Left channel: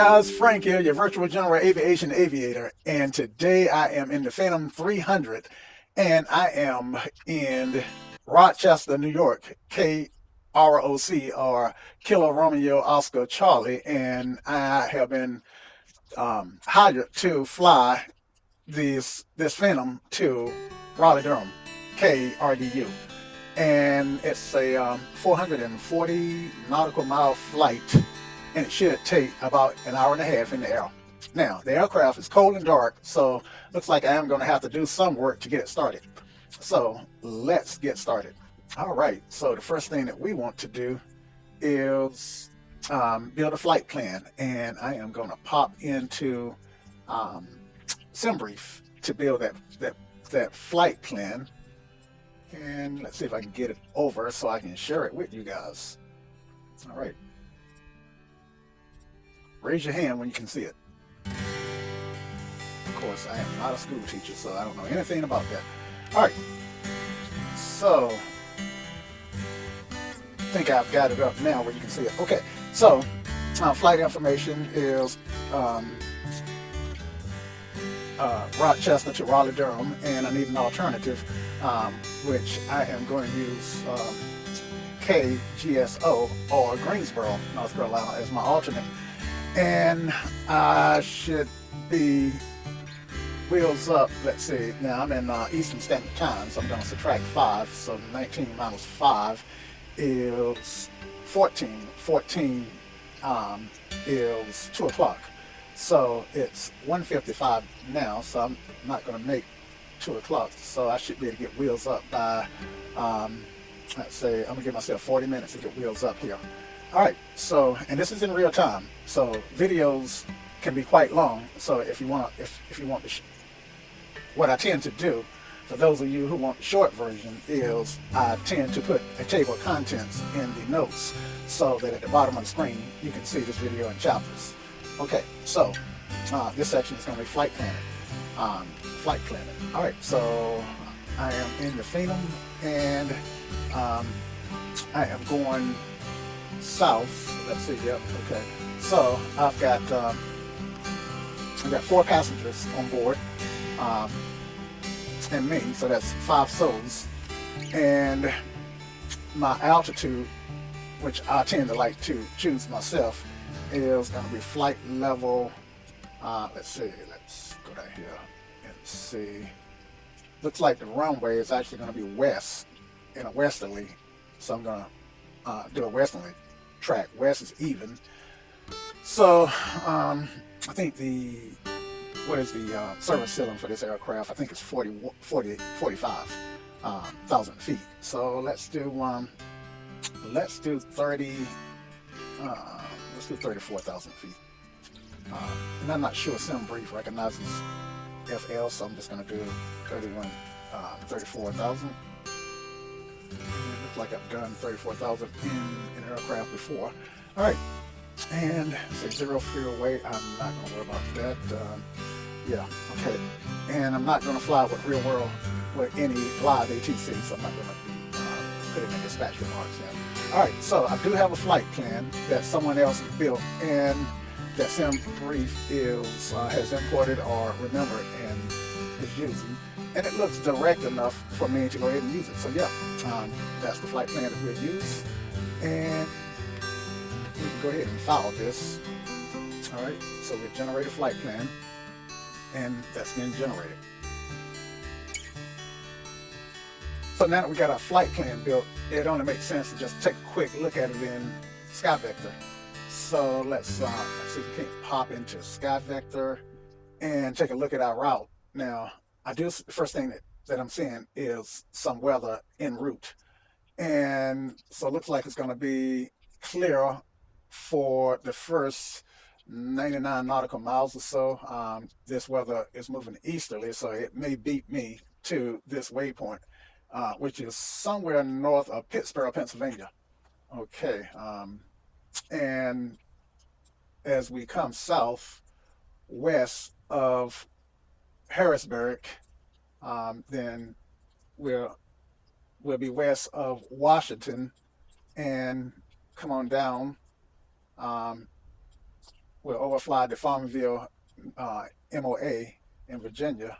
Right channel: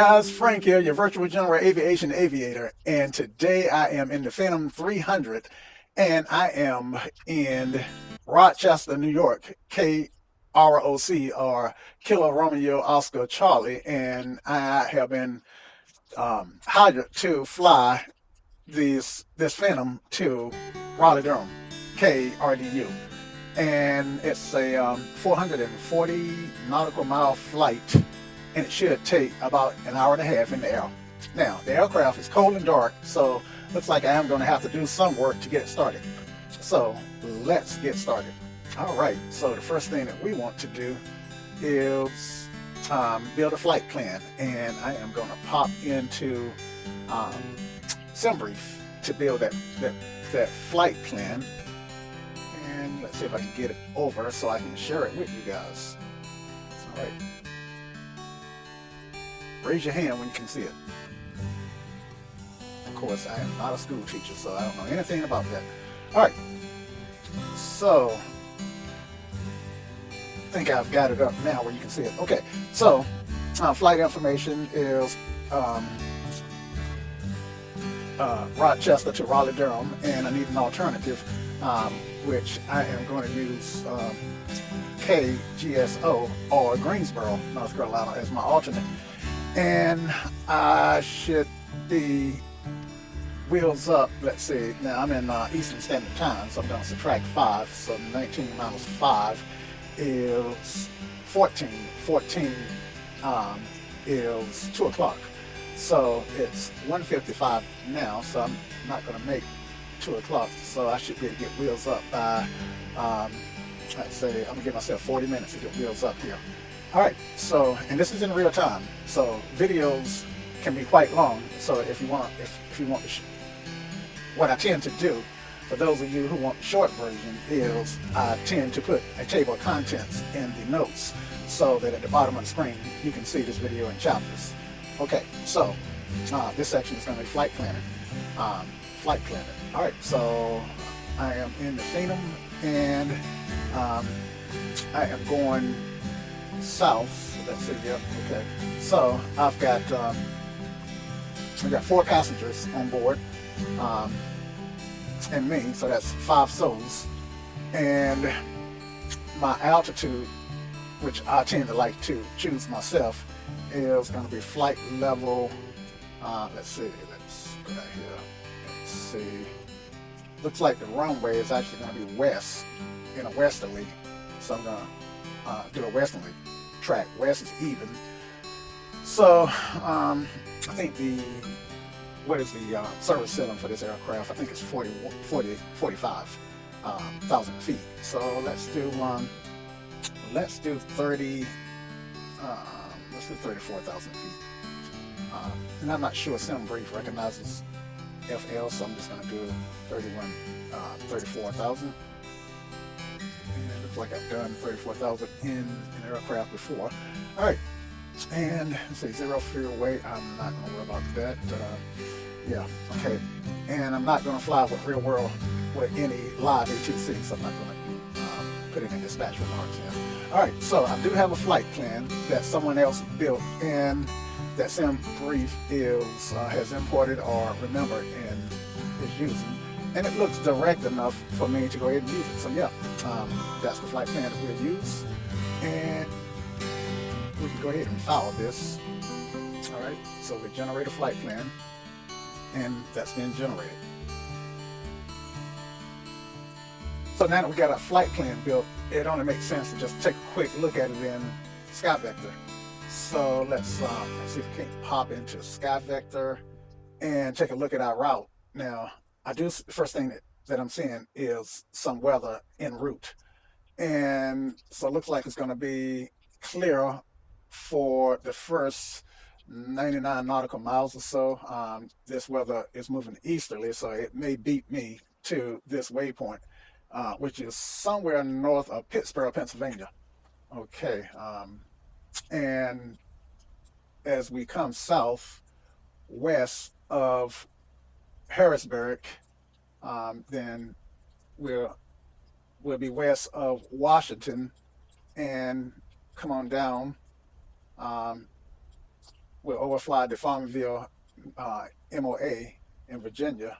guys, Frank here, your virtual general aviation aviator, and today I am in the Phenom 300 and I am in Rochester, New York, KROC or Kilo Romeo Oscar Charlie, and I have been hired to fly this Phenom to Raleigh-Durham, KRDU, and it's a 440 nautical mile flight, and it should take about an hour and a half in the air. Now, the aircraft is cold and dark, so looks like I am going to have to do some work to get it started. So let's get started. All right, so the first thing that we want to do is build a flight plan, and I am going to pop into SimBrief to build that flight plan. And let's see if I can get it over so I can share it with you guys. All right. Raise your hand when you can see it. Of course, I am not a school teacher, so I don't know anything about that. All right. So, I think I've got it up now where you can see it. Okay. So, flight information is Rochester to Raleigh-Durham, and I need an alternative, which I am going to use KGSO or Greensboro, North Carolina, as my alternate. And I should be wheels up. Let's see, now I'm in Eastern Standard Time, so I'm going to subtract 5, so 19 minus 5 is 14. 14 is 2 o'clock. So it's 1:55 now, so I'm not going to make 2 o'clock, so I should be able to get wheels up by, let's say, I'm going to give myself 40 minutes to get wheels up here. All right, so, and this is in real time, so videos can be quite long, so if you want, what I tend to do, for those of you who want the short version, is I tend to put a table of contents in the notes, so that at the bottom of the screen, you can see this video in chapters. Okay, so this section is going to be flight planning. All right, so I am in the Phenom, and I am going south. Let's see. Yep. Okay. So I've got 4 passengers on board, and me. So that's 5 souls, and my altitude, which I tend to like to choose myself, is going to be flight level, let's see, let's go right here, let's see, looks like the runway is actually going to be west, in a westerly, so I'm going to do a westerly track. West is even, so I think what is the service ceiling for this aircraft? I think it's 45,000 feet, so let's do 30, let's do 34,000 feet. And I'm not sure SimBrief recognizes FL, so I'm just going to do 34,000. Looks like I've done 34,000 in an aircraft before. All right, and say 0 fuel weight. I'm not going to worry about that. Yeah, okay. And I'm not going to fly with real world with any live ATC, so I'm not going to put it in dispatch remarks now. All right, so I do have a flight plan that someone else built, and that SimBrief has imported or remembered and is using. And it looks direct enough for me to go ahead and use it. So yeah, that's the flight plan that we'll use. And we can go ahead and follow this. All right, so we generate a flight plan, and that's been generated. So now that we got our flight plan built, it only makes sense to just take a quick look at it in SkyVector. So let's see if we can pop into SkyVector and take a look at our route. Now, the first thing that I'm seeing is some weather en route. And so it looks like it's going to be clear for the first 99 nautical miles or so. This weather is moving easterly, so it may beat me to this waypoint, which is somewhere north of Pittsburgh, Pennsylvania. Okay, and as we come south, west of Harrisburg, then we'll be west of Washington, and come on down we'll overfly the Farmville MOA in Virginia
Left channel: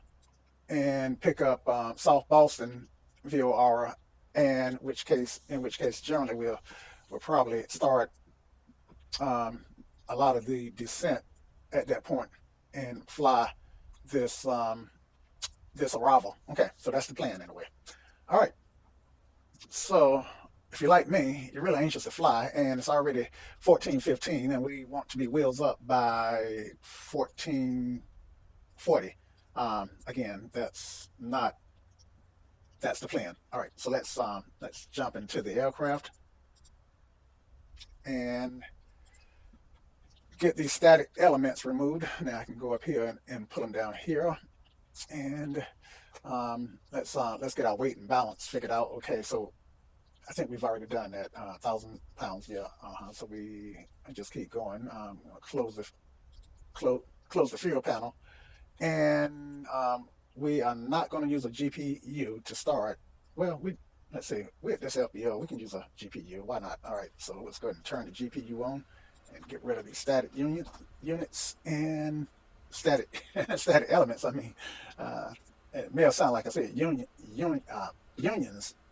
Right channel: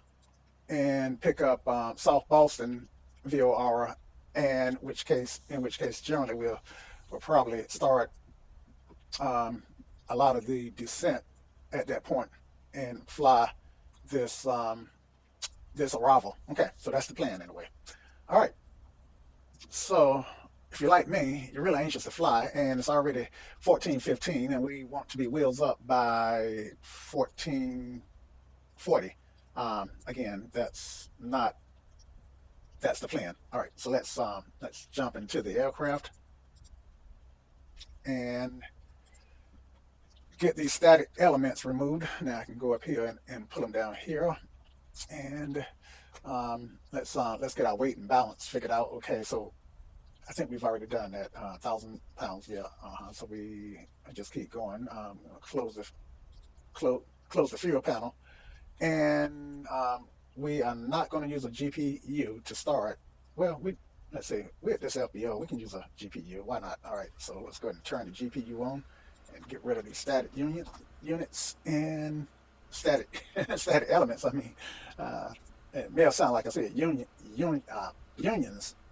and pick up South Boston VOR, and in which case generally we'll probably start um, a lot of the descent at that point and fly this this arrival. Okay, so that's the plan anyway. All right, so if you're like me, you're really anxious to fly, and it's already 14:15, and we want to be wheels up by 14:40. Again, that's the plan. All right, so let's jump into the aircraft and get these static elements removed. Now I can go up here and put them down here, and let's get our weight and balance figured out. Okay, so I think we've already done that. 1,000 pounds, yeah. So we just keep going. Close the close the fuel panel, and we are not going to use a GPU to start. Well, let's see, with this FBO, we can use a GPU. Why not? All right, so let's go ahead and turn the GPU on and get rid of these static units and static static elements. I mean, it may sound like I said unions,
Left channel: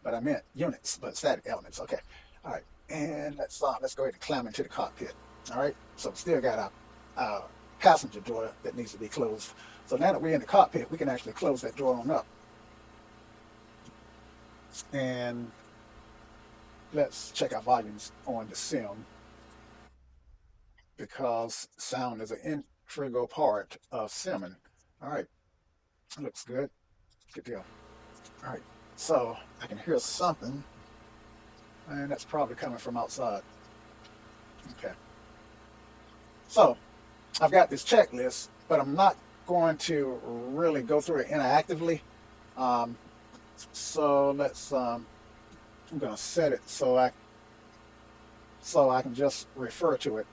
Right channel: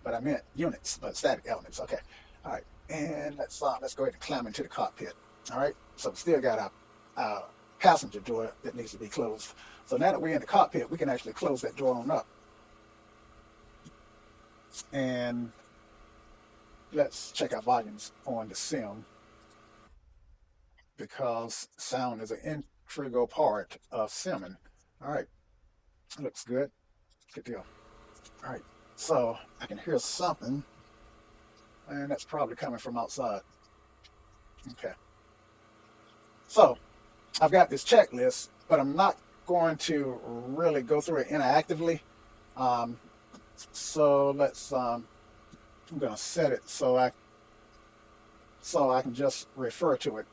but I meant units, but static elements. Okay, all right, and let's go ahead and climb into the cockpit. All right, so we still got our passenger door that needs to be closed. So now that we're in the cockpit, we can actually close that door on up. And let's check our volumes on the sim, because sound is an integral part of simming. All right, looks good. Good deal. All right, so I can hear something, and that's probably coming from outside. Okay, so I've got this checklist, but I'm not going to really go through it interactively. So I'm going to set it so I can just refer to it.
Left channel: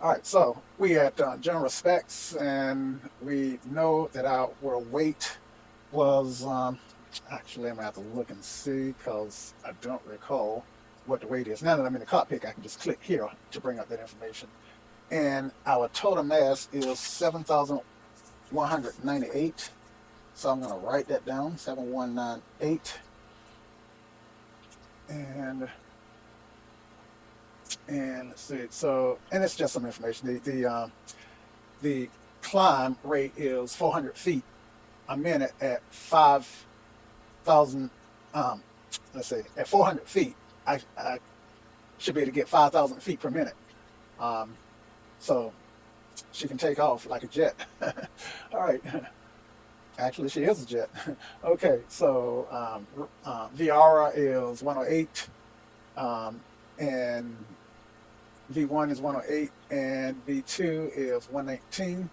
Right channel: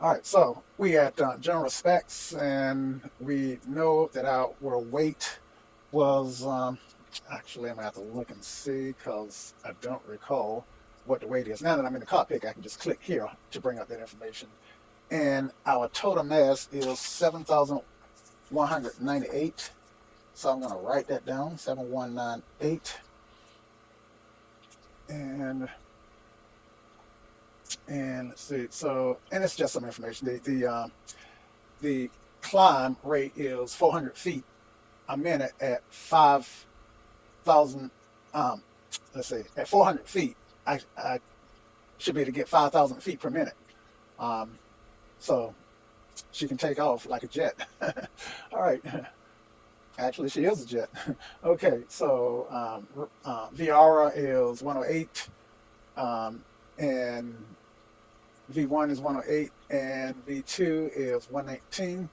All right, so we at general specs, and we know that our weight was actually I'm gonna have to look and see because I don't recall what the weight is. Now that I'm in the cockpit, I can just click here to bring up that information. And our total mass is 7,198. So I'm going to write that down, 7198. And let's see. So, and it's just some information. The climb rate is 400 feet a minute at 5,000. Let's see, at 400 feet, I should be able to get 5,000 feet per minute. So she can take off like a jet. All right. Actually, she is a jet. Okay, so Viara is 108, and V1 is 108, and V2 is 119.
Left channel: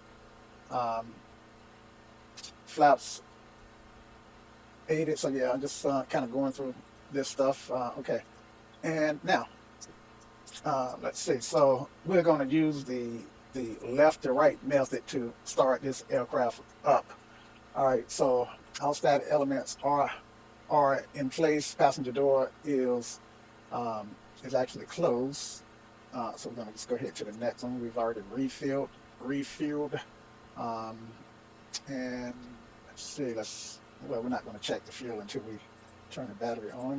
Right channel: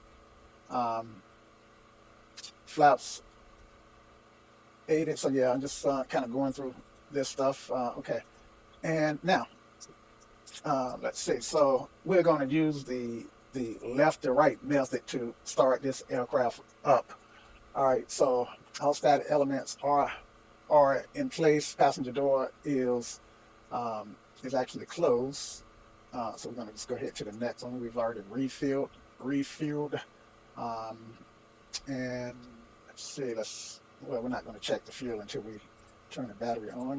Flaps 80. So yeah, I'm just kind of going through this stuff. Okay, and now let's see. So we're going to use the left to right method to start this aircraft up. All right, so all static elements are in place. Passenger door is actually closed. So we're going to just go ahead to the next one. We've already refueled, and let's see. Well, we're not going to check the fuel until we turn the battery on.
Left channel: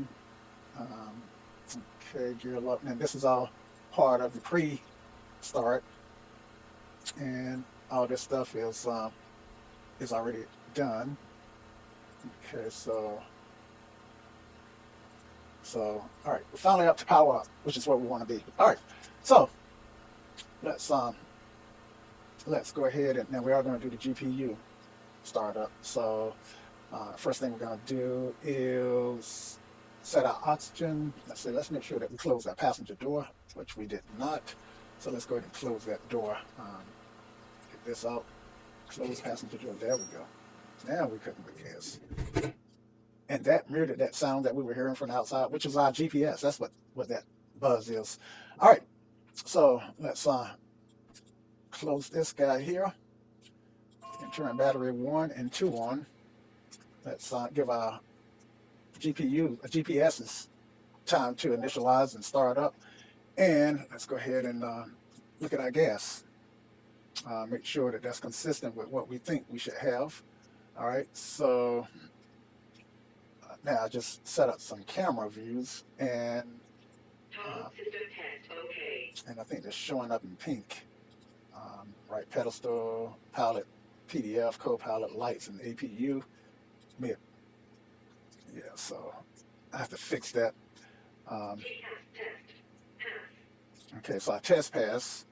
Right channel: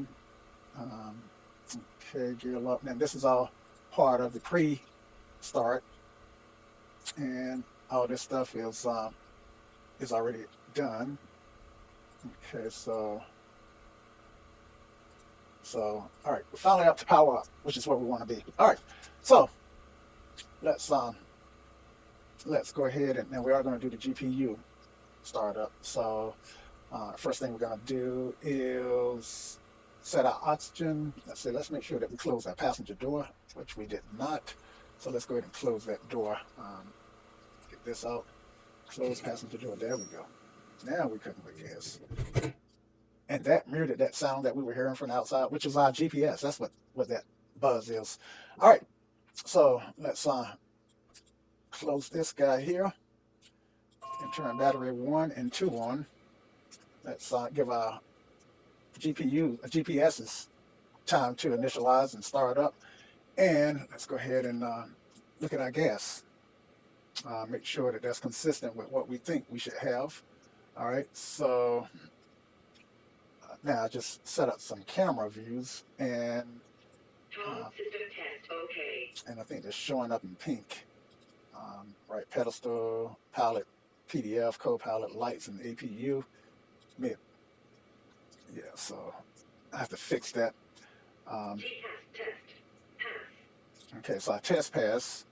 Okay, gear up. Now this is all part of the pre-start, and all this stuff is already done. Okay, so all right, we're finally up to power up, which is where we want to be. All right, so let's go ahead, and now we are going to do the GPU startup. So first thing we're going to do is set our oxygen. Let's make sure that we close that passenger door, which we did not. So let's go ahead and close that door. Get this out. Close passenger door. There we go. Now we couldn't look at this. And that muted that sound that we were hearing from the outside, which is our GPS. That's what that buzz is. All right. So let's close this guy here and turn battery 1 and 2 on. Let's give our GPS's time to initialize and start up. And let's go ahead and look at our gas. Make sure that that's consistent with what we think we should have. All right, so now I just set up some camera views, and I think they're showing up in pink. Right, pedestal, pilot, PDF, co-pilot, lights, and APU. Yeah, yeah, so I have to fix that. Um, okay, so I test pass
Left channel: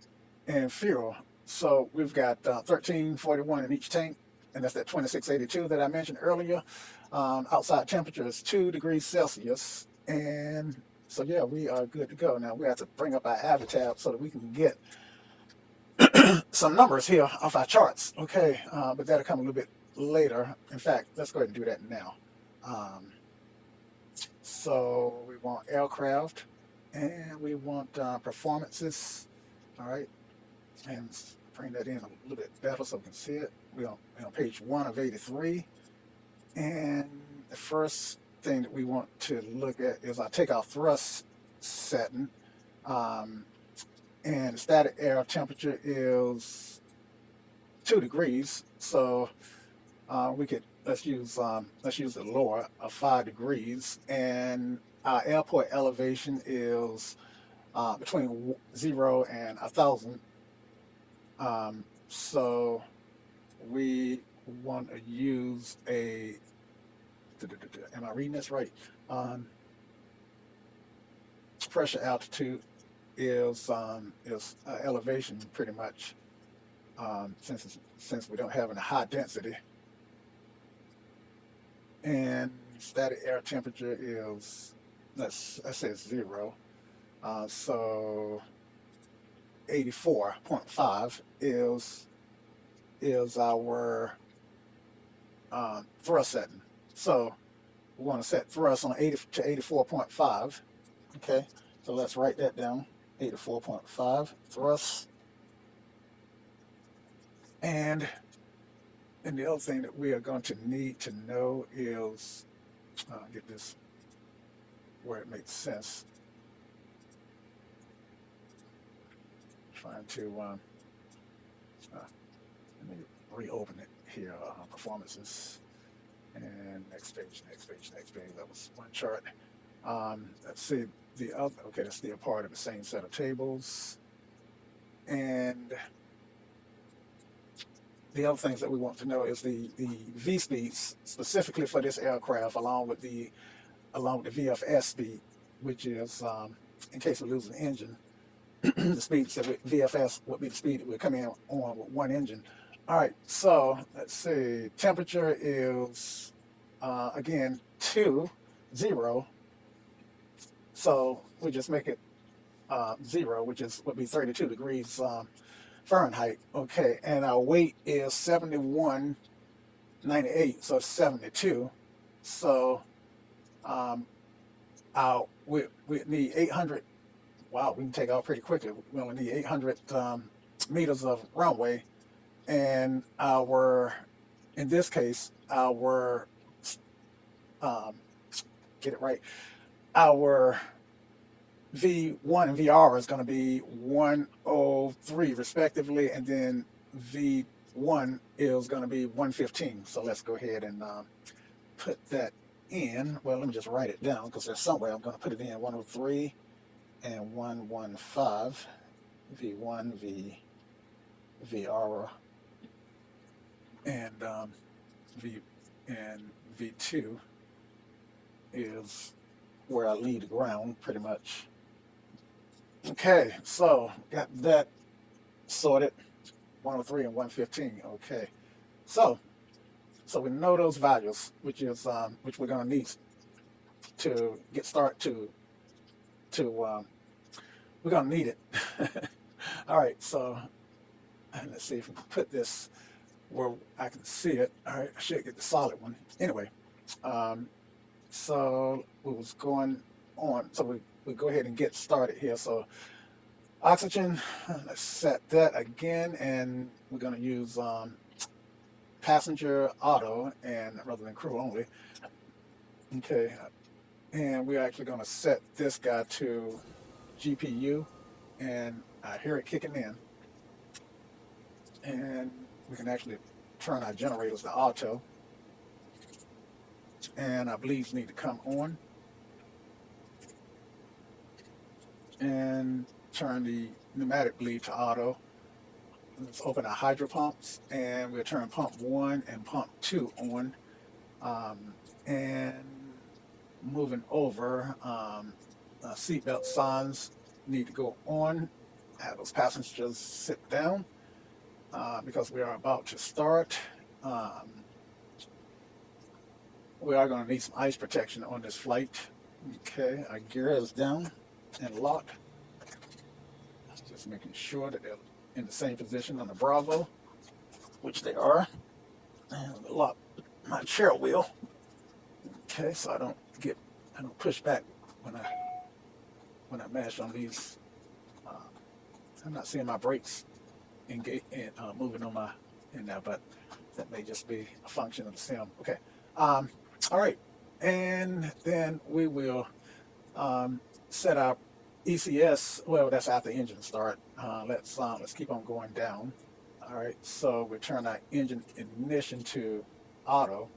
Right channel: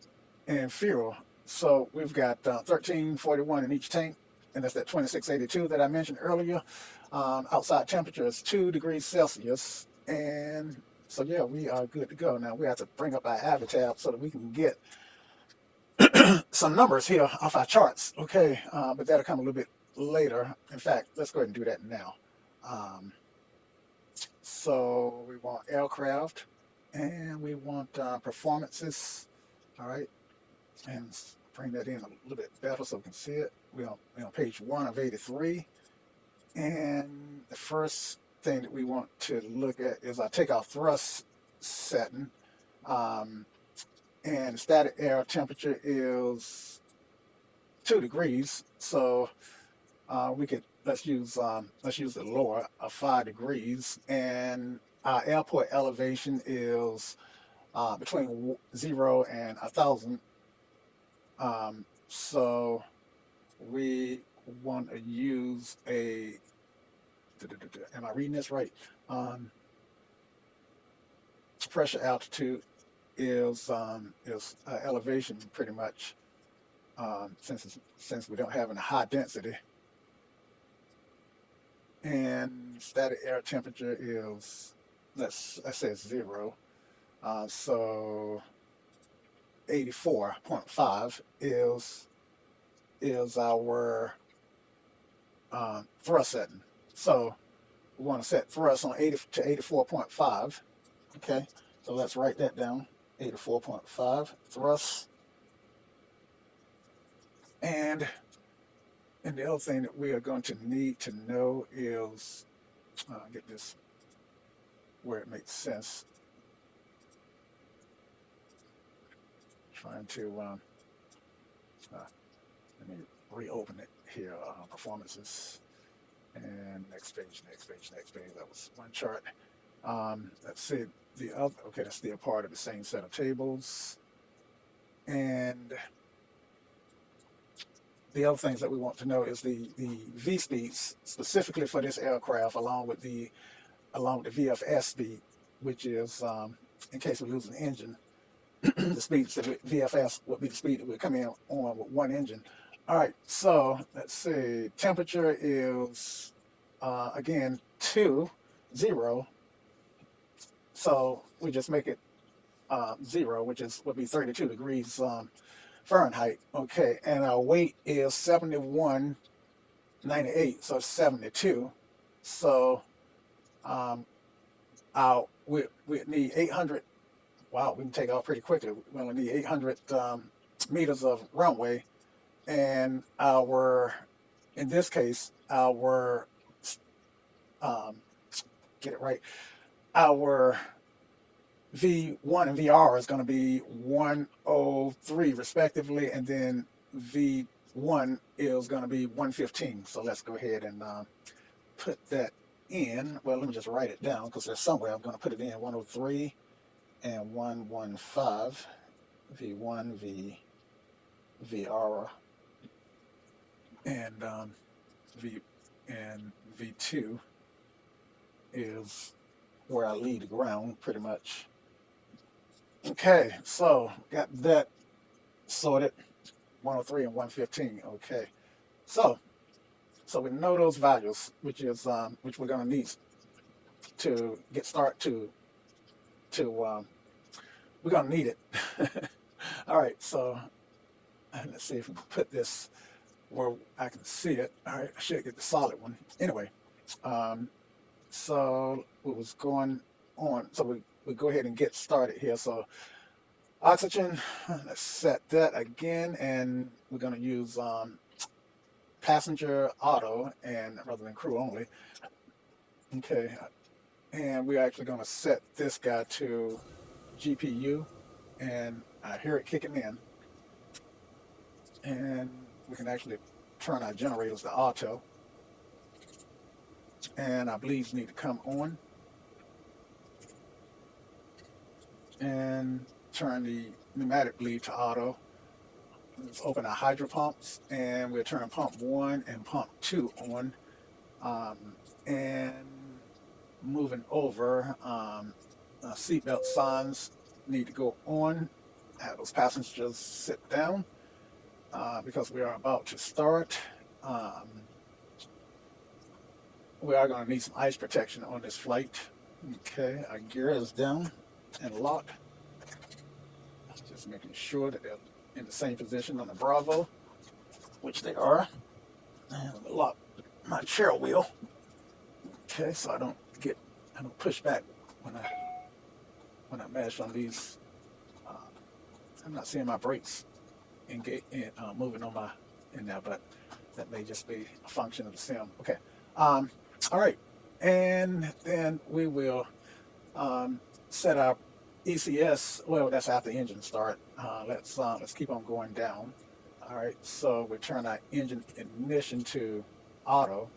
and fuel. So we've got 1341 in each tank, and that's that 2682 that I mentioned earlier. Outside temperature is 2 degrees Celsius, and so yeah, we are good to go. Now we have to bring up our avatar so that we can get some numbers here off our charts. Okay, but that'll come a little bit later. In fact, let's go ahead and do that now. So we want aircraft, and we want performances. All right, and bring that in a little bit better so we can see it. We're on page 1 of 83, and the first thing that we want to look at is our takeoff thrust setting. And static air temperature is 2 degrees, so we could let's use the lower of 5 degrees, and our airport elevation is between 0 and 1,000. So we want to use a. Am I reading this right? Pressure altitude is elevation pretty much, since we don't have any high density, and static air temperature is let's say 0, so 84.5 is our thrust setting. So we want to set thrust on 80 to 84.5. Okay, so let's write that down. 84.5 thrust. And the other thing that we are going to need to know is get this where it makes sense. Trying to let me reopen it here. Performances, and next page. That was one chart. Let's see the other. Okay, that's still part of the same set of tables. And the other things that we want to know is the V speeds specifically for this aircraft, along with the VFS speed, which is in case we lose an engine. The speeds that VFS would be the speed that we're coming on with one engine. All right, so let's see. Temperature is again 0. So we just make it 0, which would be 32 degrees Fahrenheit. Okay, and our weight is 7198, so 72. So we need 800. Wow, we can take off pretty quickly. We only need 800 meters of runway, and in this case, get it right, our V1 and VR is going to be 103 respectively, and then V1 is going to be 115. So let's go ahead and put that in. Well, let me just write it down because there's somewhere I'm going to put it in. 103 and 115. V1, VR, and V2 is where I leave the ground pretty much. Okay, so got that sorted. 103 and 115. Okay, so we know those values, which we're gonna need to get started. We're gonna need it. All right, so let's see if we can put this where I can see it. All right, I should get the solid one. Anyway, so we was going on. So we go ahead and get started here. So oxygen, let's set that again, and we're going to use passenger auto and rather than crew only. Okay, and we're actually going to set this guy to GPU, and I hear it kicking in, and we can actually turn our generators to auto, and our bleeds need to come on, and turn the pneumatic bleed to auto. Let's open our hydro pumps, and we'll turn pump 1 and pump 2 on. And moving over, seatbelt signs need to go on. Have those passengers sit down because we are about to start. We are going to need some ice protection on this flight. Okay, our gear is down and locked. Just making sure that they're in the same position on the Bravo, which they are. And I'm gonna lock my chair wheel. Okay, so I don't push back when I mash on these. I'm not seeing my brakes moving on in there, but that may just be a function of the sim. Okay. All right, and then we will set our ECS. Well, that's after engine start. Let's keep on going down. All right, so we turn our engine ignition to auto.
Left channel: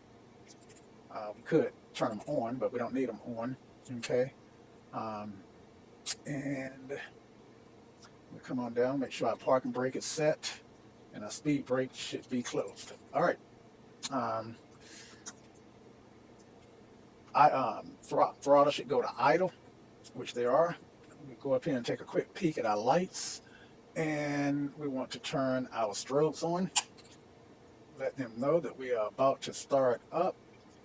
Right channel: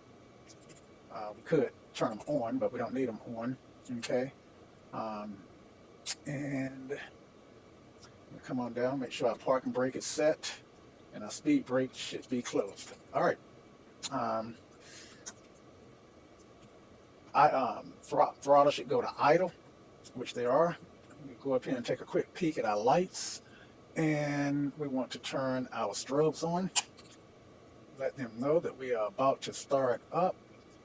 We could turn them on, but we don't need them on. Okay, and we come on down. Make sure our parking brake is set, and our speed brake should be closed. All right. Throttle should go to idle, which they are. We go up here and take a quick peek at our lights, and we want to turn our strobes on. Let them know that we are about to start up,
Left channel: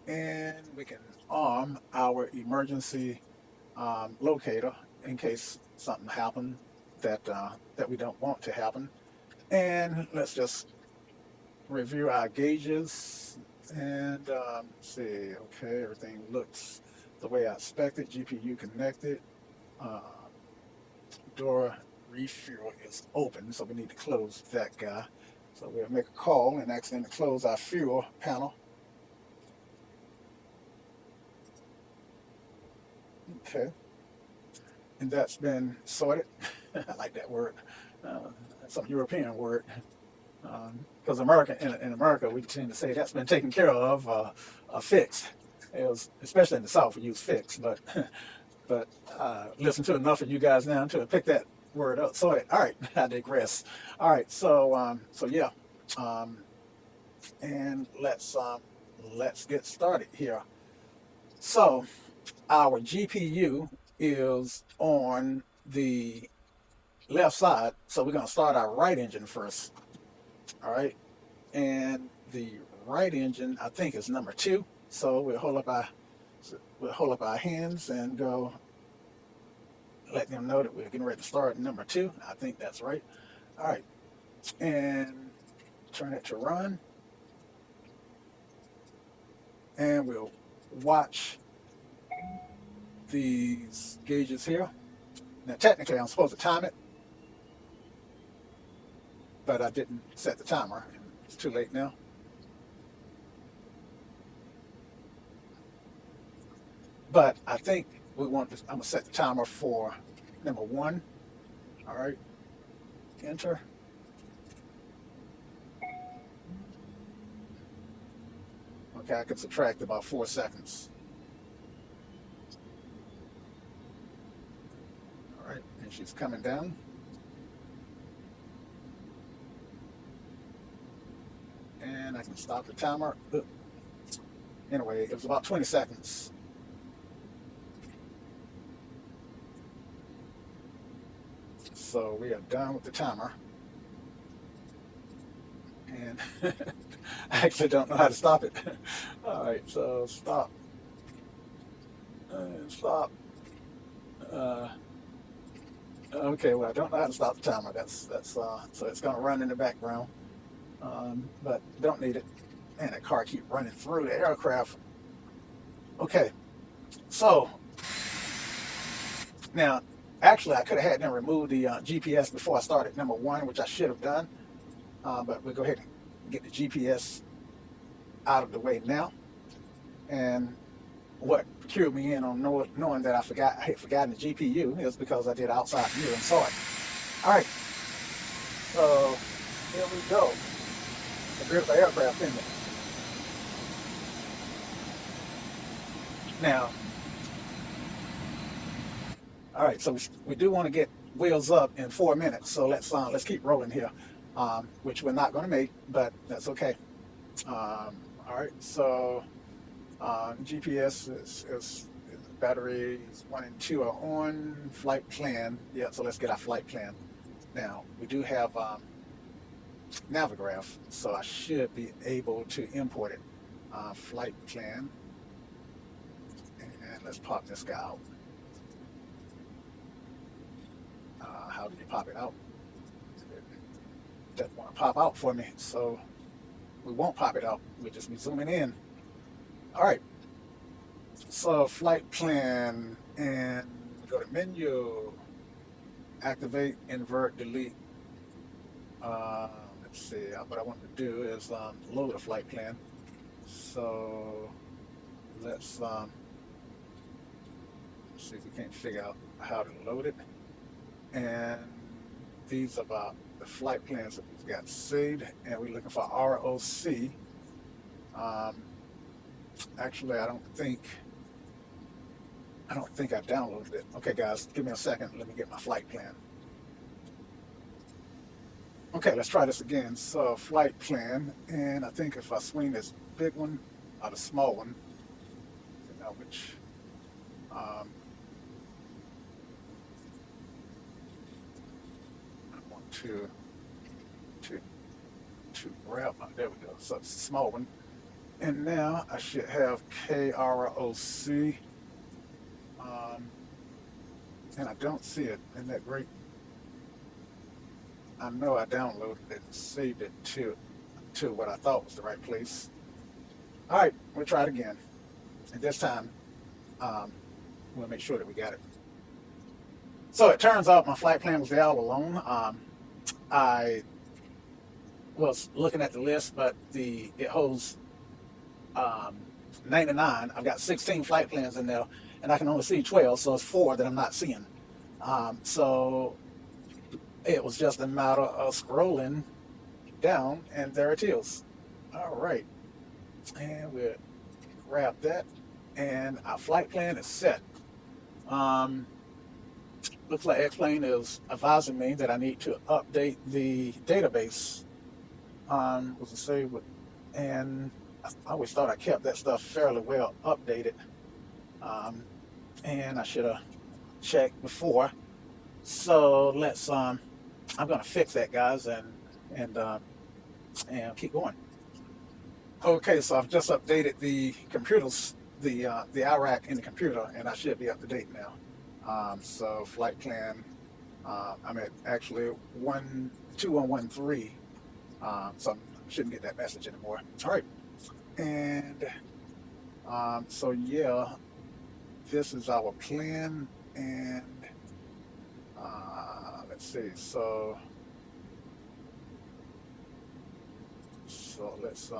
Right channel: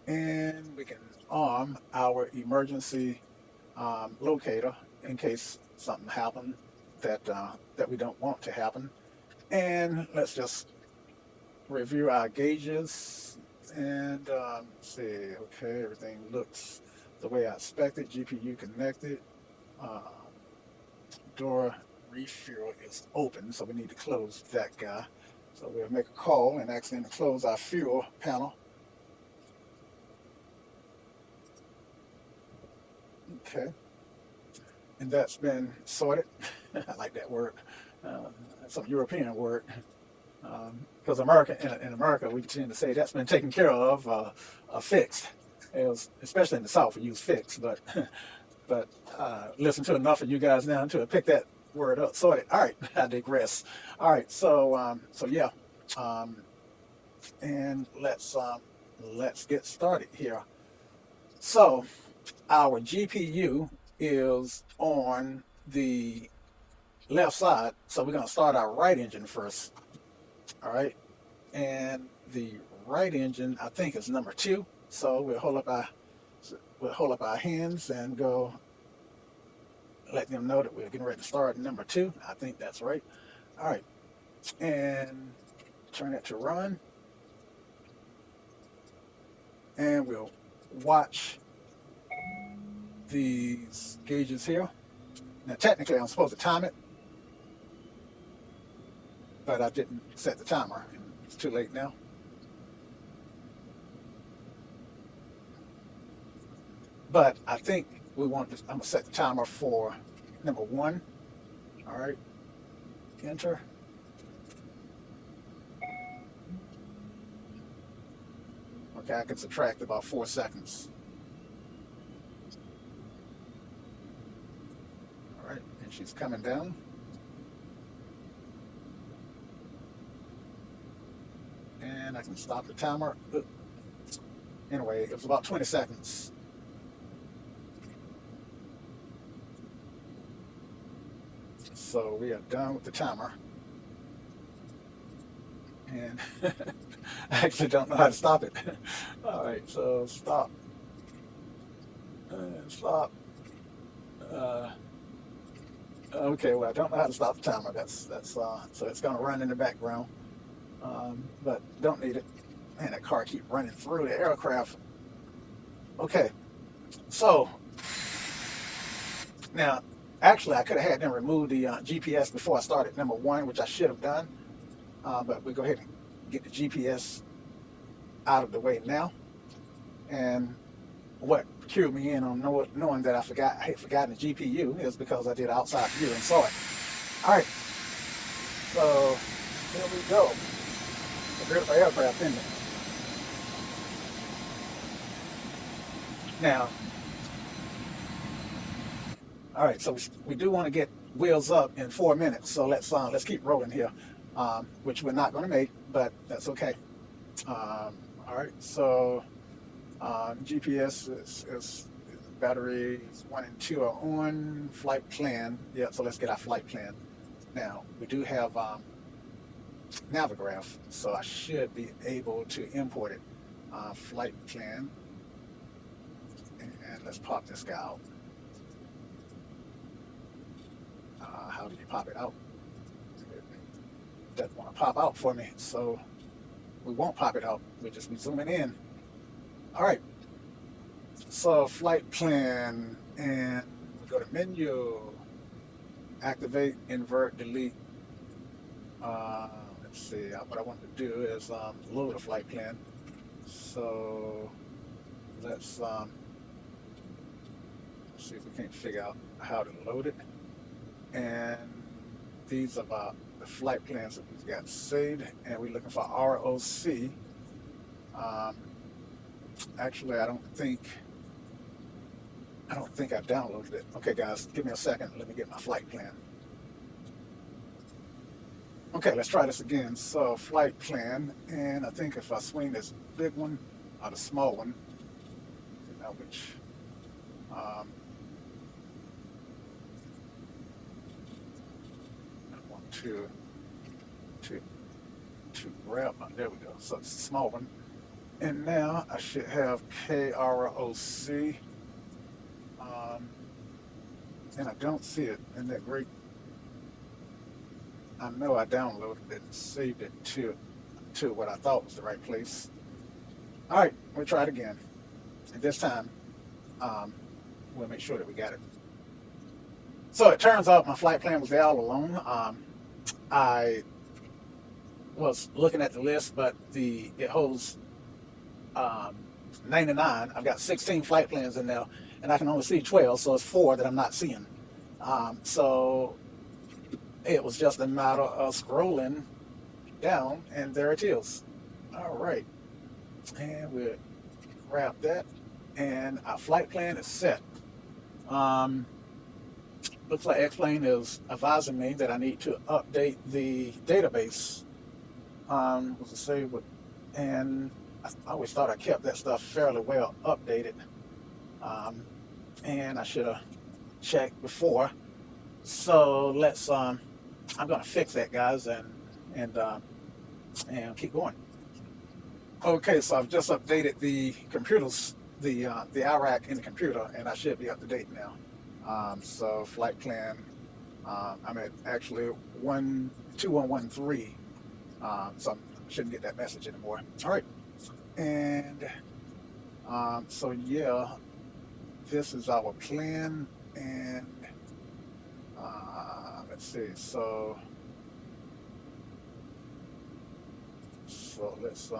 and we can arm our emergency locator in case something happened that we don't want to happen. And let's just review our gauges and see. Okay, everything looks the way I expected. GPU connected. Door refuel is open, so we need to close that guy. So we'll make a call and ask them to close our fuel panel. Okay, and that's been sorted. I like that word. Some European word. Because in America, we tend to say that's been taken care of, fixed. Especially in the South, we use fixed, but listen to enough of you guys now to pick that word up. Sorted. All right, I digress. All right, so yeah, and let's get started here. So our GPU is on the left side, so we're going to start our right engine first. All right, and the right engine I think is number 2. So we'll hold up our hands and go. Let them know that we're getting ready to start number 2. I think that's right. All right, and turn it to run, and we'll watch these gauges here. Now, technically, I'm supposed to time it, but I didn't set the timer. It's too late now. But I think I'm going to set the timer for number 1. All right, enter. Okay, I can subtract about 4 seconds. All right, and she's coming down. And I can stop the timer. Anyway, it was about 20 seconds. So we are done with the timer. And I actually don't know how to stop it. All right, so stop. And stop. Okay, well, I don't know how to stop the timer. That's so it's going to run in the background. But don't need it. And the car keep running through the aircraft. Okay, so now actually I could have had them remove the GPS before I started number 1, which I should have done. But we'll go ahead and get the GPS out of the way now. And what cured me in on knowing that I had forgotten the GPU is because I did outside view and saw it. All right, so here we go. It's a beautiful aircraft, isn't it? Now, all right, so we do want to get wheels up in 4 minutes, so let's keep rolling here, which we're not going to make, but that's okay. All right, so GPS is batteries 1 and 2 are on. Flight plan, yeah. So let's get our flight plan. Now we do have Navigraph, so I should be able to import it. Flight plan, and let's pop this guy out. How do you pop it out? It doesn't want to pop out for me, so we won't pop it out. We're just zooming in. All right. So flight plan, and go to menu, activate, invert, delete. Let's see. What I want to do is load a flight plan. So let's see if we can figure out how to load it. And these are about the flight plans that we've got saved, and we're looking for ROC. Actually, I don't think I downloaded it. Okay, guys, give me a second. Let me get my flight plan. Okay, let's try this again. So, flight plan, and I think if I swing this big one or the small one, you know which. I want to grab. There we go. So it's a small one, and now I should have KROC. And I don't see it in that great. I know I downloaded it and saved it to what I thought was the right place. All right, we'll try it again. And this time, we'll make sure that we got it. So it turns out my flight plan was there all along. I was looking at the list, but it holds 99. I've got 16 flight plans in there, and I can only see 12, so it's 4 that I'm not seeing. So it was just a matter of scrolling down, and there it is. All right, and we'll grab that, and our flight plan is set. Looks like X-Plane is advising me that I need to update the database. Was it saved with, and I always thought I kept that stuff fairly well updated, and I should have checked before. So let's. I'm gonna fix that, guys, and keep going. Okay, so I've just updated the computers, the IRAC in the computer, and I should be up to date now. So flight plan, I'm at actually 2113. So I shouldn't get that message anymore. All right, and so yeah, this is our plan, and let's see. So let's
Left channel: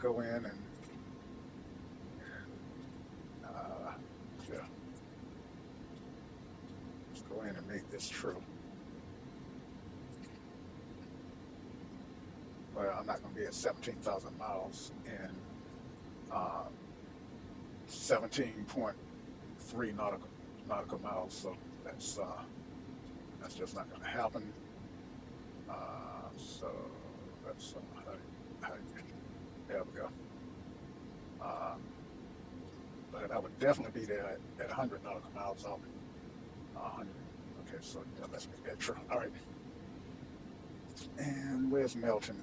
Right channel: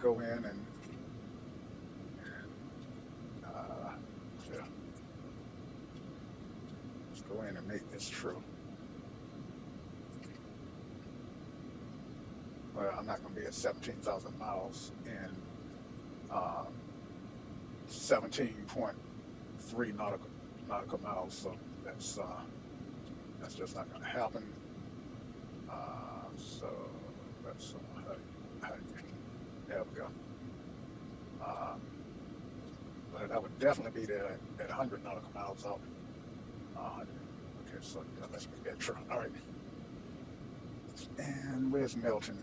go in and yeah, let's go in and make this true. Well, I'm not going to be at 17,000 miles in 17.3 nautical miles, so that's just not going to happen. So that's there we go. But I would definitely be there at 100 nautical miles out. Okay, so yeah, let's make that true. All right. And where's Melton?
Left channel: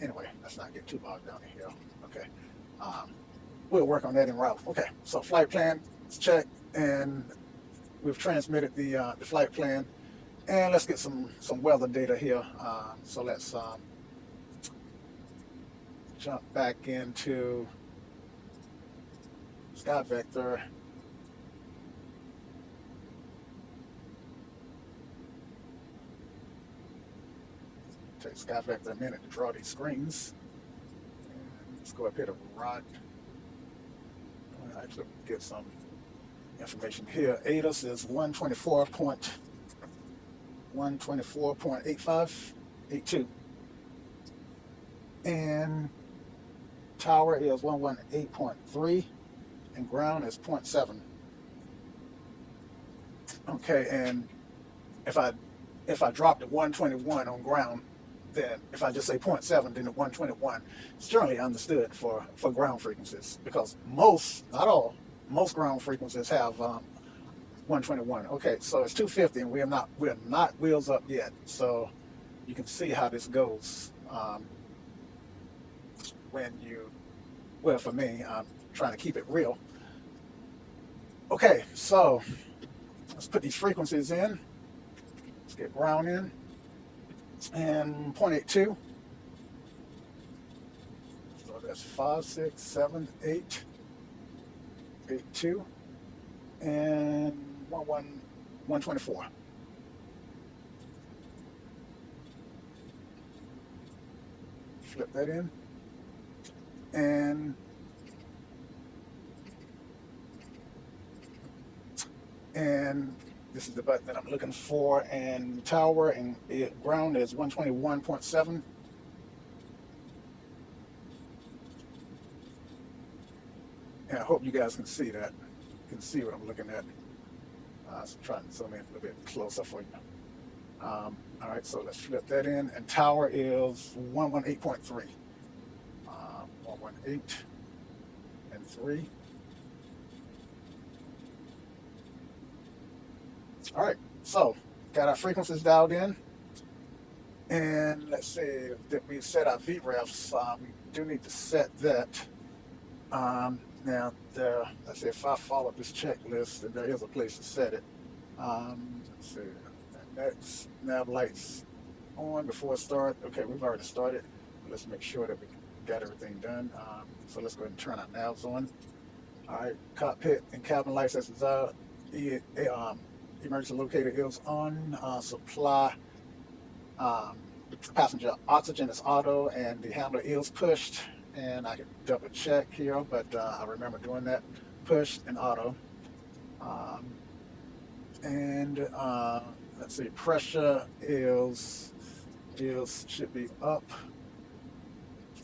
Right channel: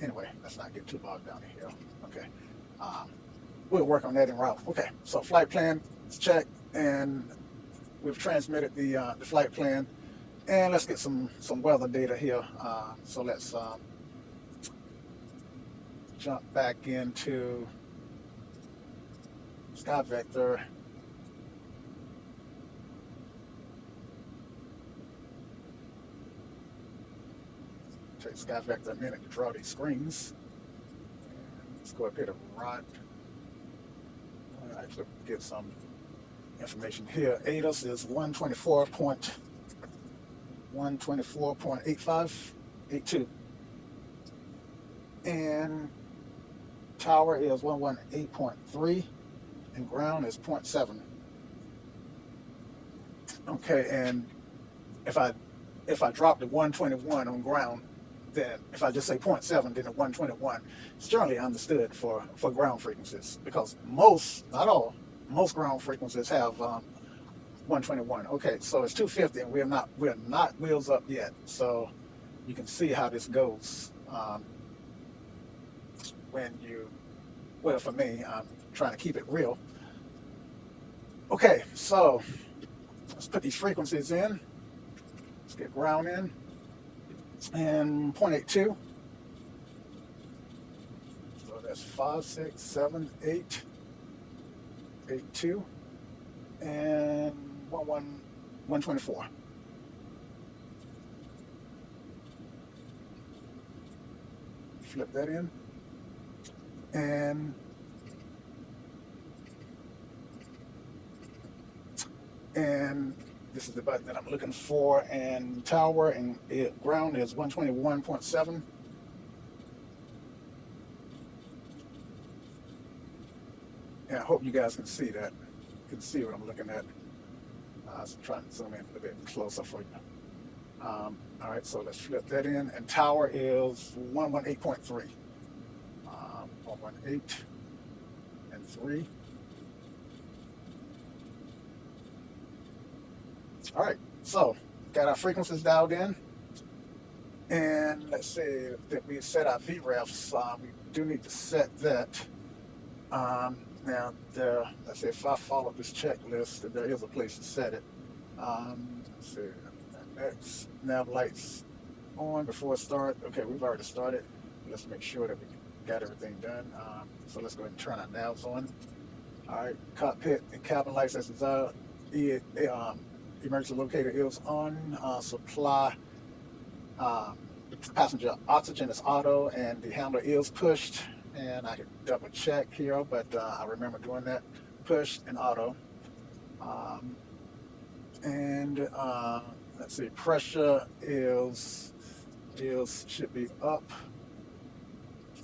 Anyway, let's not get too bogged down in here. Okay. We'll work on that en route. Okay, so flight plan is checked, and we've transmitted the flight plan. And let's get some weather data here. So let's jump back into Sky Vector. Take Sky Vector a minute to draw these screens. Let's go up here to Rod. I'll actually get some information here. ATIS is 124.1 124.85, 82. And tower is 118.3, and ground is 0.7. Okay, and if I drop the 121 on ground, then if I just say 0.7, then the 121 is generally understood for ground frequencies, because most, not all, most ground frequencies have 121. Okay, so it's 250, and we're not wheels up yet. So you can see how this goes when you, well, for me, I'm trying to keep it real. Okay, so let's put these frequencies in. Let's get ground in, and 0.82. So that's 5, 6, 7, 8, 82, and 124. Flip that in, and this is the button that I'm looking for, and tower and ground is 121.7. And I hope you guys can see that. You can see what I'm looking at. So try to zoom in a little bit closer for you. All right, so let's flip that in, and tower is 118.3. 118 and 3. All right, so got our frequencies dialed in, and let's say that we set our VREFs. We do need to set that. Now, let's say if I follow this checklist, then there is a place to set it. Let's see, next, nav lights on before it starts. Okay, we've already started. Let's make sure that we got everything done. So let's go ahead and turn our navs on. All right, cockpit and cabin lights as desired. Emergency locator is on. Supply passenger oxygen is auto, and the handler is pushed. And I can double check here, but I remember doing that. Push and auto. Let's see, pressure should be up.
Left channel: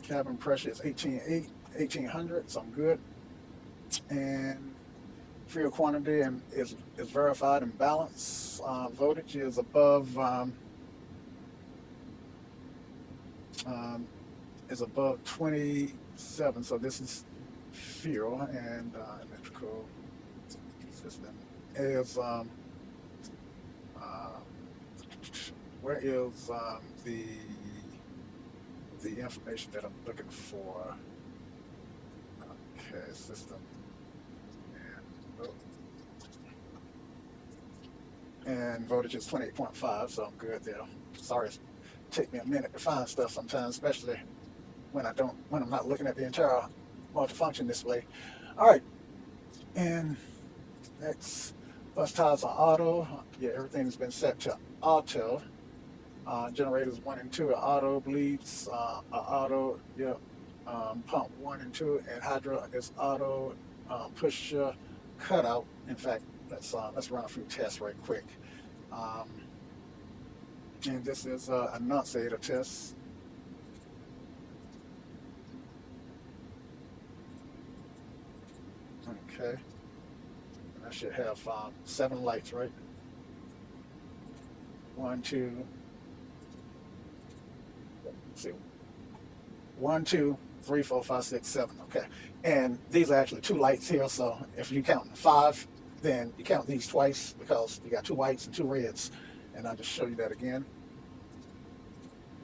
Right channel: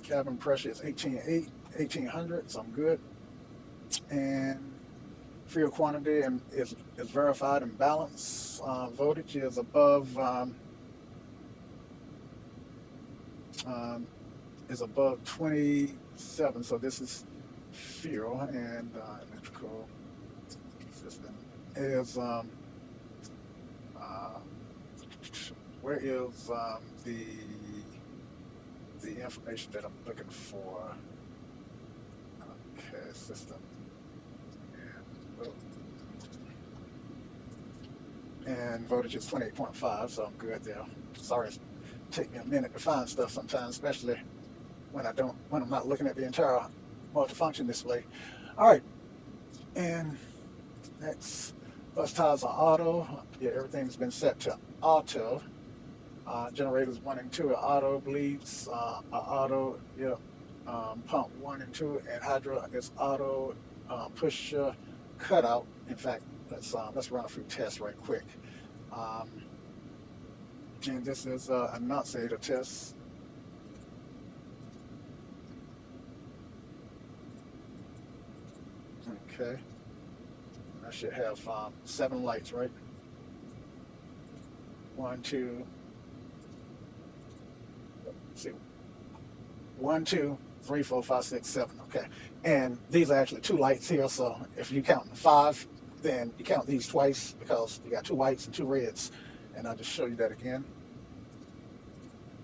Cabin pressure is 1800, so I'm good. And fuel quantity is verified and balanced. Voltage is above 27, so this is fuel, and electrical system is where is the information that I'm looking for? Okay, system, and voltage is 28.5, so I'm good there. Sorry, it's take me a minute to find stuff sometimes, especially when I'm not looking at the entire multifunction display. All right, and next, bus tires are auto. Yeah, everything's been set to auto. Generators 1 and 2 are auto. Bleeds are auto. Yeah, pump 1 and 2, and hydro is auto. Push cutout. In fact, let's run a few tests right quick. And this is a annunciator test. Okay, I should have 7 lights, right? 1, 2. Let's see, 1, 2, 3, 4, 5, 6, 7. Okay, and these are actually 2 lights here. So if you count 5, then you count these twice, because you got 2 whites and 2 reds. And I'll just show you that again.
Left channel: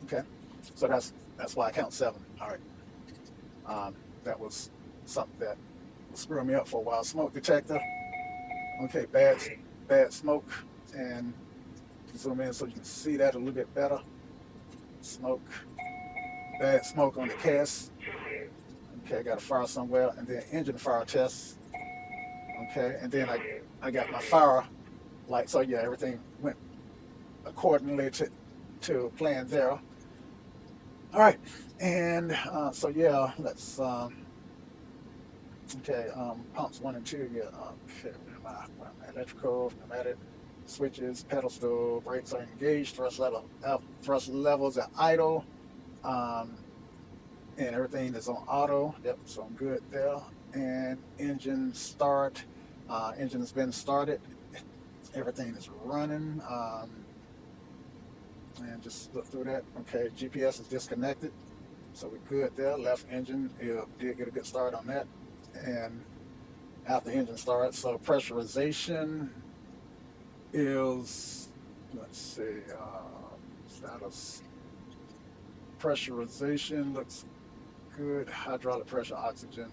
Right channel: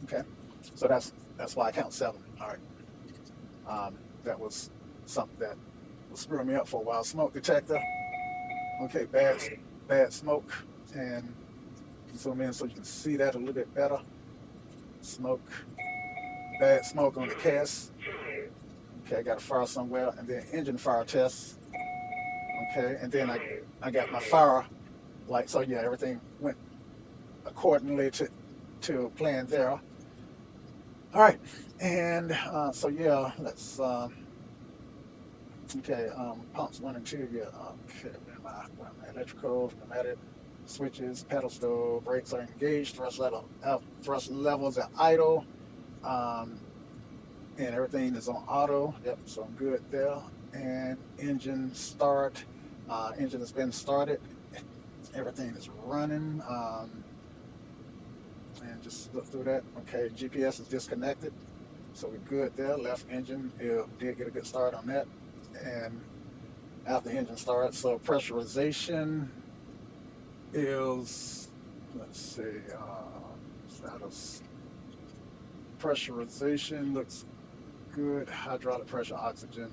Okay, so that's why I count 7. All right, that was something that was screwing me up for a while. Smoke detector. Okay, bad smoke, and zoom in so you can see that a little bit better. Smoke, bad smoke on the cast. Okay, I got a fire somewhere, and then engine fire test. Okay, and then I got my fire light. So yeah, everything went accordingly to plan there. All right, and so yeah, let's okay, pumps 1 and 2. Yeah, okay, electrical, pneumatic, switches, pedal steel, brakes are engaged, thrust levels are idle, um, and everything is on auto. Yep, so I'm good there. And engine start, engine has been started. Everything is running. And just look through that. Okay, GPS is disconnected, so we're good there. Left engine, did get a good start on that. And after the engine started, so pressurization is, let's see, status. Pressurization looks good. Hydraulic pressure, oxygen,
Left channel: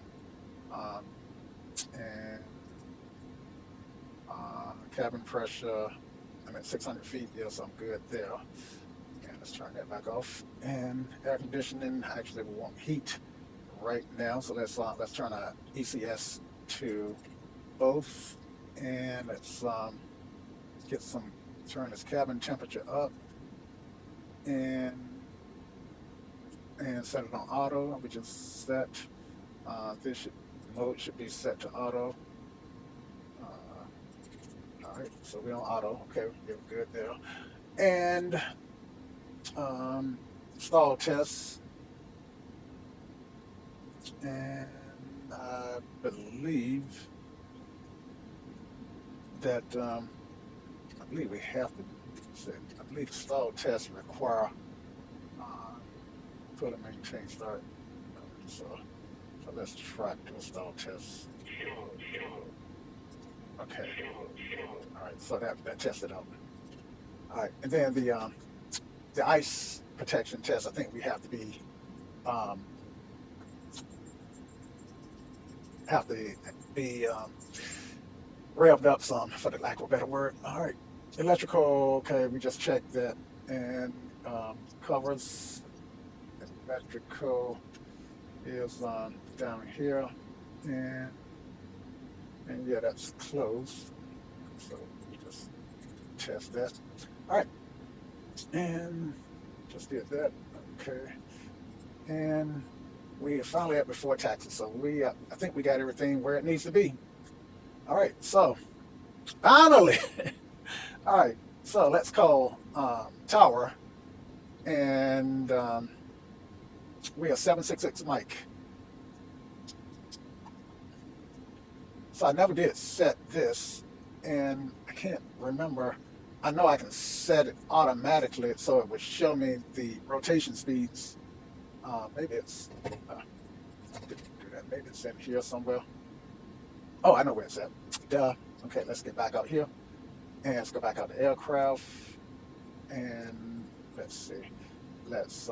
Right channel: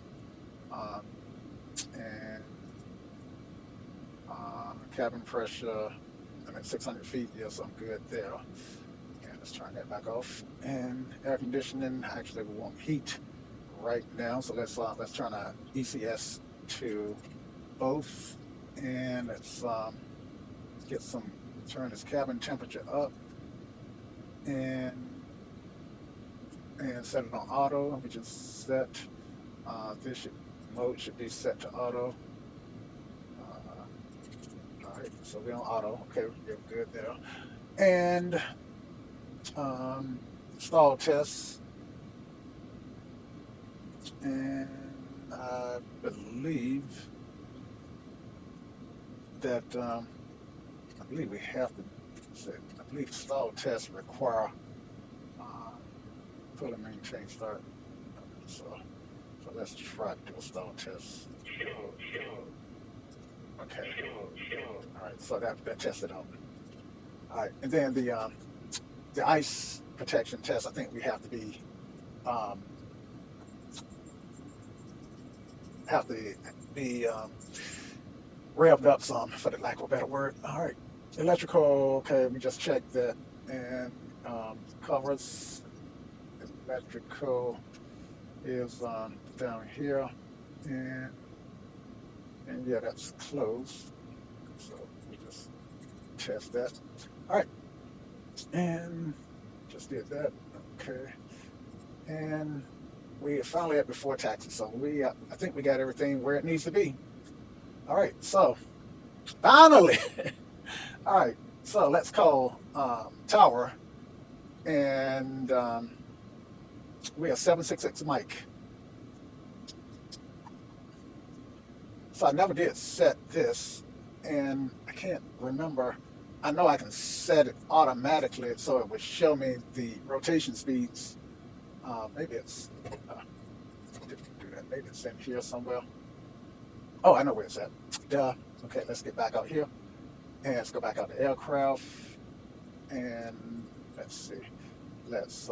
and cabin pressure. I'm at 600 feet. Yes, I'm good there. And let's turn that back off. And air conditioning. Actually, we want heat right now. So let's turn our ECS to both, and let's get turn this cabin temperature up, and set it on auto. We just set this mode should be set to auto. All right, so we're on auto. Okay, we're good there. And stall tests, and I believe that I believe we have to. I believe the stall tests require put a maintain start. So let's try to do a stall test. Okay. All right. So that tested out. All right, and then the ice protection test. I think we have to be revved up some, for the lack of a better word. All right, electrical. Okay, we just checked that, and covers. Electrical is down here, and yeah, that's closed. So we just test that. All right, and just did that. Okay, and we are finally at before taxes. So I think we got everything where it needs to be. All right, so finally, all right. So let's call tower, and we are 766 Mike. So I never did set this, and I can't remember. I know I can set it automatically, so it would show me the rotation speeds. Maybe it's didn't do that. Maybe it's in here somewhere. Oh, I know where it's at. Duh. Okay, let's get back out here, and let's go back out to aircraft, and let's see. Let's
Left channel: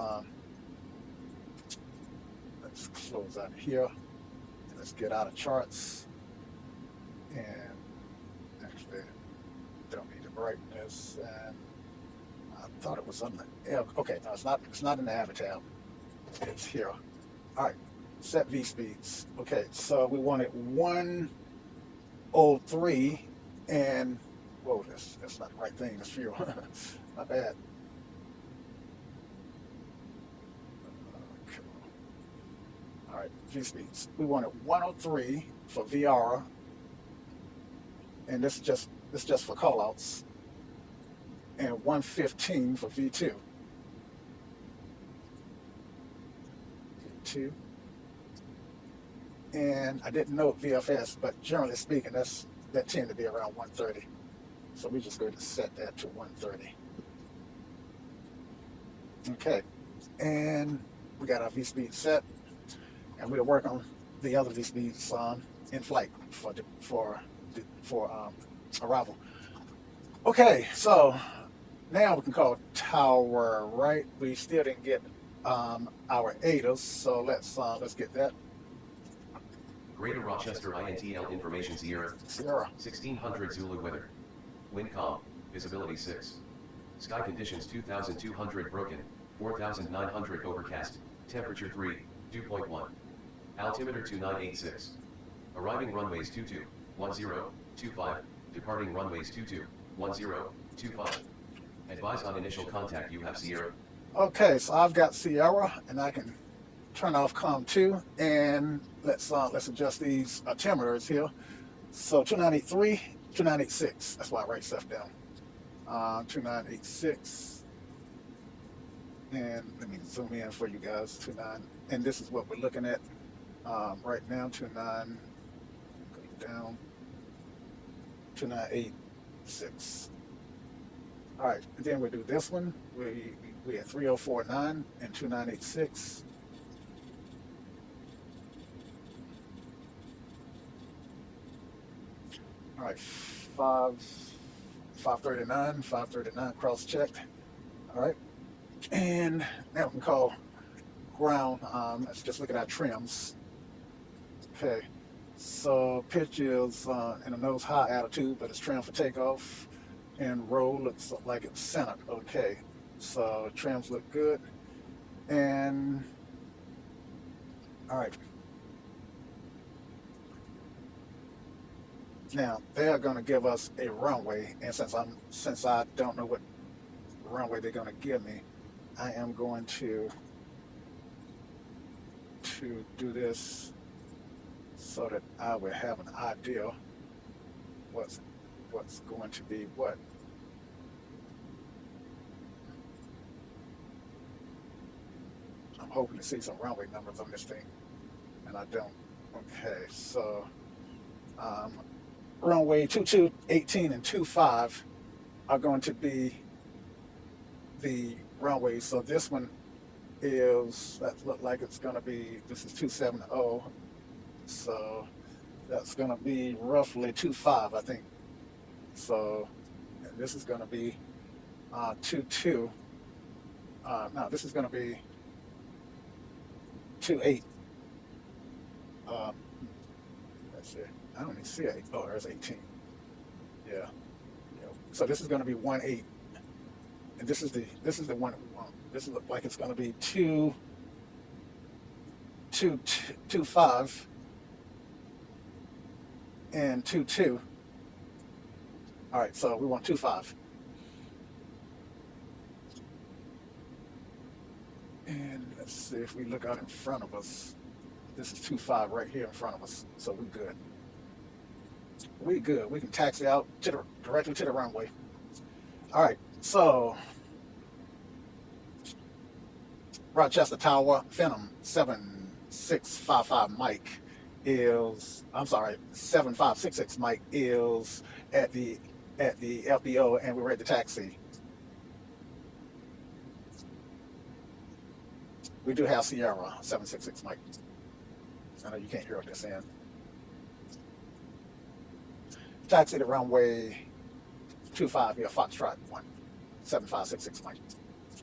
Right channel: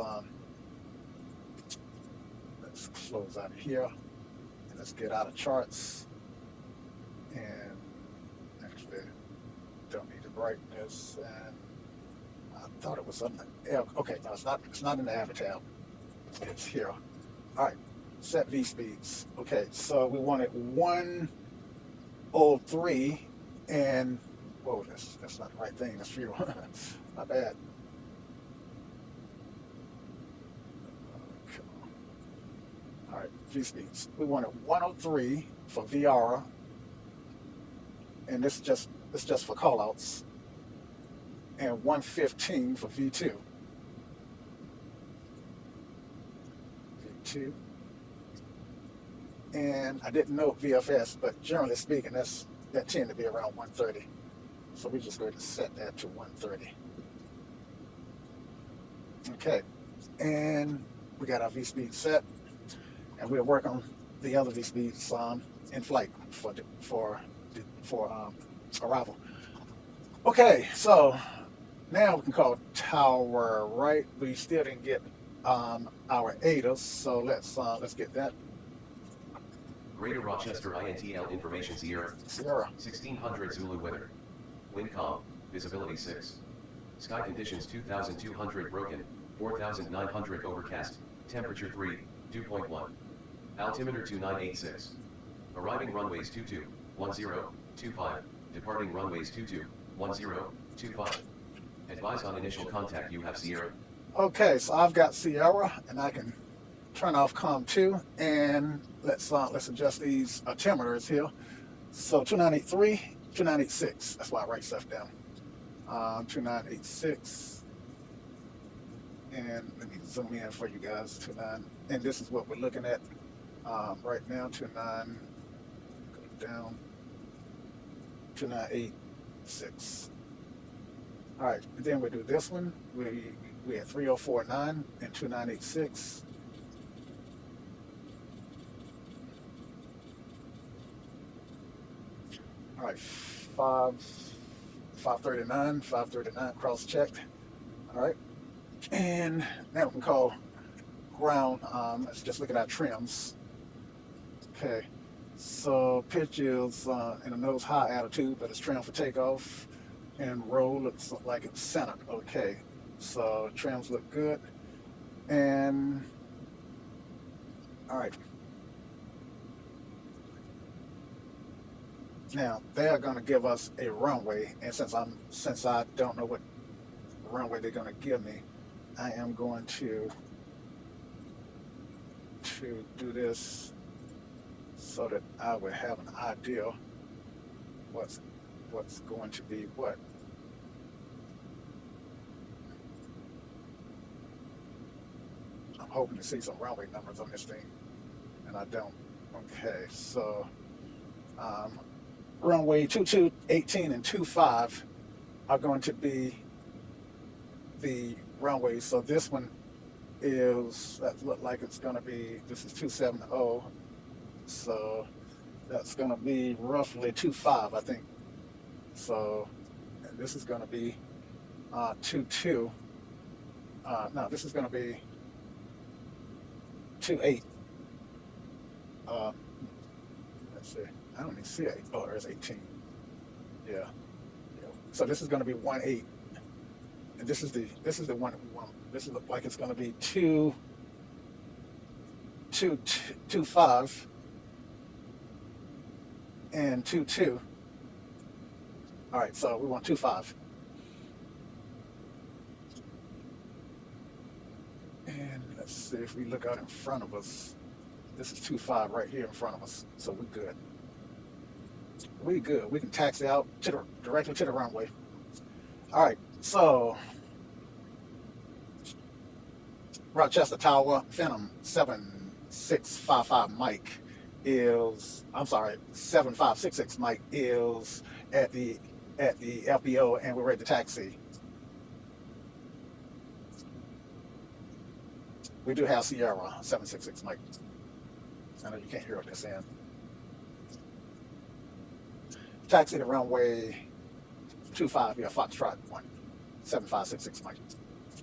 close out of here. Let's get out of charts, and actually don't need the brightness. And I thought it was on the air. Okay, no, it's not. It's not in the Avid tab. It's here. All right, set V speeds. Okay, so we wanted 103, and whoa, that's not the right thing. That's fuel. My bad. All right, V speeds. We wanted 103 for VR, and this is just for callouts, and 115 for V2. V2. And I didn't know VFS, but generally speaking, that tend to be around 130. So we're just going to set that to 130. Okay, and we got our V speed set. And we'll work on the other V speeds in flight for arrival. Okay, so now we can call tower right. We still didn't get our ADAs, so let's get that. Greater Rochester INTL Information Sierra. 1600 Zulu weather. Wind calm. Visibility 6. Sky conditions 2200 broken. 4900 overcast. Temperature 3. Dew point 1. Altimeter 2986. Arriving runways 22, 10, 25. Departing runways 22, 10, 25. Advise on initial contact. You have Sierra. Okay, so I've got Sierra, and I can turn off COM 2, and let's adjust these altimeters here. So 2983, 2986. That's why I write stuff down. 2986. And let me zoom in for you guys. 29, and this is what we're looking at right now. 29, go down. 2986. All right, and then we do this one. We at 3049 and 2986. All right, 539 cross checked. All right, and now we can call ground. Let's just looking at trims. Okay, so pitch is in a nose high altitude, but it's trimmed for takeoff, and roll looks like it's centered. Okay, so trims look good, and all right. Now they're going to give us a runway, and since I don't know what runway they're going to give me, I am going to do this so that I would have an idea what's going to be what. I'm hoping to see some runway numbers on this thing, and I don't. Okay, so runway 22, 18, and 25 are going to be the runways. So this one is, that look like it's going to be, this is 270. So that's going to be roughly 25, I think. So and this is going to be 22. No, this is going to be 28. Let's see. I don't even see 8. Oh, there's 18. Yeah. So this is going to be 18, and this is the one. This is like it's going to be 25 and 22. All right. So we want 25. And let's see if we look out in front of us. This is 25 right here in front of us. So we're good. We good. We can taxi out directly to the runway. All right. So Rochester Tower, Phenom 7655 Mike is, I'm sorry, 7566 Mike is at the FBO, and we're ready to taxi. We do have Sierra 766 Mike. I know you can't hear what they're saying. Taxi to runway 25 here, Foxtrot 17566 Mike.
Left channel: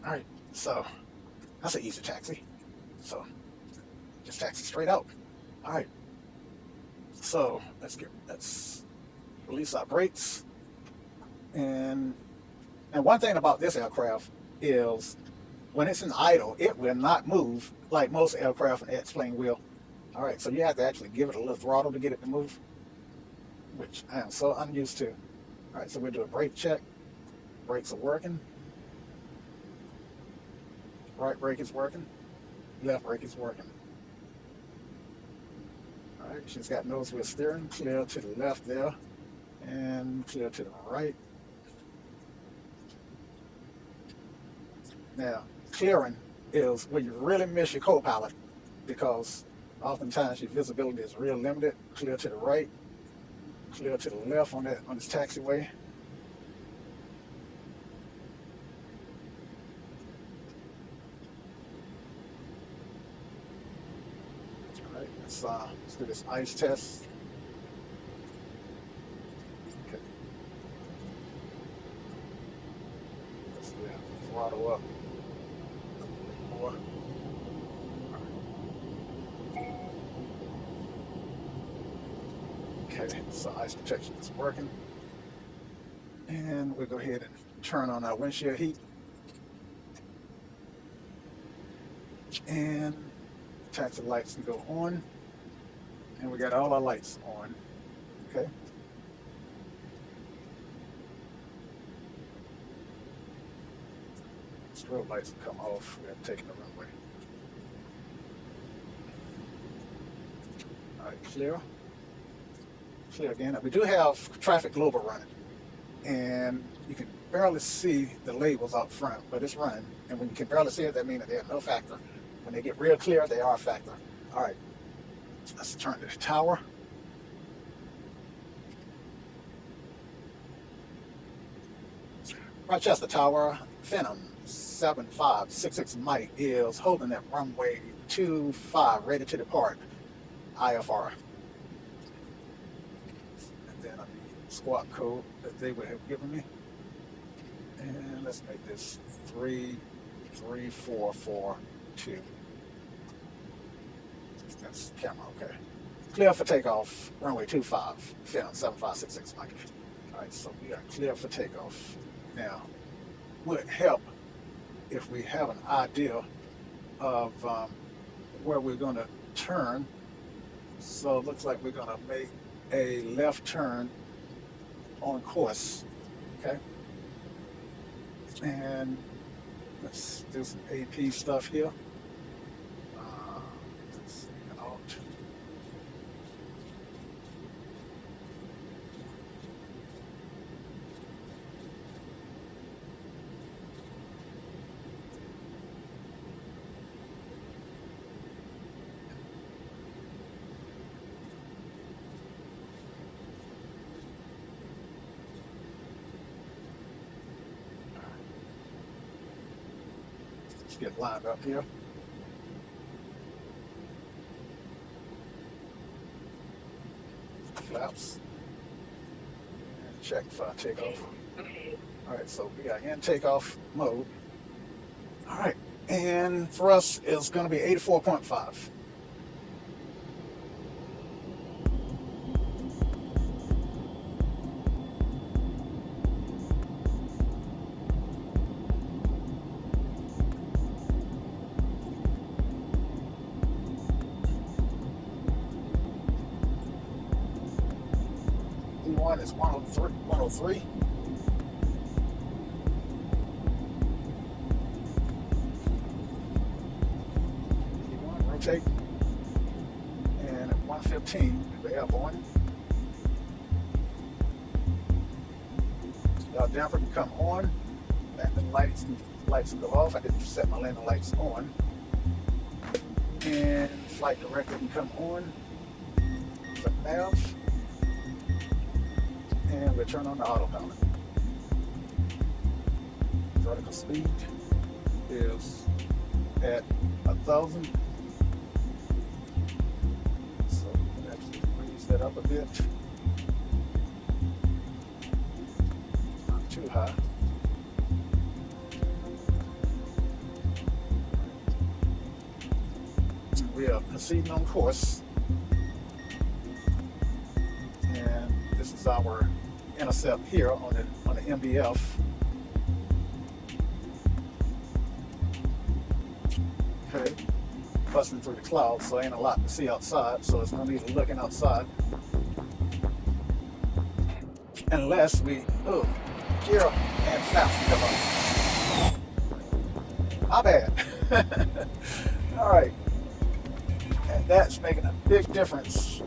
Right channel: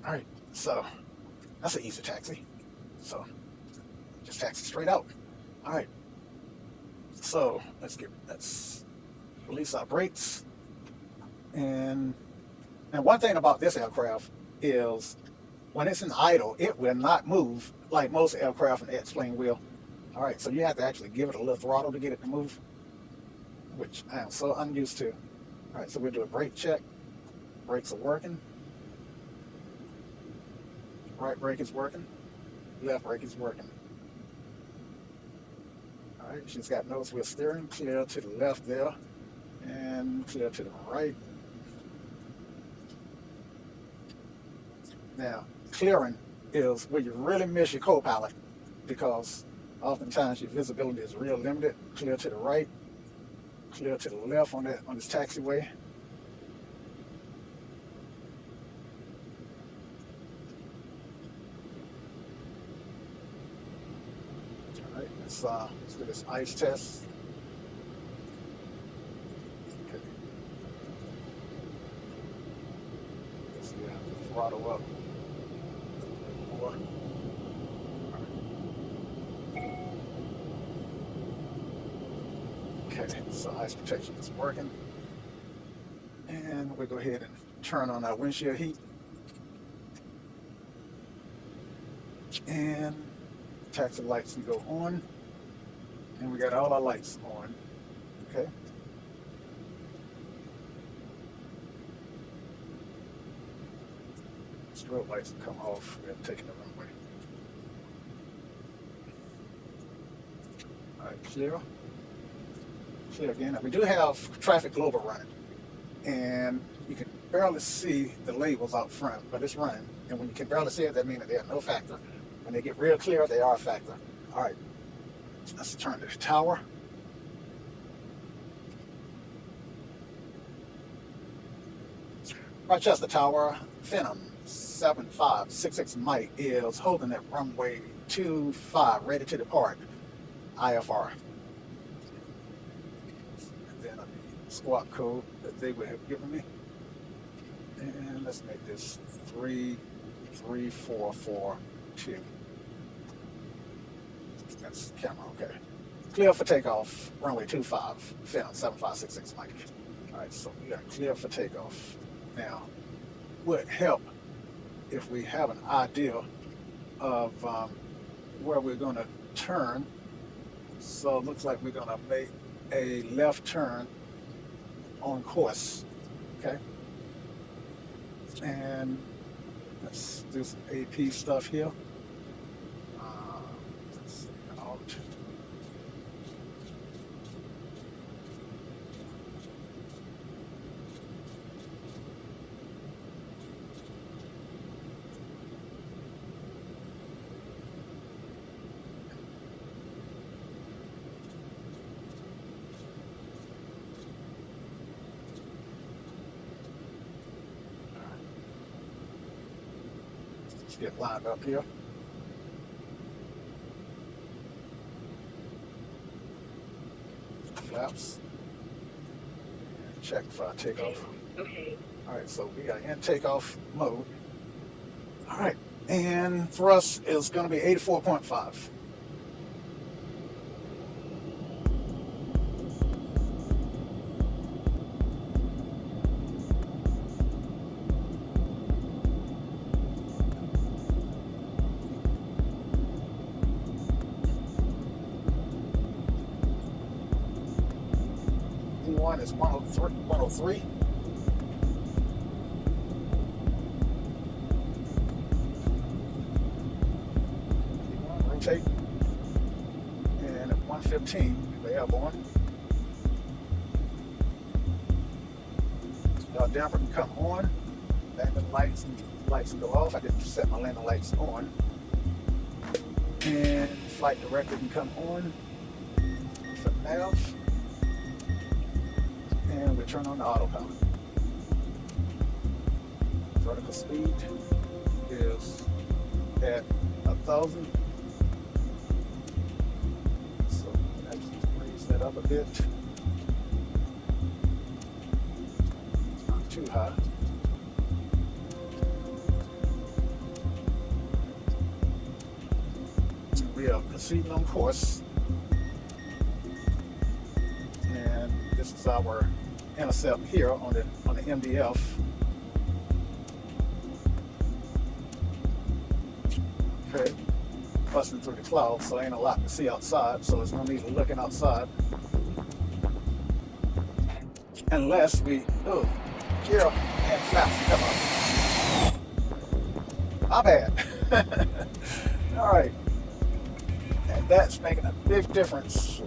All right, so that's an easy taxi. So just taxi straight out. All right. So let's release our brakes. And one thing about this aircraft is when it's in idle, it will not move like most aircraft in the X-plane will. All right, so you have to actually give it a little throttle to get it to move, which I am so unused to. All right, so we'll do a brake check. Brakes are working. Right brake is working. Left brake is working. All right, she's got nose wheel steering. Clear to the left there, and clear to the right. Now, clearing is where you really miss your co-pilot, because oftentimes your visibility is real limited. Clear to the right, clear to the left on this taxiway. All right, let's do this ice test. Okay. Let's throttle up. More. Okay, so ice protection is working. And we'll go ahead and turn on our windshield heat. And taxi lights can go on. And we got all our lights on. Okay. Strobe lights will come off. We have taken the runway. All right, clear. Clear again. We do have traffic global running. and you can barely see the labels out front, but it's running. And when you can barely see it, that means that they have no factor. When they get real clear, they are a factor. All right, let's turn to the tower. Rochester Tower, Phenom 7566 Mike is holding at runway 25, ready to depart, IFR. And then the squawk code that they would have given me. And let's make this 33442. That's the camera, okay. Clear for takeoff, runway 25, Phenom 7566 Mike. All right, so we are clear for takeoff. Now, would help if we have an idea of where we're going to turn. So it looks like we're going to make a left turn on course, okay? And let's do some AP stuff here. Out. Get lined up here. Flaps. Check for takeoff. Alright, so we are in takeoff mode. Alright, and thrust is going to be 84.5. Is 103. Rotate. And at 115, we airborne. Our damper can come on. Landing lights can go off. I didn't set my landing lights on. And flight director can come on. For nav. And we turn on the autopilot. Vertical speed is at 1,000. So let's increase that up a bit. Not too high. We are proceeding on course. And this is our intercept here on the MDF. Okay, busting through the clouds, so ain't a lot to see outside. So it's gonna be looking outside, unless we gear and flaps come up. My bad. All right, and that's making a big difference.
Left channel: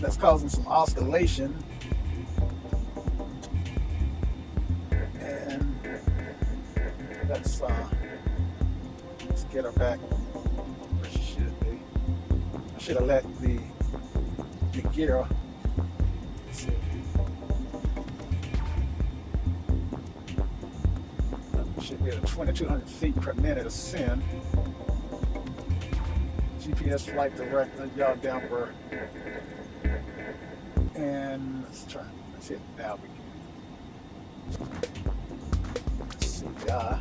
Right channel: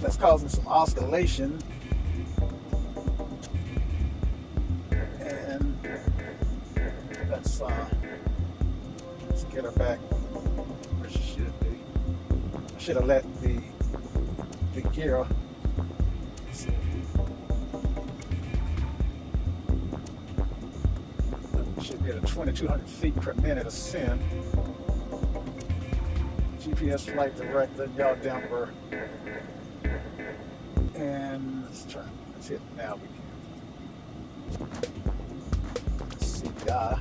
That's causing some oscillation. Let's get her back where she should be. I should have let the gear. Should get a 2,200 feet per minute ascend. GPS flight director, yaw damper. And let's hit now. CPI.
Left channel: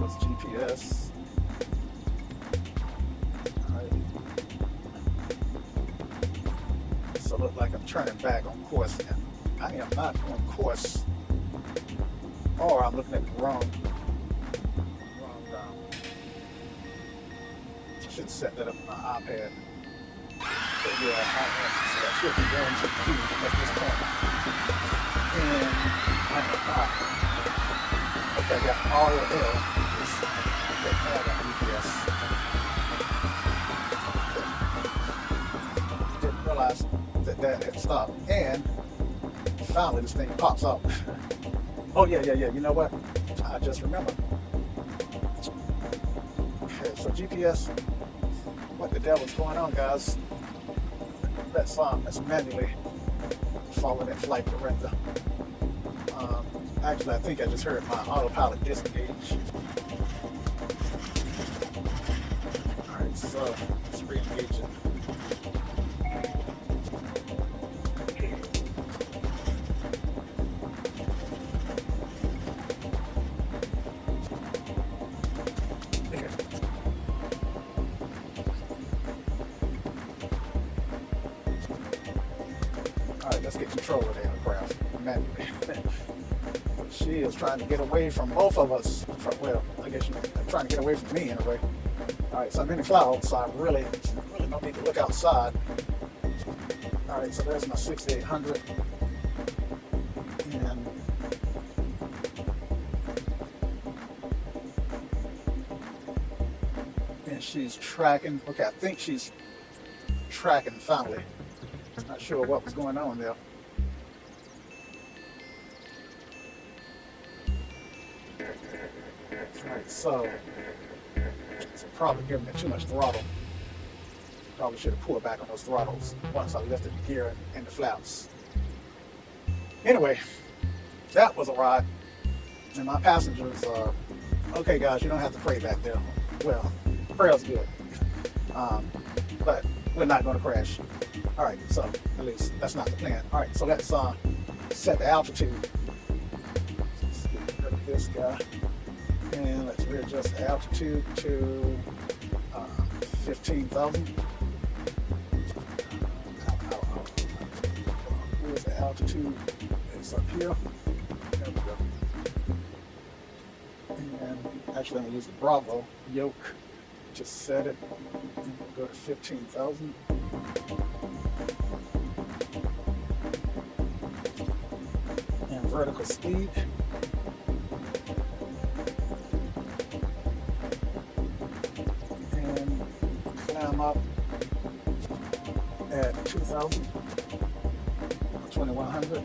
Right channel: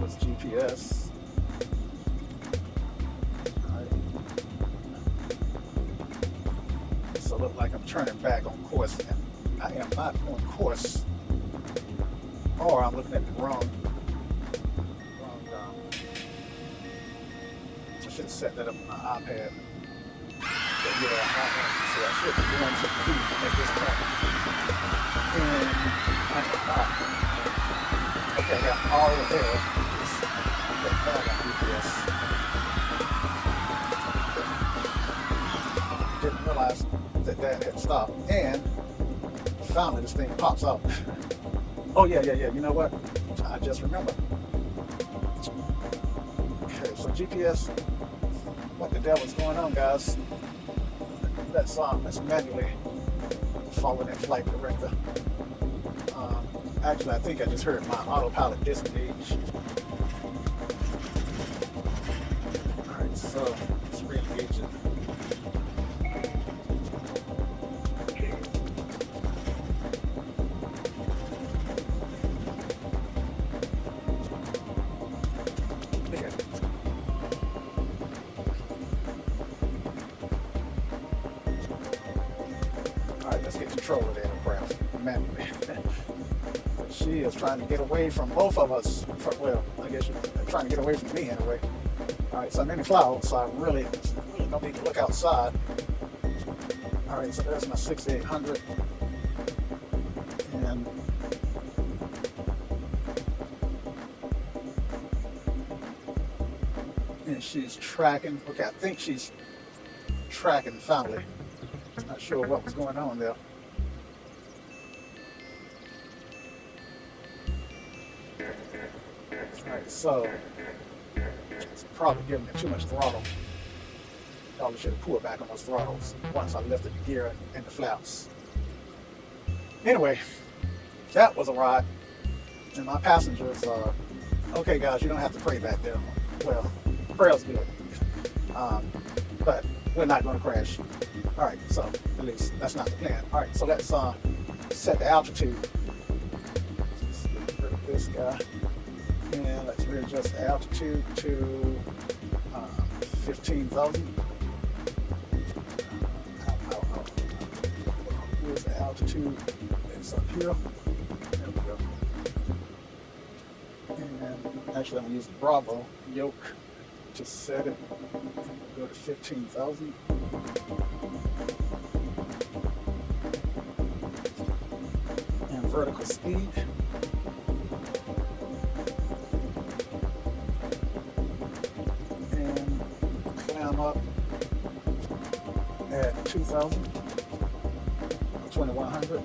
That's GPS. Right. So it looks like I'm turning back on course now. I am not on course. Or I'm looking at the wrong I should set that up on my iPad. So I should be going to make this turn. And I'm not. Okay, that's all there. Didn't realize that had stopped. And finally this thing pops up. Oh yeah. You know what? I just remember. Okay, so GPS. What the devil's going on, guys? Let's manually follow that flight director. Actually, I think I just heard my autopilot disengage. Alright, so let's re-engage it. Alright, let's get control of the aircraft manually. She is trying to get away from both of us. Well, I guess she's trying to get away from me anyway. Alright, so I'm in the clouds, so I really don't need to look outside. Alright, so there's my 6800. And she's tracking. Okay, I think she's tracking finally. Not sure what was going on there. Alright, so it's probably giving me too much throttle. Probably should have pulled back on those throttles once I lifted the gear and the flaps. Anyway, that was a ride. And my passengers are, okay guys, you don't have to pray back there. Well, prayer's good. But we're not going to crash. Alright, so at least that's not the plan. Alright, so let's set the altitude. Let's get rid of this guy. And let's readjust the altitude to 15,000. Where's the altitude? It's up here. There we go. And actually, I'm going to use the Bravo yoke to set it. Go to 15,000. And vertical speed. At 2,000, 2,100.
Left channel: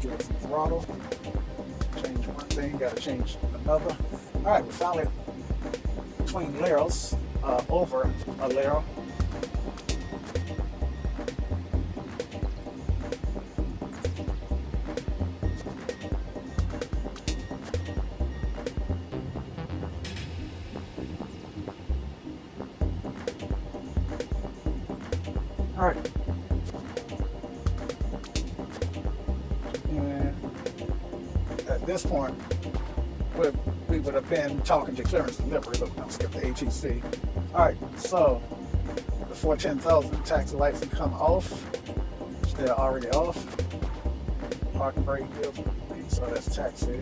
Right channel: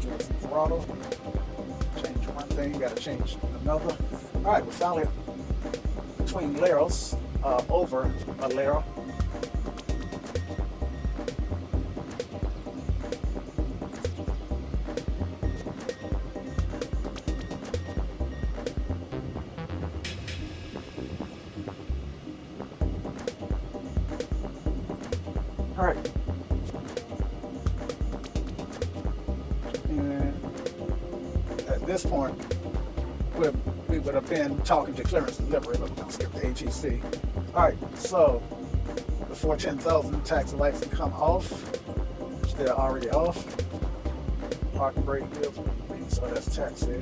Get some throttle. Change one thing, gotta change another. Alright, we're finally between layers, over a layer. Alright. And at this point, we would have been talking to clearance delivery, but don't skip the ATC. Alright, so before 10,000, taxi lights can come off. They're already off. Parking brake, so that's taxi.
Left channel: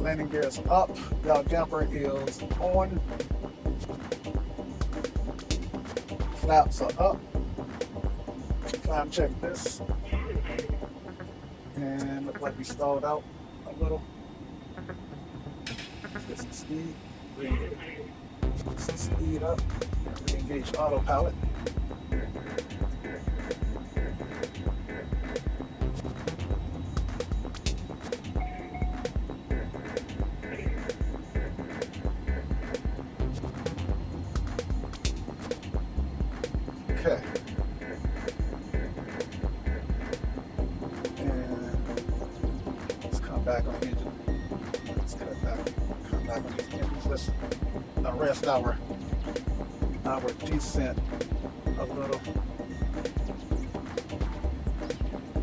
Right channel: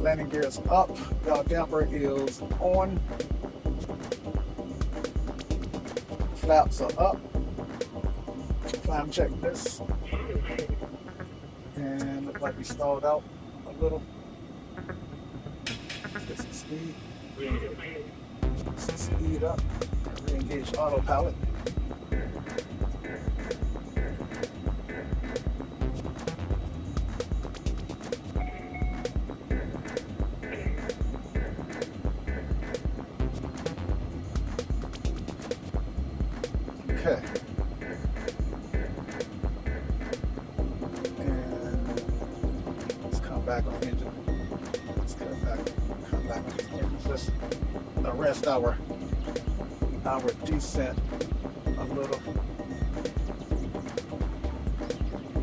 Landing gear is up, our damper is on, flaps are up, climb check this, and look like we stalled out a little. Get some speed, get some speed up, and re-engage autopilot. Okay. And let's come back on the engine. Let's come back on the engine. Let's arrest our descent a little.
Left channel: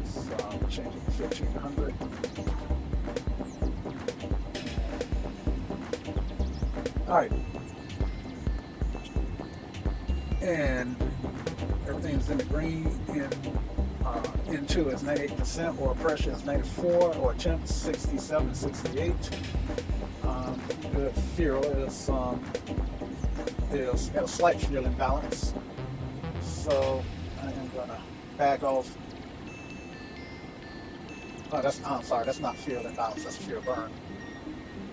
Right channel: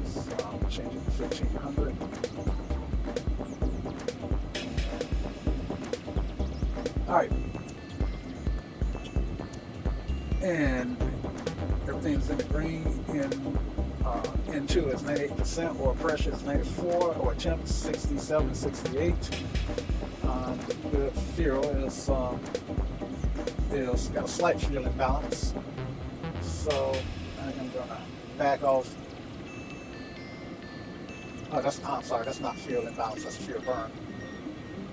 So change it to 1,500. All right. And everything's in the green into is 98%, or pressure is -4, or temp 67, 68. The fuel is a slight fuel imbalance. So I am gonna back off Oh, that's, I'm sorry, that's not field imbalance, that's field burn.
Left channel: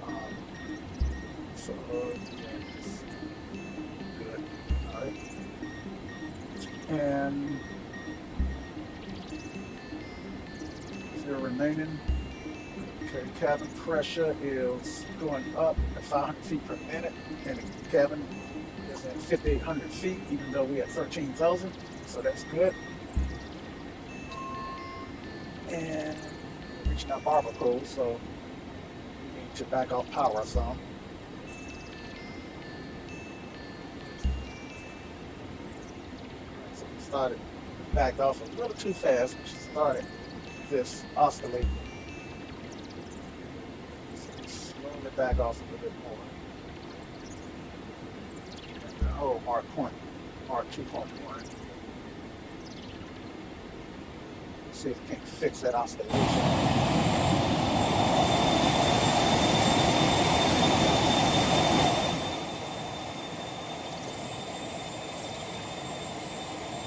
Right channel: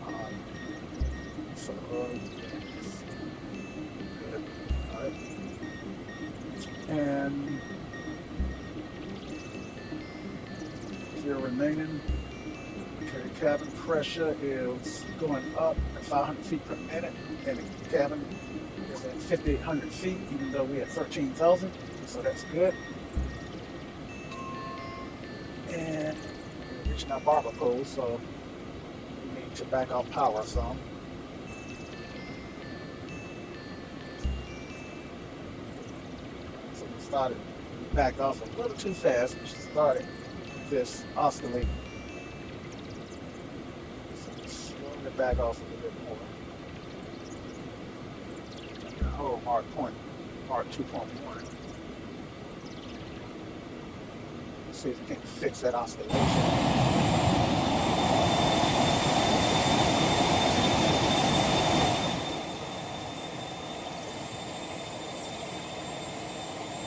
Um, so, yes, good. All right. And field remaining. Okay, the cabin pressure is going up at 500 feet per minute, and the cabin is at 5,800 feet, even though we are 13,000, so that's good. And we're reaching our barber pole, so we need to back off power some. So we started, we backed off a little too fast. We started this oscillating. So slowly back off a little bit more. Oh, Mark 2.1. See if we can fix that oscillation.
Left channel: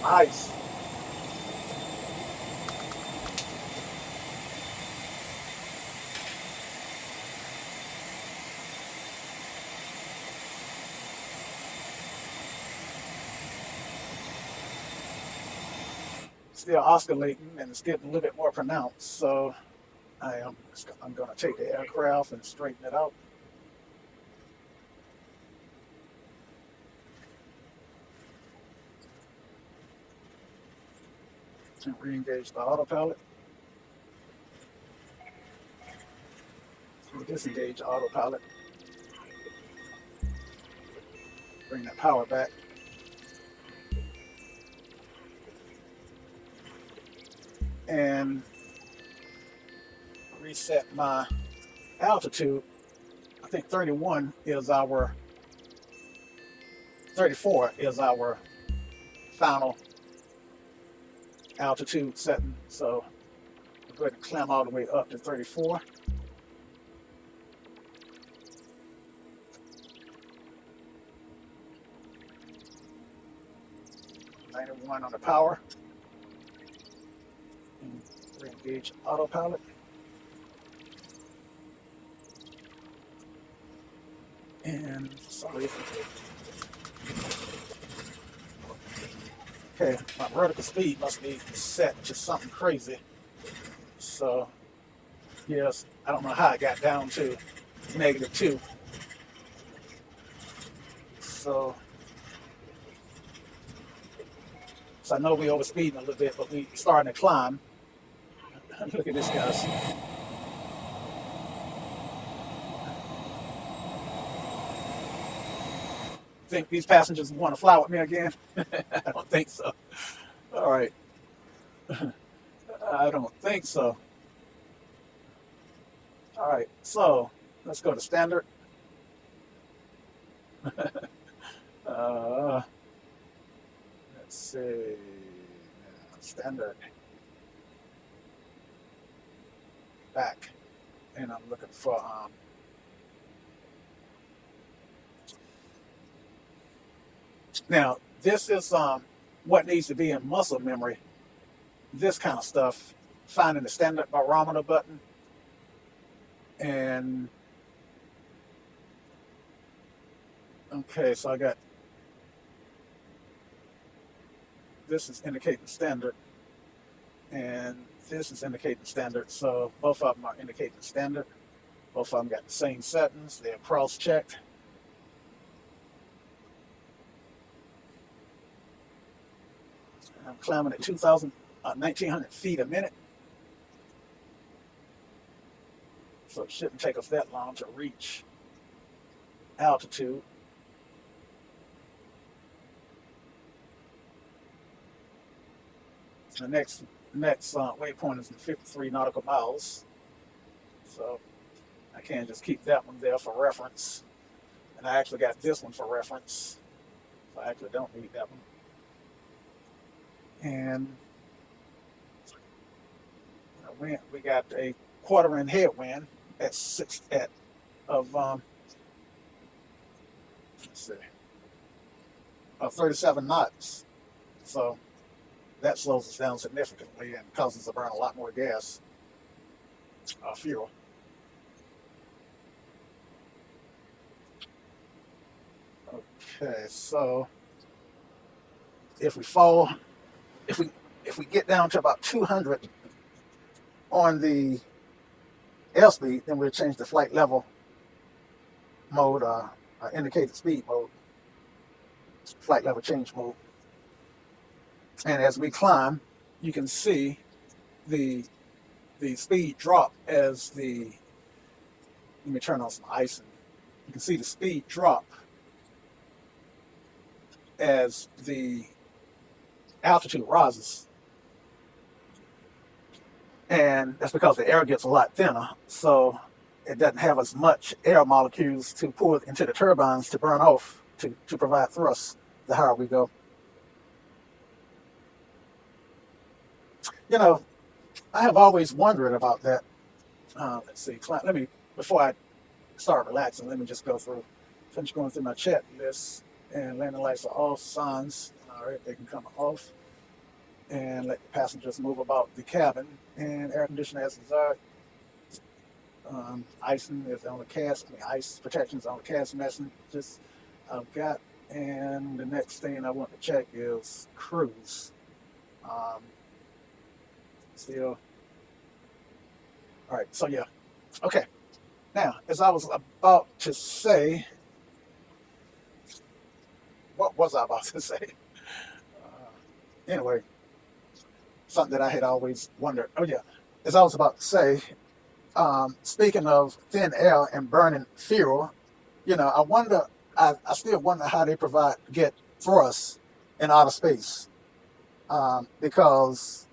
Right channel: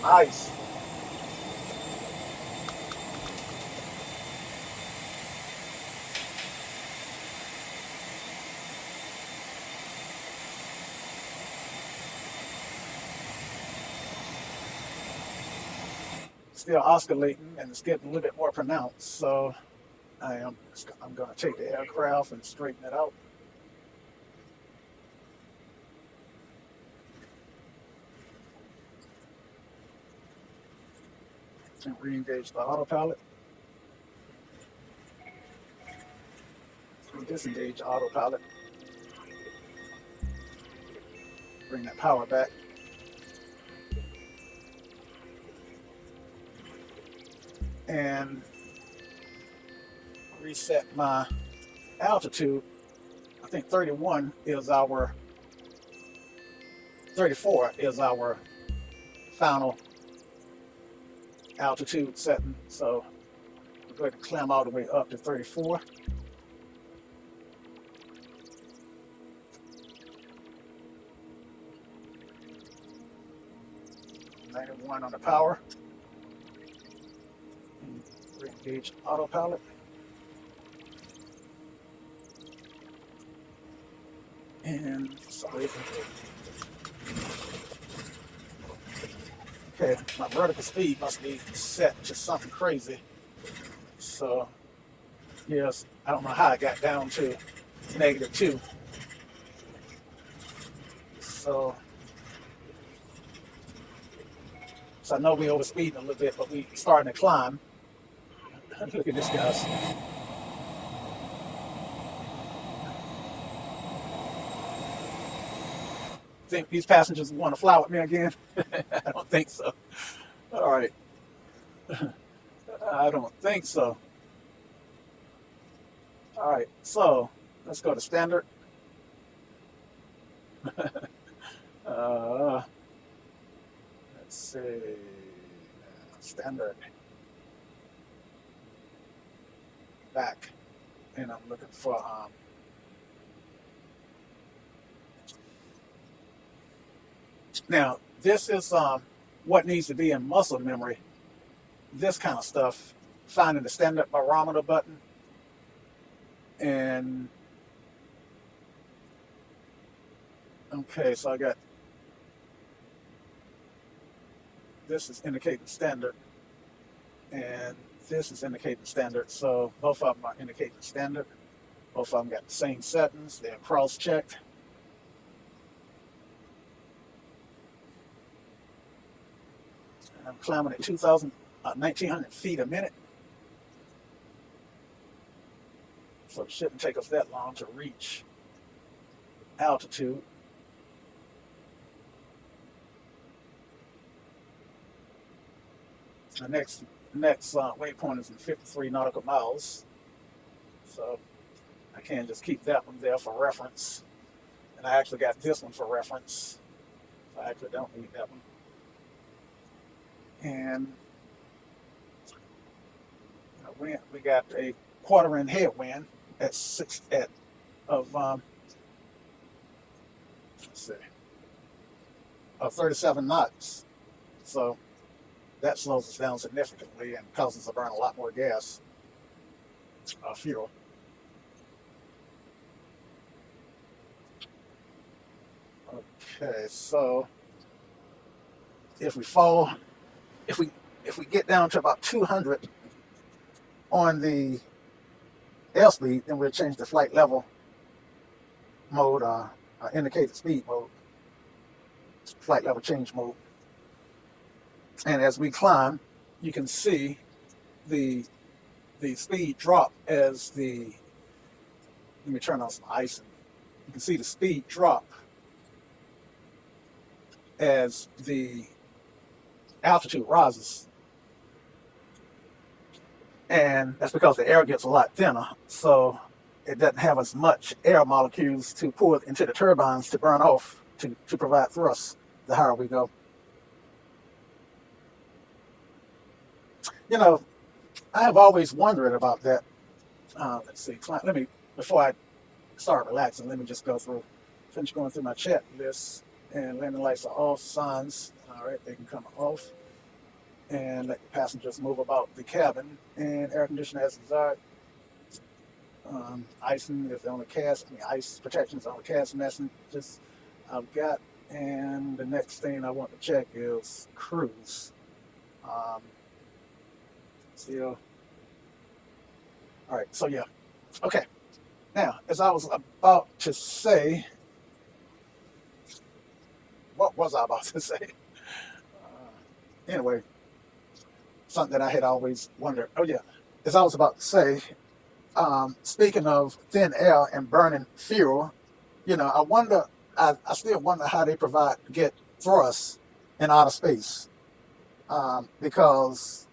Nice. Still oscillating, and it's getting a little bit more pronounced. So I'm going to take the aircraft and straighten it out. And re-engage the autopilot. We'll disengage the autopilot. Bring that power back. And reset my altitude. I think 34 is our final altitude setting. So we're going to climb all the way up to 34. One on the power. Re-engage autopilot. And for some reason, okay, my vertical speed must be set to something crazy. So, yes, I don't know how I got down to -2. So I know we're overspeeding a little bit, but we're starting to climb. Look at this, guys. Think these passengers want to fly with me again? I don't think so. All right. I don't think so. All right, so let's go to standard. Let's see. Standard. Back. And I'm looking for now this is what needs to be in muscle memory. This kind of stuff. Finding the standard barometer button. And okay, so I got this is indicating standard, and this is indicating standard. So both of them are indicating standard. Both of them got the same settings. They're cross-checked. I'm climbing at 1,900 feet a minute. So it shouldn't take us that long to reach altitude. The next waypoint is in 53 nautical miles. So I can't just keep that one there for reference. And I actually got this one for reference. So I actually don't need that one. And we got a quarter-inch headwind at of 37 knots. So that slows us down significantly and causes us to burn a lot more gas. fuel. Okay, so if we fall, if we get down to about 200 on the airspeed, then we'll change the flight level mode, indicated speed mode, flight level change mode. And as we climb, you can see the speed drop as the, let me turn on some icing. You can see the speed drop as the altitude rises. And that's because the air gets a lot thinner, so it doesn't have as much air molecules to pour into the turbines to burn off to provide thrust the higher we go. You know, I have always wondered about that. Let's see, let me, before I start relaxing, let me just finish going through my chat list. And landing lights are off, signs, all right, they can come off. And let the passengers move about the cabin. And air conditioning as desired. Icing is on the cast, ice protection is on the cast messages I've got. And the next thing I want to check is cruise. Still. All right, so yeah. Okay. Now, as I was about to say, what was I about to say? Anyway, something that I had always wondered. Oh yeah, as I was about to say, speaking of thin air and burning fuel, I wonder. I still wonder how they get thrust in outer space, because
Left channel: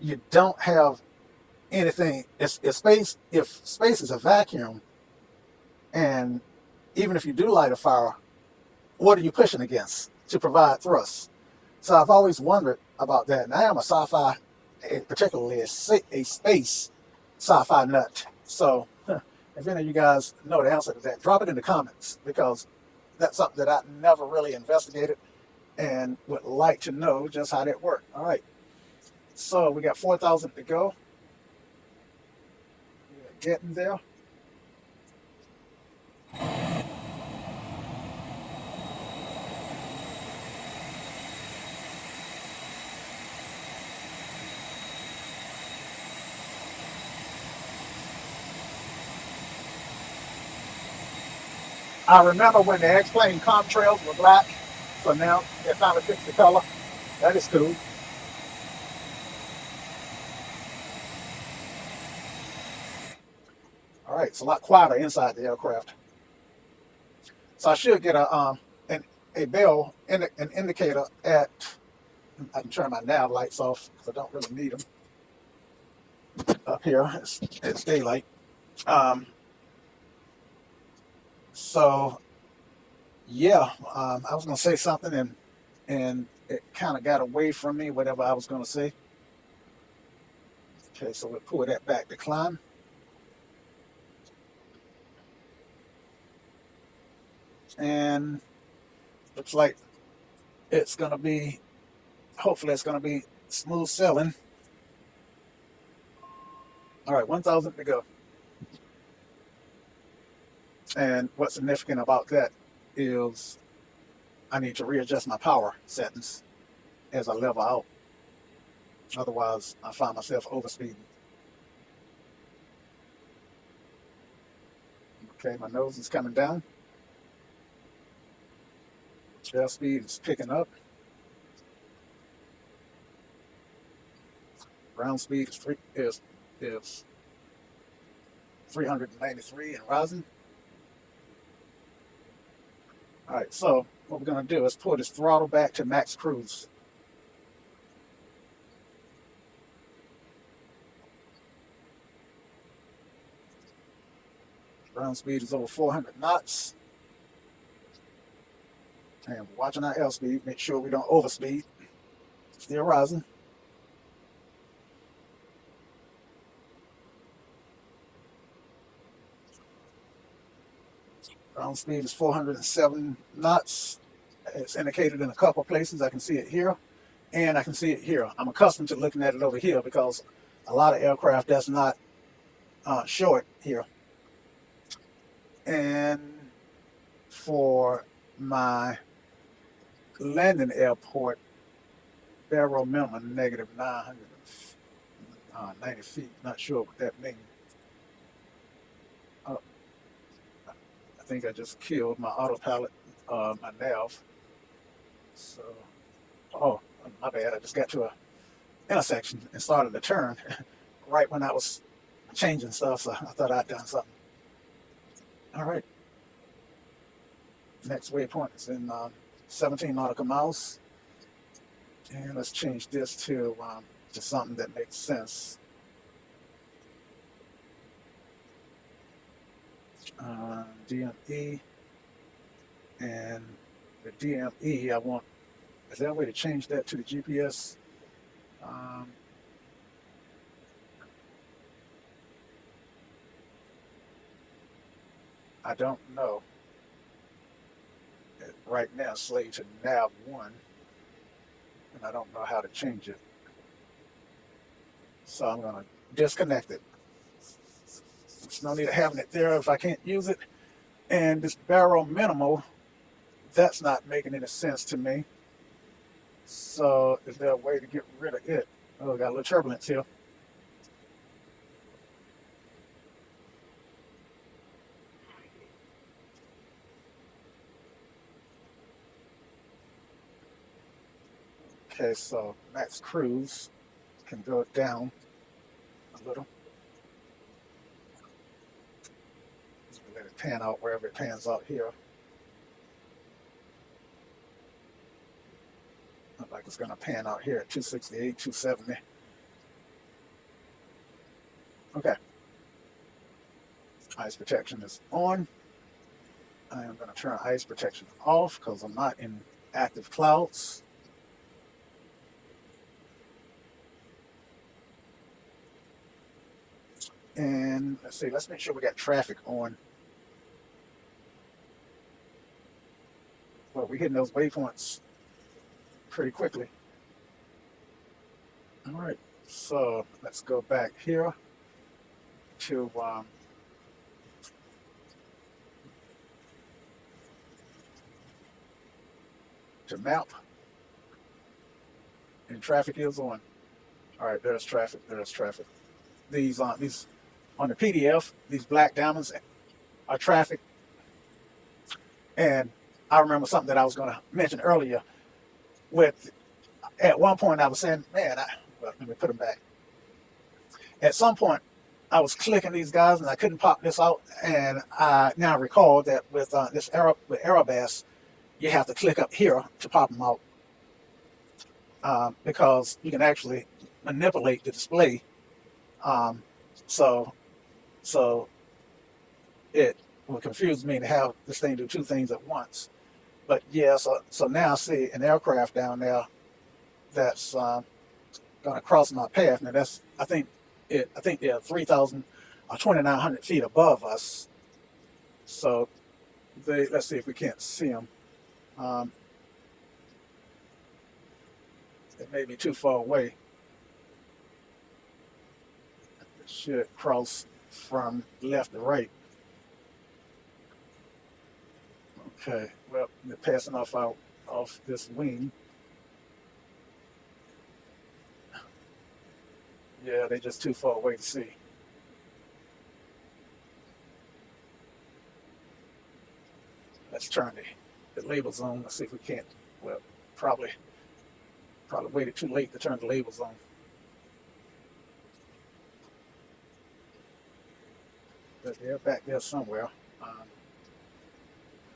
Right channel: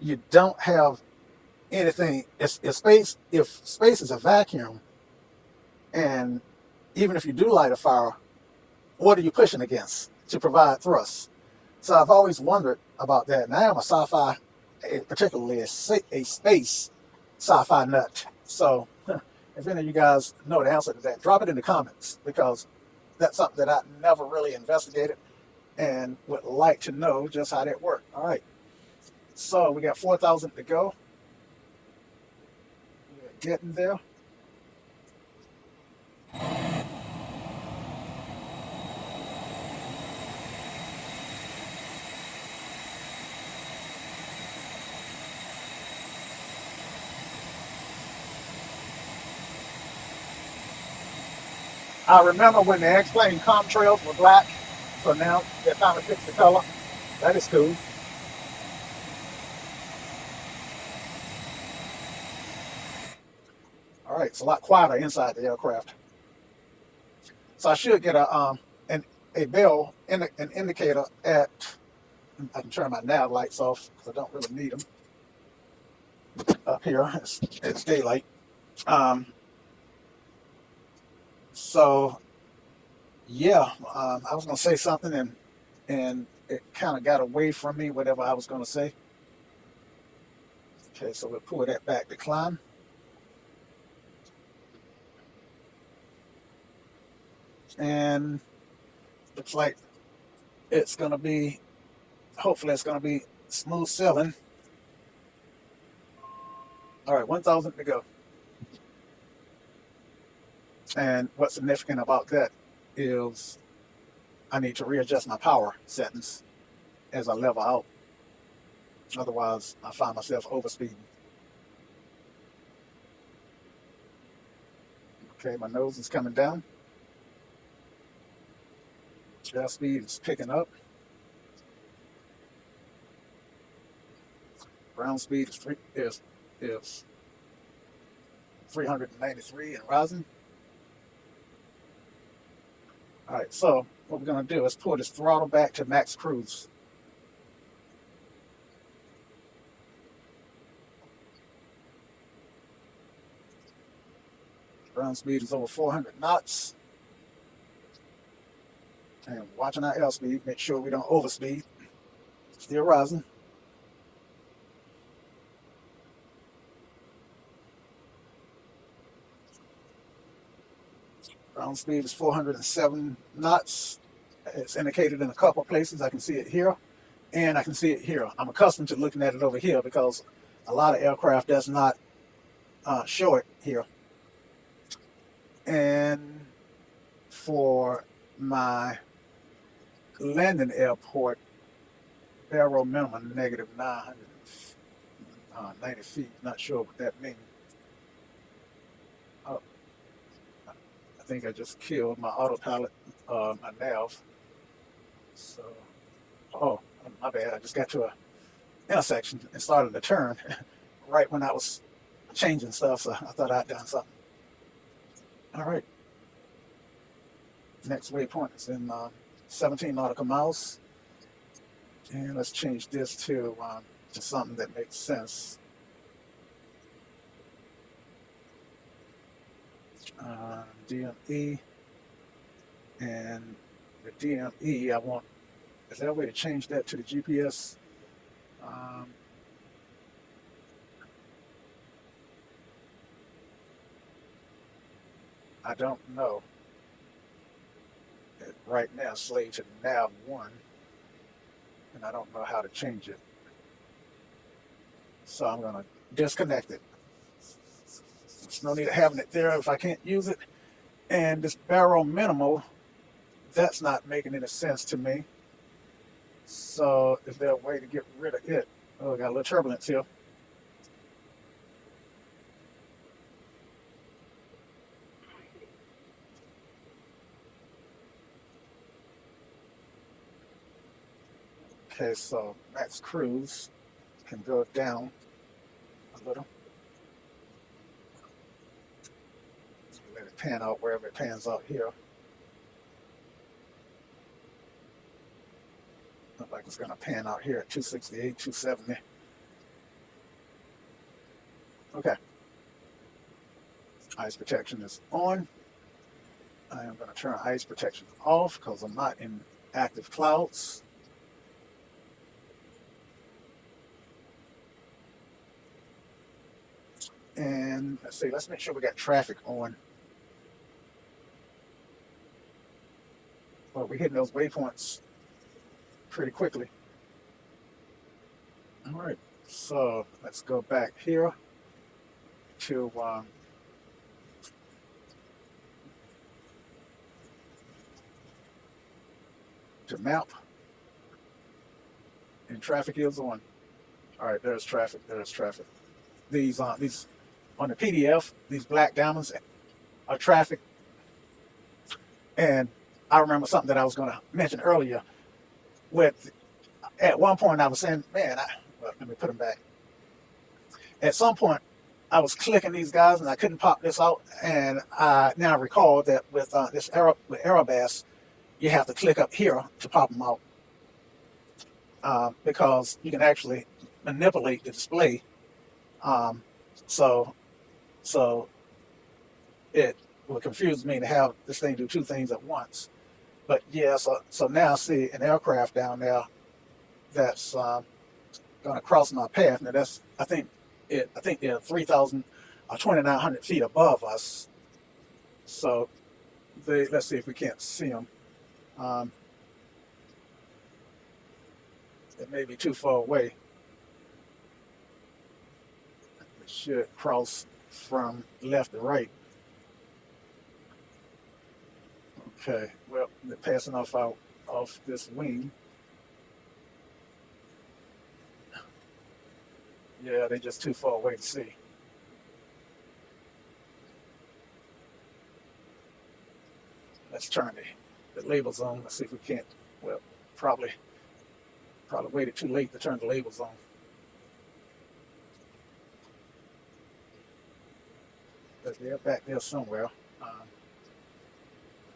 you don't have anything. If space is a vacuum, and even if you do light a fire, what are you pushing against to provide thrust? So I've always wondered about that. And I am a sci-fi, particularly a space sci-fi nut. So if any of you guys know the answer to that, drop it in the comments, because that's something that I never really investigated and would like to know just how that worked. All right. So we got 4,000 to go. We're getting there. I remember when the X-Plane contrails were black, so now they finally fixed the color. That is cool. All right, it's a lot quieter inside the aircraft. So I should get a bell, an indicator at, I can turn my nav lights off because I don't really need them up here. It's daylight. So yeah, I was gonna say something and it kind of got away from me, whatever I was gonna say. Okay, so we'll pull that back to climb. And looks like it's gonna be, hopefully it's gonna be smooth sailing. All right, 1,000 to go. And what's significant about that is I need to readjust my power settings as I level out. Otherwise, I find myself overspeeding. Okay, my nose is coming down. Air speed is picking up. Ground speed is 393 and rising. All right, so what we're going to do is pull this throttle back to max cruise. Ground speed is over 400 knots. And watching our airspeed, make sure we don't overspeed. Still rising. Ground speed is 407 knots. It's indicated in a couple places. I can see it here, and I can see it here. I'm accustomed to looking at it over here because A lot of aircraft does not show it here. And for my landing airport, barrel minimum negative 990 feet. Not sure what that means. Oh, I think I just killed my autopilot, my nav. So, oh, my bad. I just got to a intersection and started to turn right when I was changing stuff. So I thought I'd done something. All right. Next waypoint is in 17 nautical miles. And let's change this to something that makes sense. DME. And the DME, I want, is there a way to change that to the GPS? I don't know. Right now, slave to nav 1, and I don't know how to change it. So I'm going to disconnect it. There's no need of having it there if I can't use it. And this barrel minimal, that's not making any sense to me. So is there a way to get rid of it? Oh, we got a little turbulence here. Okay, so max cruise can go down a little. Let it pan out wherever it pans out here. Looks like it's going to pan out here at 268, 270. Okay. Ice protection is on. I am going to turn ice protection off because I'm not in active clouds. And let's see, let's make sure we got traffic on. Well, we're hitting those waypoints pretty quickly. All right, so let's go back here to map. And traffic is on. All right, there's traffic, there's traffic. These on the PDF, these black diamonds are traffic. And I remember something that I was going to mention earlier. With at one point I was saying, man, let me put them back. At some point, I was clicking these guys and I couldn't pop this out. And I now recall that with this Aerobass, you have to click up here to pop them out because you can actually manipulate the display. So it would confuse me to have this thing do two things at once. But yeah, so now I see an aircraft down there that's going to cross my path. Now that's I think they're 3,000 or 2,900 feet above us. So let's see if we can't see them. It may be too far away. It should cross from left to right. Okay, well, they're passing off this wing. Yeah, they're just too far away to see. Let's turn the labels on. Let's see if we can't. Well, probably waited too late to turn the labels on. But they're back there somewhere. Let's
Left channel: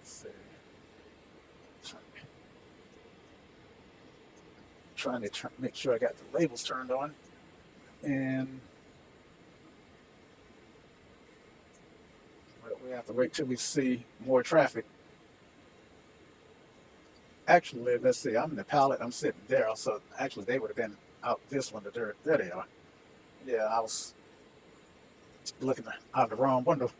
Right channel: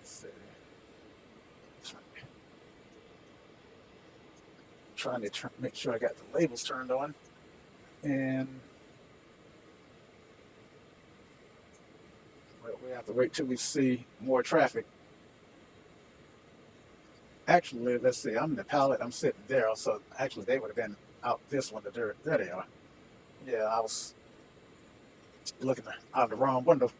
see. Trying to make sure I got the labels turned on. And well, we have to wait till we see more traffic. Actually, let's see, I'm the pilot, I'm sitting there, so actually they would have been out this one, there they are. Yeah, I was looking out the wrong window.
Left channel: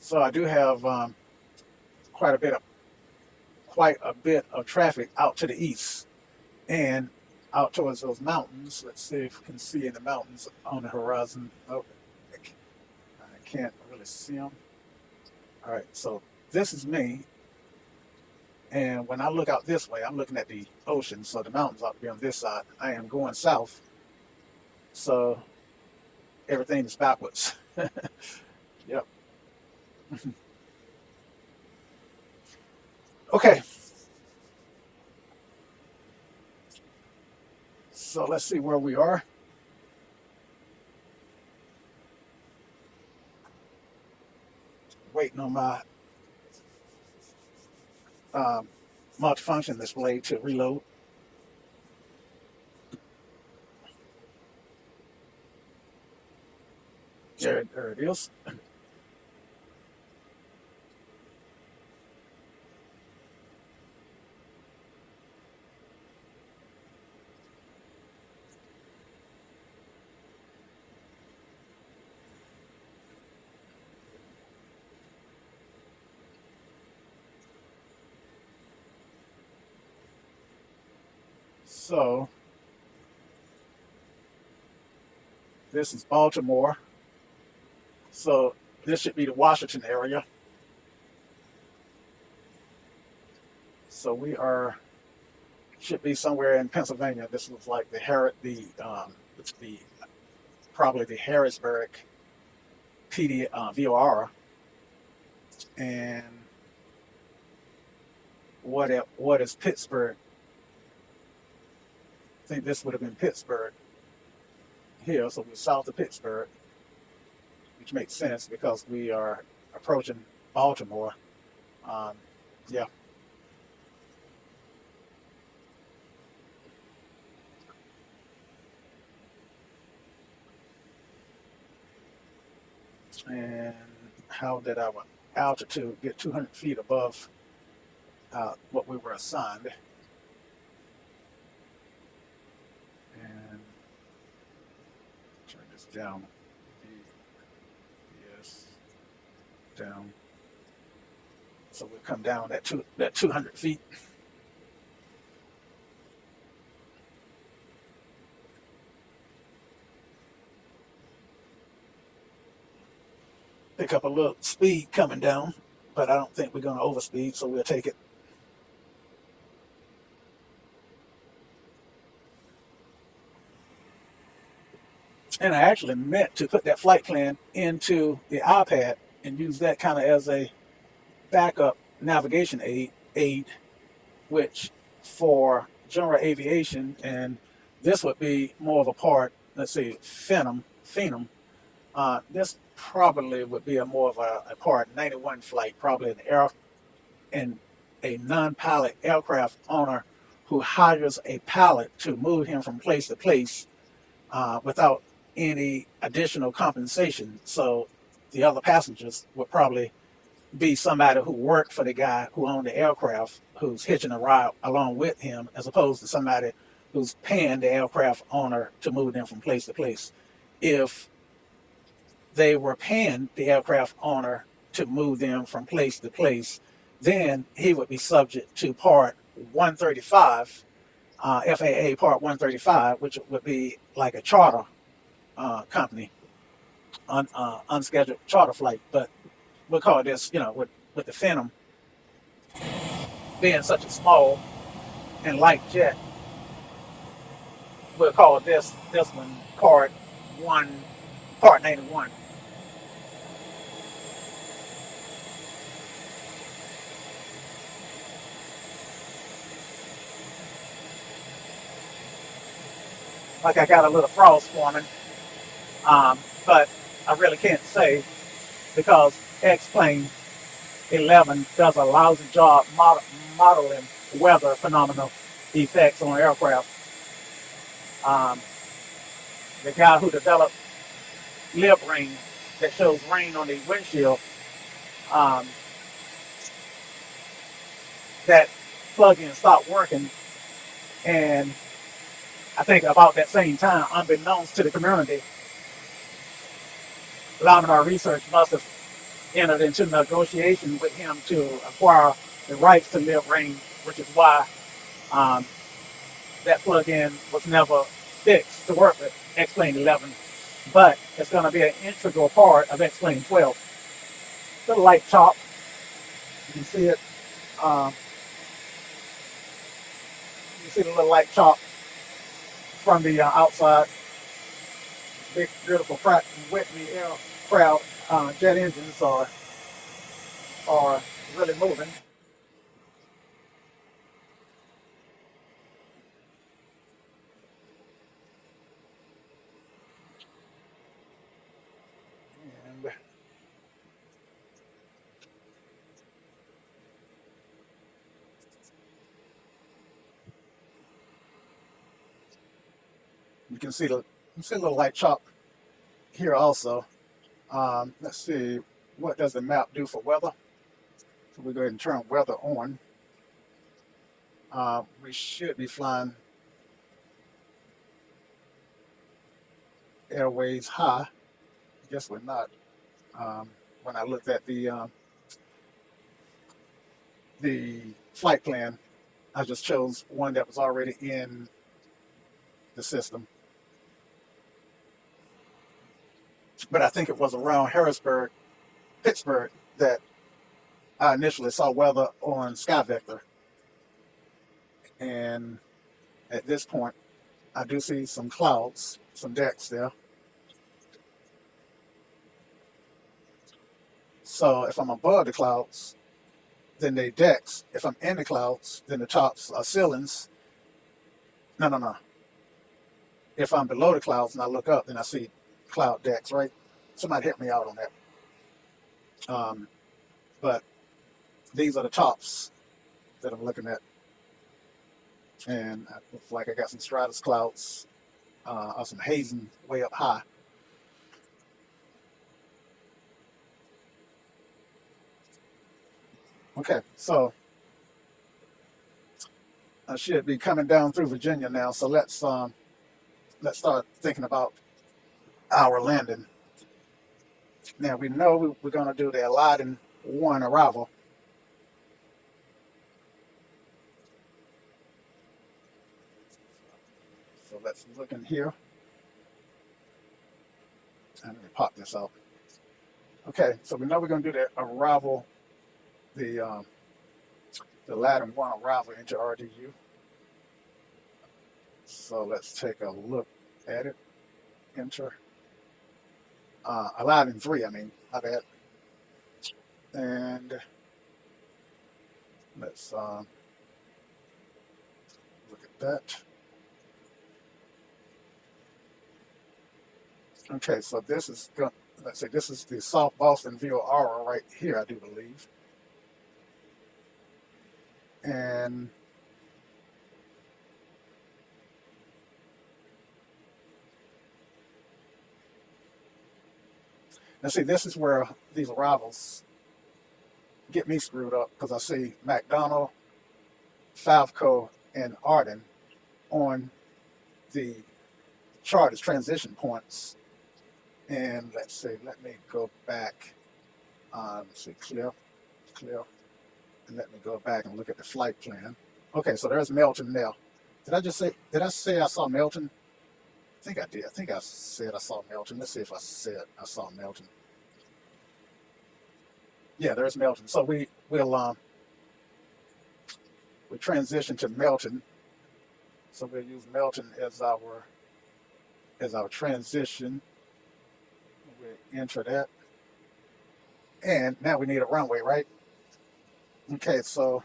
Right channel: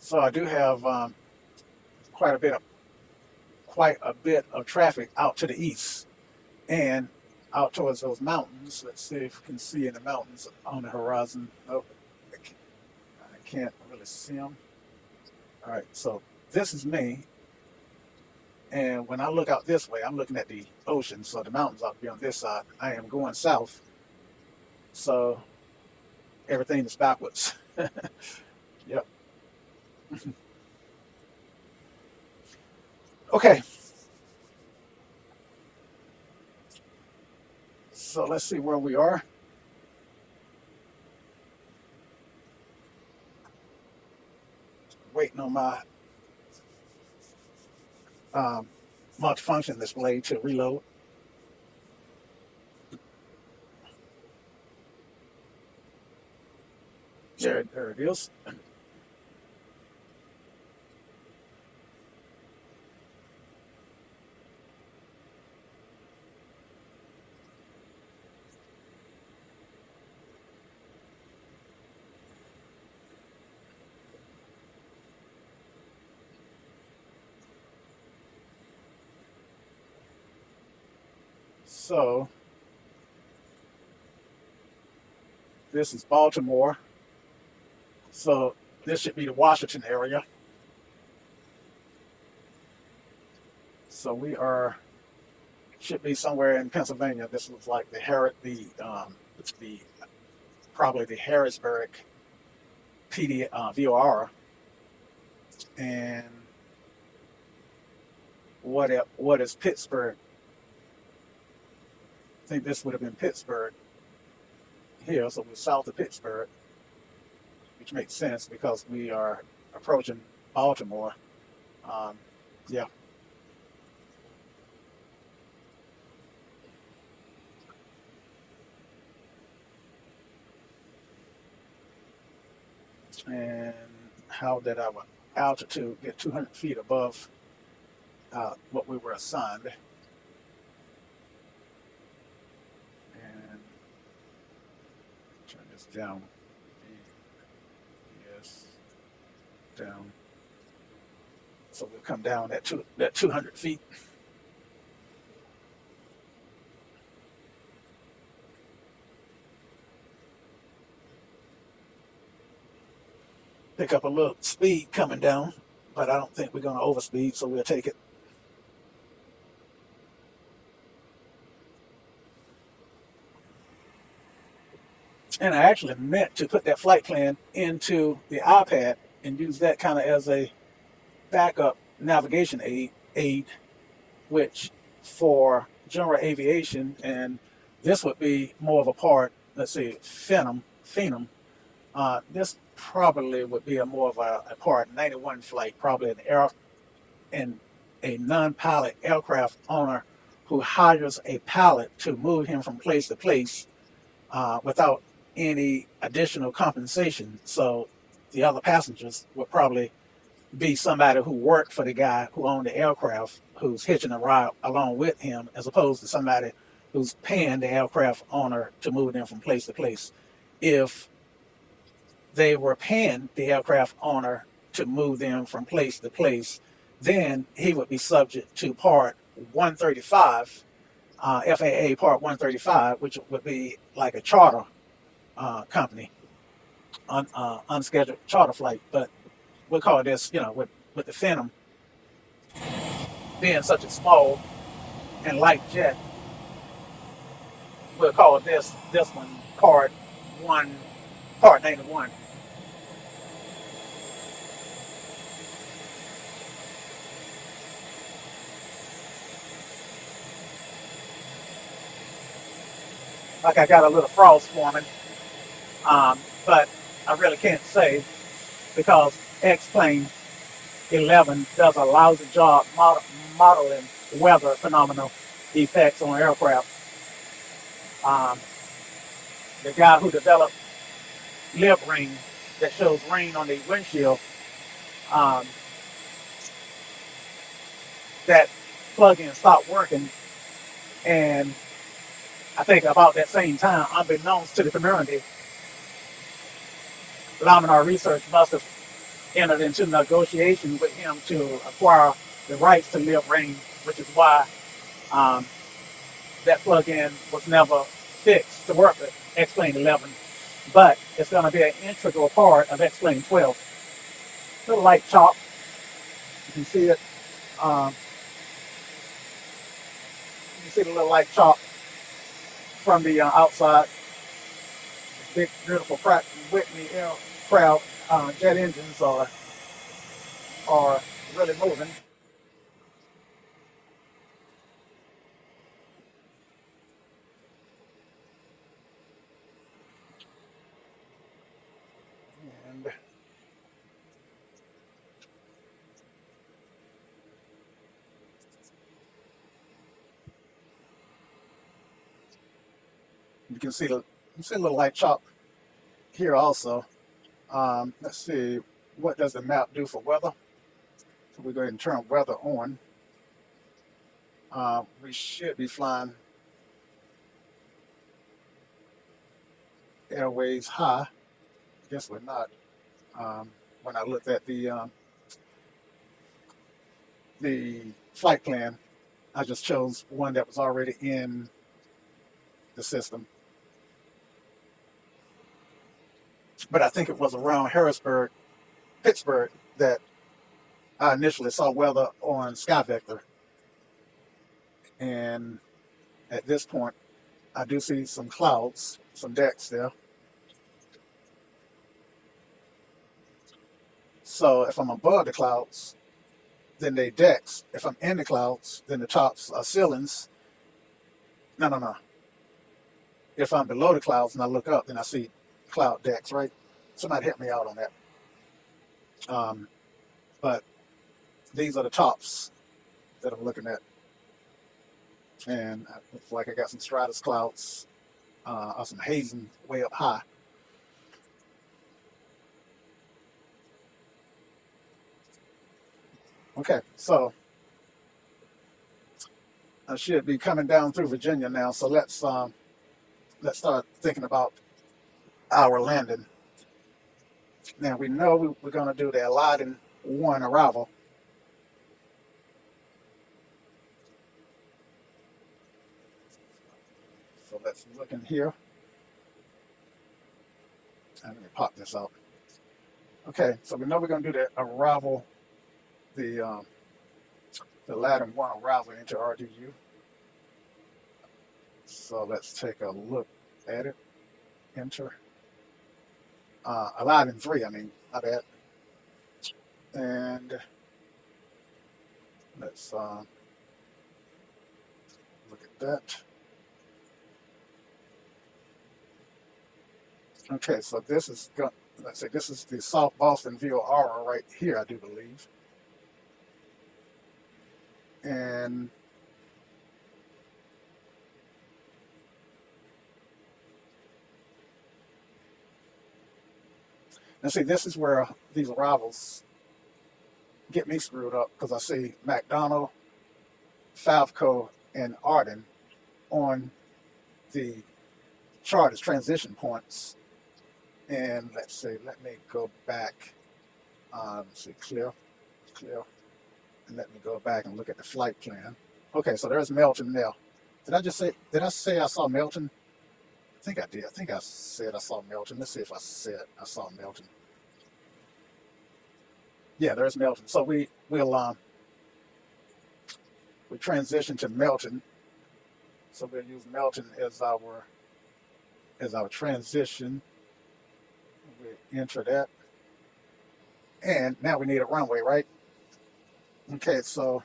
So I do have quite a bit of quite a bit of traffic out to the east and out towards those mountains. Let's see if we can see any mountains on the horizon. Oh, I can't really see them. All right, so this is me. And when I look out this way, I'm looking at the ocean. So the mountains ought to be on this side. I am going south. So everything is backwards. Yep. Okay. So let's see where we are. Waiting on my multifunction display to reload. There it is. So this is Baltimore. So this should be the Washington area. So we should be somewhere in Pennsylvania. This looks like probably the Harrisburg PD VOR. And what is Pittsburgh? I think this would have been Pittsburgh here, so we're south of Pittsburgh, which makes sense because we are approaching Baltimore. Yeah. And how did our altitude get 200 feet above what we were assigned? And turn this down. Yes, down. So we'll come down that 200 feet. Pick up a little speed coming down, but I don't think we're going to overspeed, so we'll take it. And I actually meant to put that flight plan into the iPad and use that kind of as a backup navigation aid, which for general aviation, and this would be more of a part, let's say Phenom. This probably would be more of a part 91 flight, probably a non-pilot aircraft owner who hires a pilot to move him from place to place without any additional compensation. So the other passengers would probably be somebody who worked for the guy who owned the aircraft, who's hitching a ride along with him, as opposed to somebody who's paying the aircraft owner to move them from place to place. If they were paying the aircraft owner to move them from place to place, then he would be subject to Part 135, FAA Part 135, which would be like a charter company, unscheduled charter flight. But we'll call this, with the Phenom being such a small and light jet, we'll call this one Part 91. Like I got a little frost forming, but I really can't say because X-Plane 11 does a lousy job modeling weather phenomenal effects on aircraft. The guy who developed Live Rain, that shows rain on the windshield, that plug-in stopped working, and I think about that same time, unbeknownst to the community, Laminar Research must have entered into negotiations with him to acquire the rights to live range, which is why um, that plugin was never fixed to work with X-Plane 11, but it's going to be an integral part of X-Plane 12. Little light chop, you can see it. Um, you can see the little light chop from the outside. Big, beautiful Pratt & Whitney aircraft jet engines are really moving. And you see a little light chop here also. Let's see, what does the map do for weather? So we go ahead and turn weather on. We should be flying airways high. I guess we're not. When I looked at the flight plan, I just chose one that was already in the system. But I think it was around Harrisburg, Pittsburgh, that I initially saw weather on SkyVector. And at this point, I do see some clouds, some decks there. So if I'm above the clouds, then they decks. If I'm in the clouds, then the tops are ceilings. No. If I'm below the clouds and I look up, then I see cloud decks, right? Somebody help me out on that. But these are the tops that I'm looking at. And it looks like I got some stratus clouds or some hazing way up high. Okay, so I should be coming down through Virginia now. So let's start thinking about our landing. Now we know we're going to do the Aladdin 1 arrival. So let's look in here. I'm going to pop this out. Okay, so we know we're going to do the arrival, the Aladdin 1 arrival into RDU. So let's take a look at it. Enter. Aladdin 3, I mean, my bad. And let's look at that. Okay, so this is, let's say this is the South Boston View Aura right here, I do believe. And let's see, this is where these arrivals get me screwed up because I see McDonald, Favco, and Arden on the chart as transition points. And let's see, let me go back. Let's see, clear, and let me go back and look at the flight plan. Okay, so there's Melton now. Did I say I saw Melton? I think I did. I think I said I saw Melton. Let's see if I said I saw Melton. Yeah, there's Melton. So we'll transition to Melton. So we'll use Melton as our transition. We'll enter that. And now we need a runway, right? Okay, so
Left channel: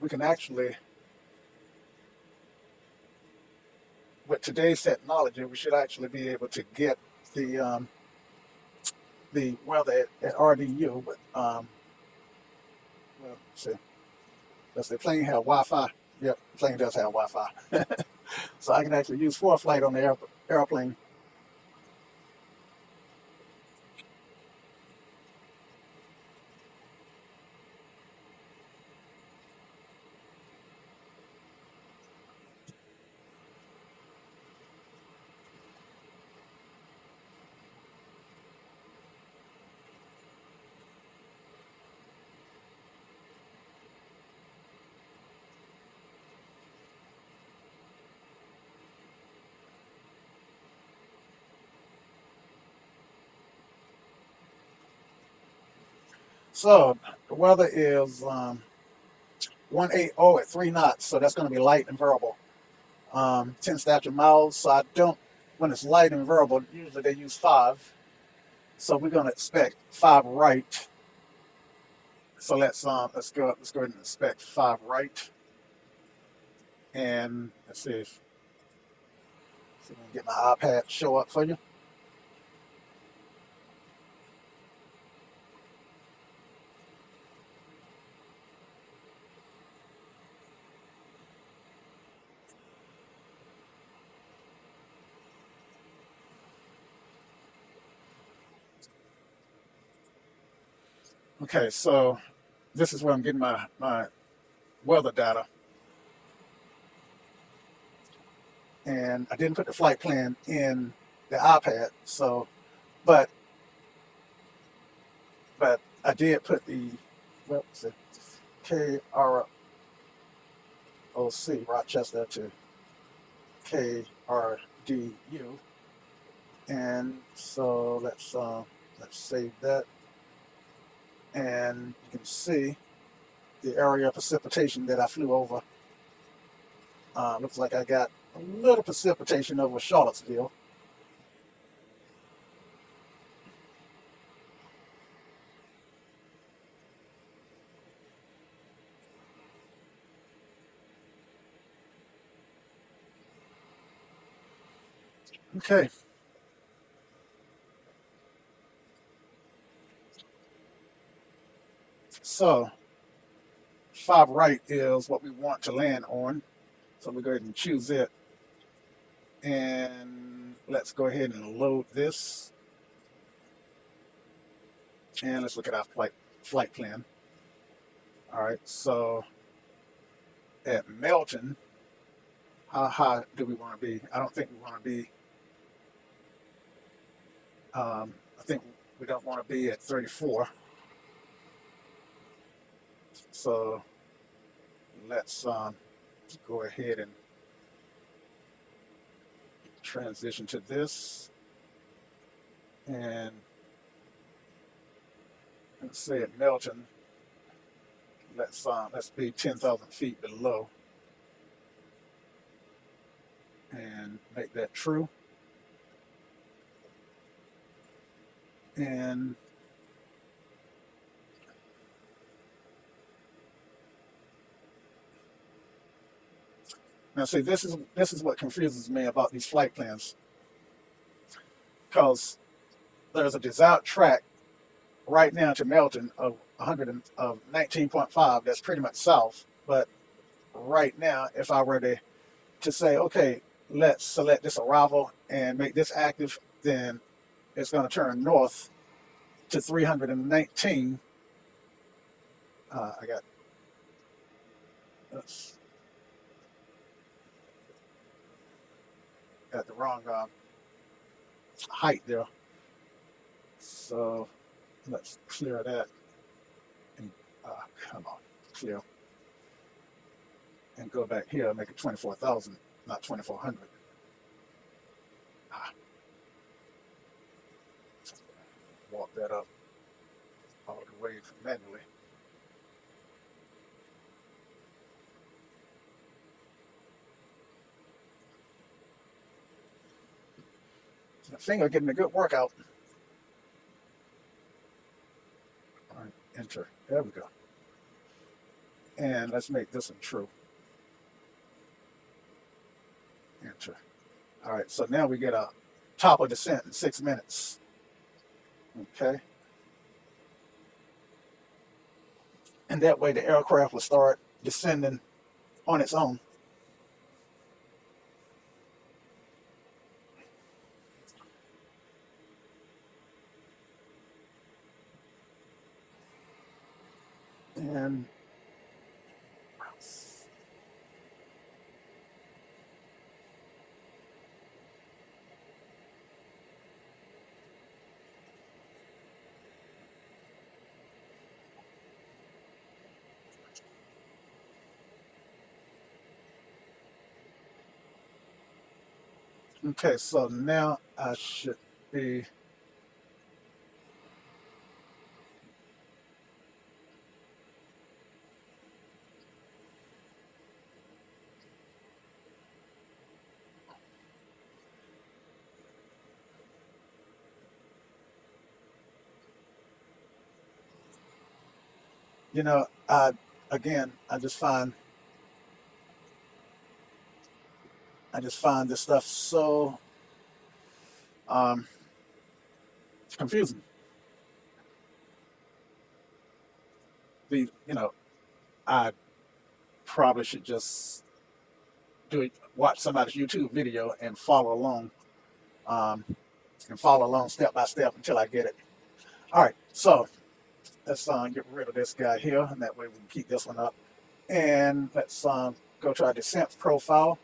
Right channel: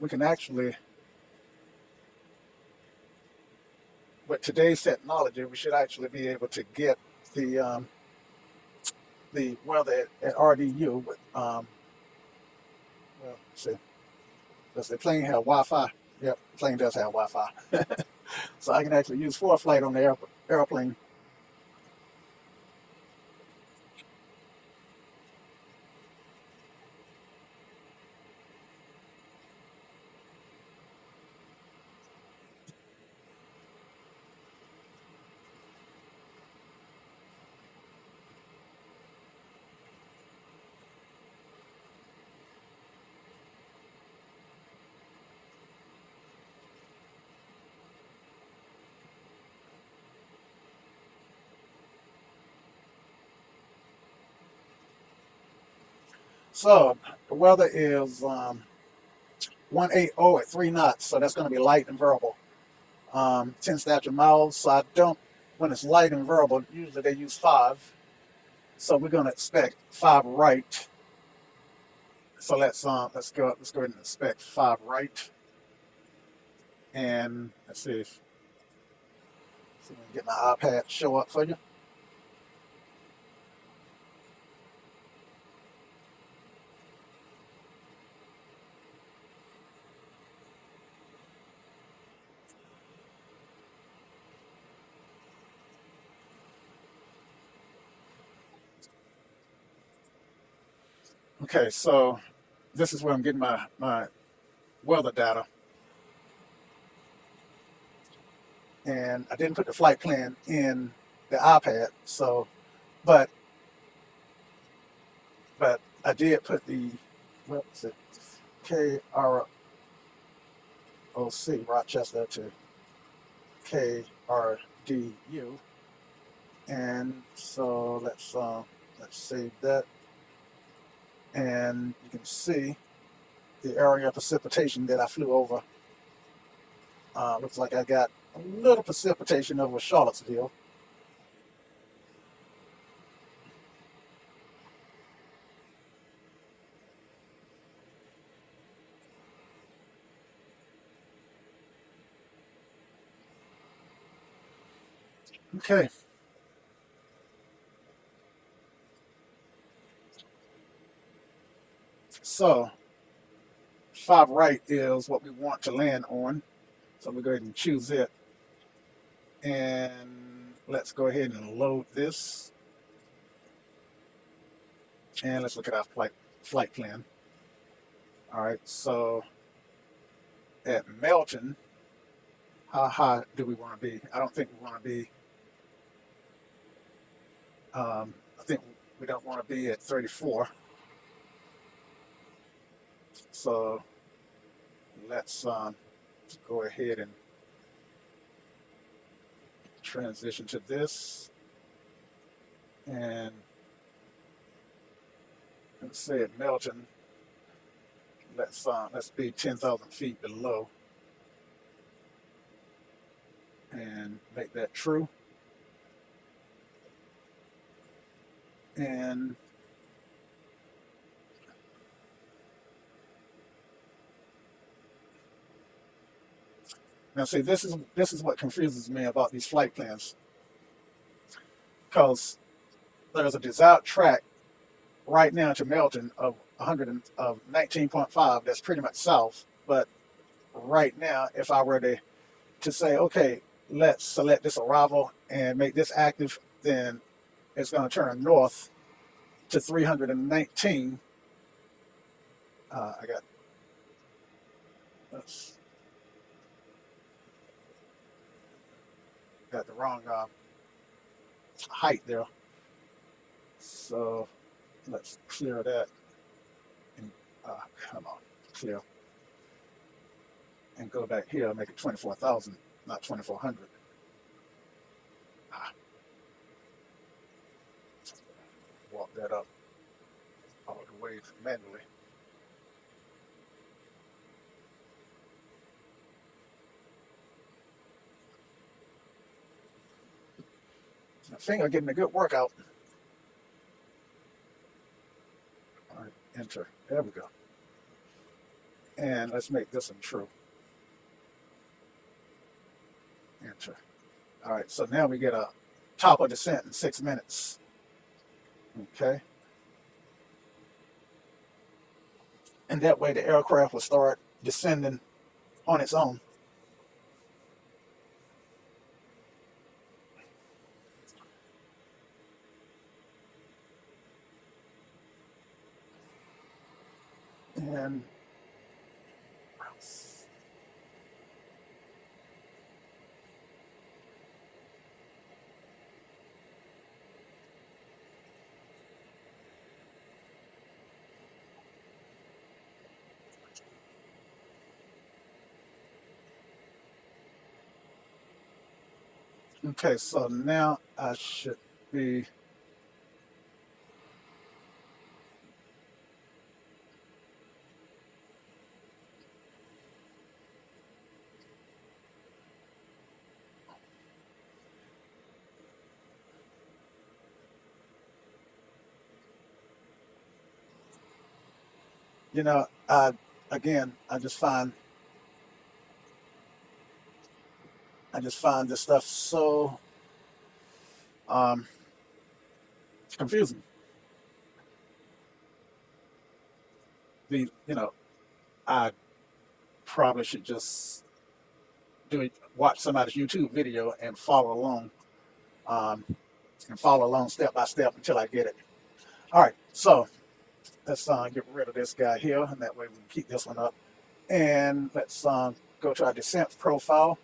we can actually, with today's technology, we should actually be able to get the weather at RDU. But well, let's see, does the plane have Wi-Fi? Yep, the plane does have Wi-Fi. So I can actually use ForeFlight on the airplane. So the weather is 180 at 3 knots, so that's going to be light and variable. 10 statute miles, so I don't, when it's light and variable, usually they use 5. So we're going to expect 5 right. So let's go ahead and expect 5 right. And let's see if I can get my iPad show up for you. Okay, so this is where I'm getting my weather data. And I didn't put the flight plan in the iPad, so but I did put the what's it KROC Rochester to KRDU, and so let's save that, and you can see the area of precipitation that I flew over. Looks like I got a little precipitation over Charlottesville. Okay, so 5 right is what we want to land on. So we go ahead and choose it. And let's go ahead and load this. And let's look at our flight plan. All right, so at Melton, how high do we want to be? I don't think we want to be, I think we don't want to be at 34. So let's go ahead and transition to this. And let's say at Melton, let's be 10,000 feet below and make that true. And now see, this is what confuses me about these flight plans, because there's a desired track right now to Melton of 19.5. That's pretty much south. But right now, if I were to say, okay, let's select this arrival and make this active, then it's going to turn north to 319. I got the wrong height there. So let's clear that. And come on, clear. And go back here, make it 24,000, not 2,400. Walk that up all the way manually. My finger getting a good workout. All right, enter. There we go. And let's make this one true. Enter. All right, so now we get a top of descent in 6 minutes. Okay. And that way the aircraft will start descending on its own. And okay, so now I should be You know, again, I just find this stuff so um, confusing. You know, I probably should just watch somebody's YouTube video um, and follow along step by step until I get it. All right, so let's get rid of this guy here, and that way we can keep this one up. And let's go to our descent profile.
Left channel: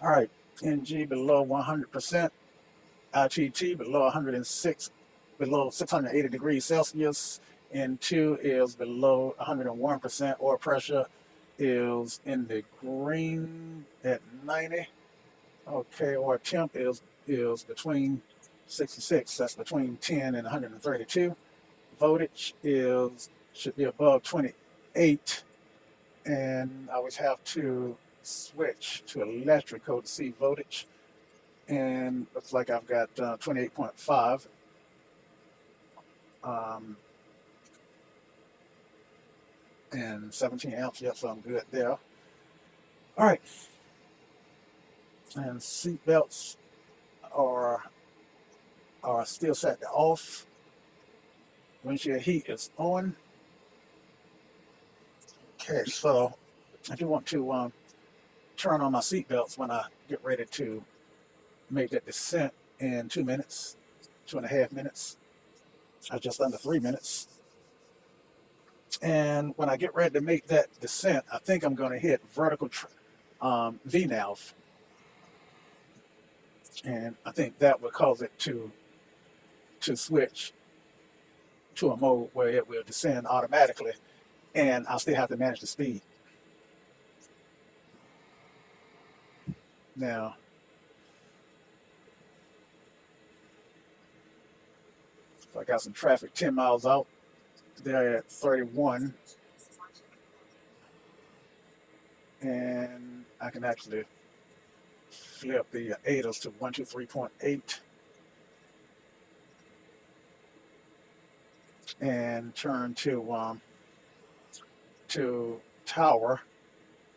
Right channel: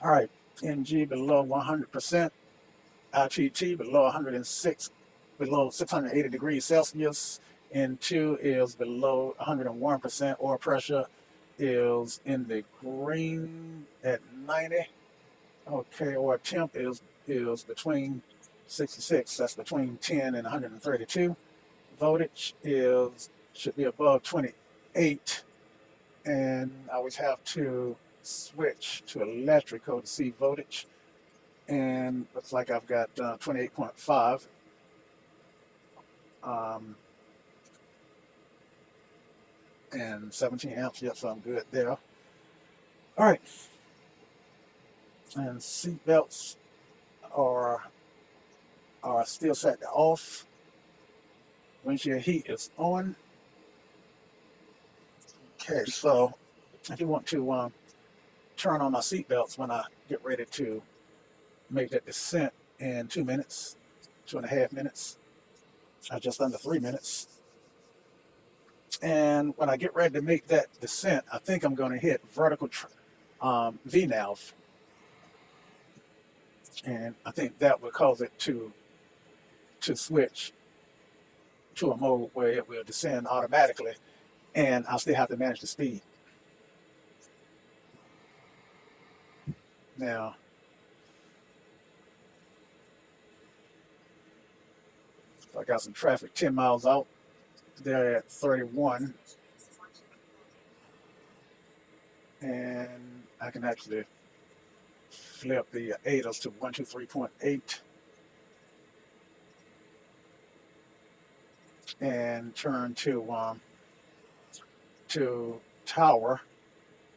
All right, NG below 100%, ITT below 106, below 680 degrees Celsius. N2 is below 101%. Oil pressure is in the green at 90. Okay, or temp is between 66. That's between 10 and 132. Voltage should be above 28, and I always have to switch to electrical to see voltage. And looks like I've got 28.5. Um, and 17 amps. Yes, so I'm good there. All right. And seat belts are still set to off. Windshield heat is on. Okay, so I do want to turn on my seat belts when I get ready to make that descent in 2 minutes, 2.5 minutes, just under 3 minutes. And when I get ready to make that descent, I think I'm going to hit vertical VNAV, and I think that would cause it to switch to a mode where it will descend automatically, and I'll still have to manage the speed. Now, so I got some traffic 10 miles out. They're at 31, and I can actually flip the ADAS to 123.8 and turn to tower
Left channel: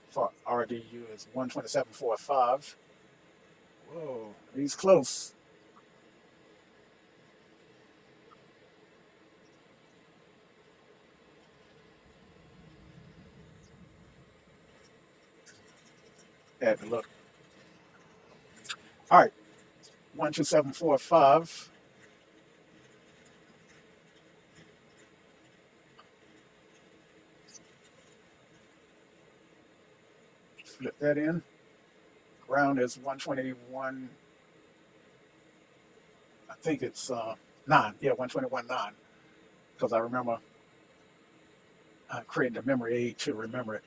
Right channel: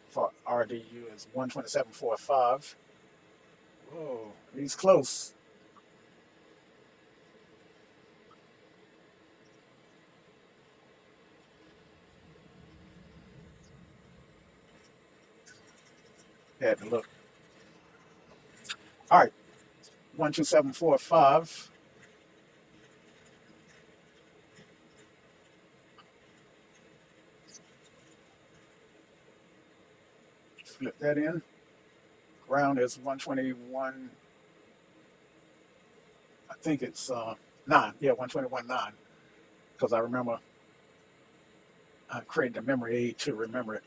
for RDU is 127.45. Whoa, he's close. Had to look. All right, 127.45. Flip that in. Ground is 121. I think it's 9. Yeah, 121.9. Because I remember I created a memory aid to remember it.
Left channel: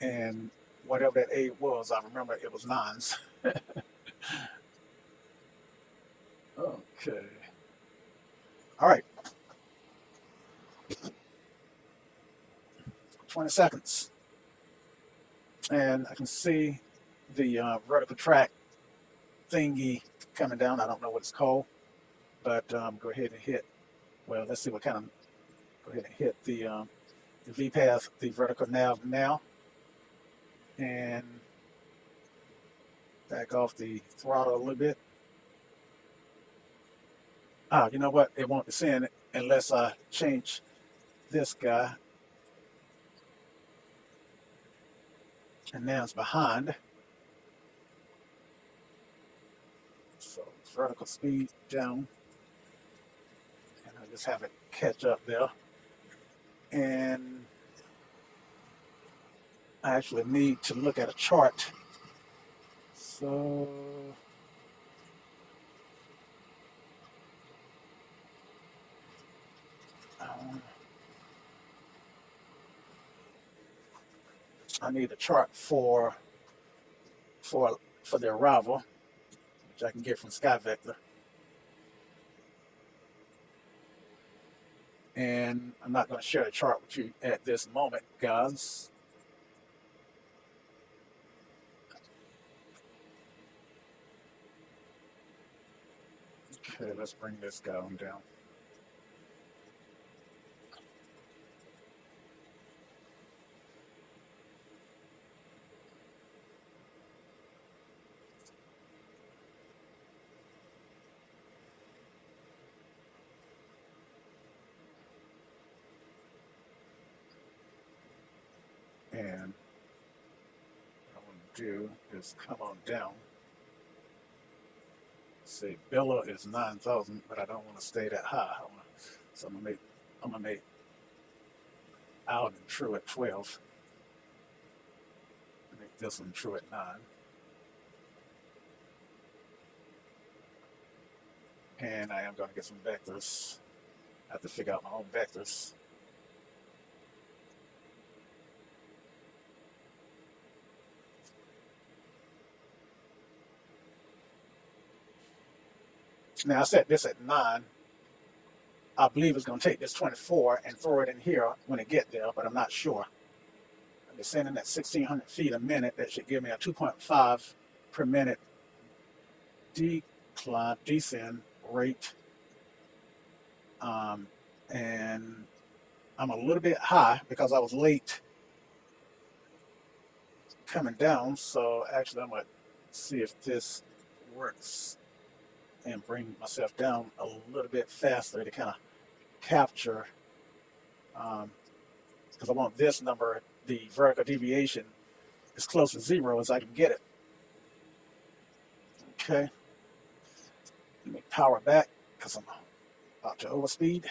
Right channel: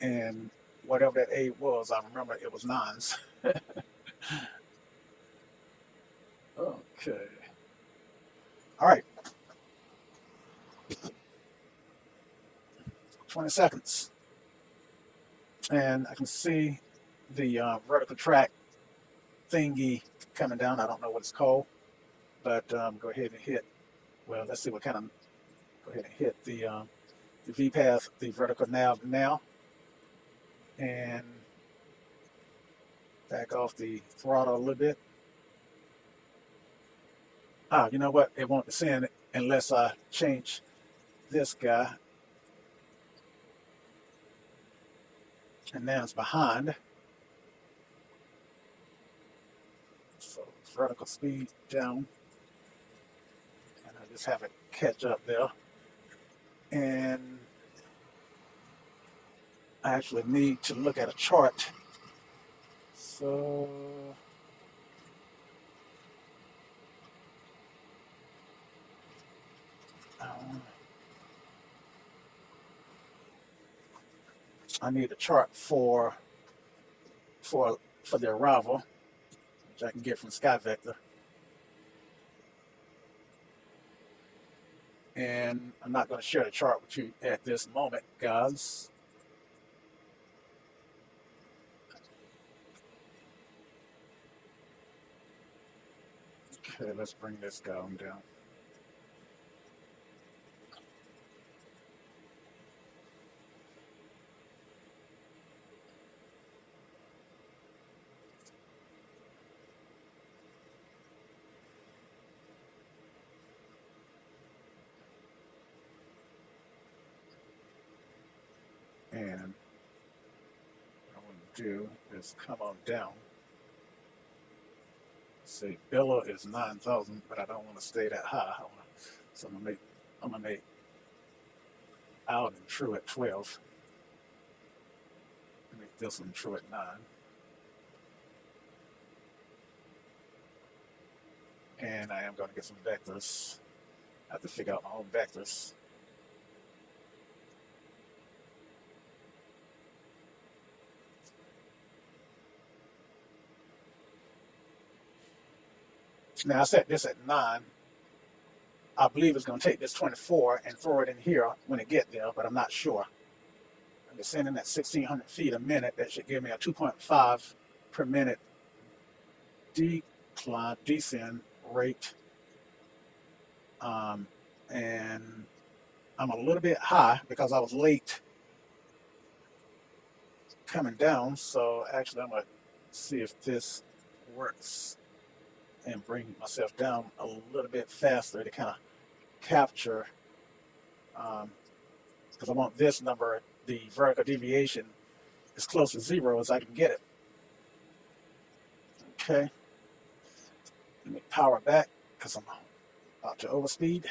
And whatever that aid was, I remember it was nines. Okay. All right. 20 seconds. And I can see the vertical track thingy coming down. I don't know what it's called, but go ahead and hit. Well, let's see what kind of. Go ahead and hit the V-path, the vertical nav now, and back off the throttle a little bit. You know what? It won't descend unless I change this guy. And now it's behind. So vertical speed down. And I just have it catch up there. And I actually need to look at a chart. So I need a chart for the arrival, which I can get from SkyVector. And I'm not going to share the chart with you at this moment, guys. Okay, let's bring this guy on down. do is come on down. See, billow is 9,000, but I don't want to stay that high. So I'm gonna make out and true at 12. Make this one true at 9. And I am going to get some vectors. I have to figure out my own vectors. Now I set this at 9. I believe it's going to take this 24 and throw it in here when it get there, but I'm not sure. I'm descending at 1,600 feet a minute. That should give me a 2.5 per minute descent rate. And I'm a little bit high because I was late coming down. So actually I'm going to see if this works and bring myself down a little bit faster to kind of capture, because I want this number, the vertical deviation, as close to 0 as I can get it. Okay, let me power back because I'm about to overspeed.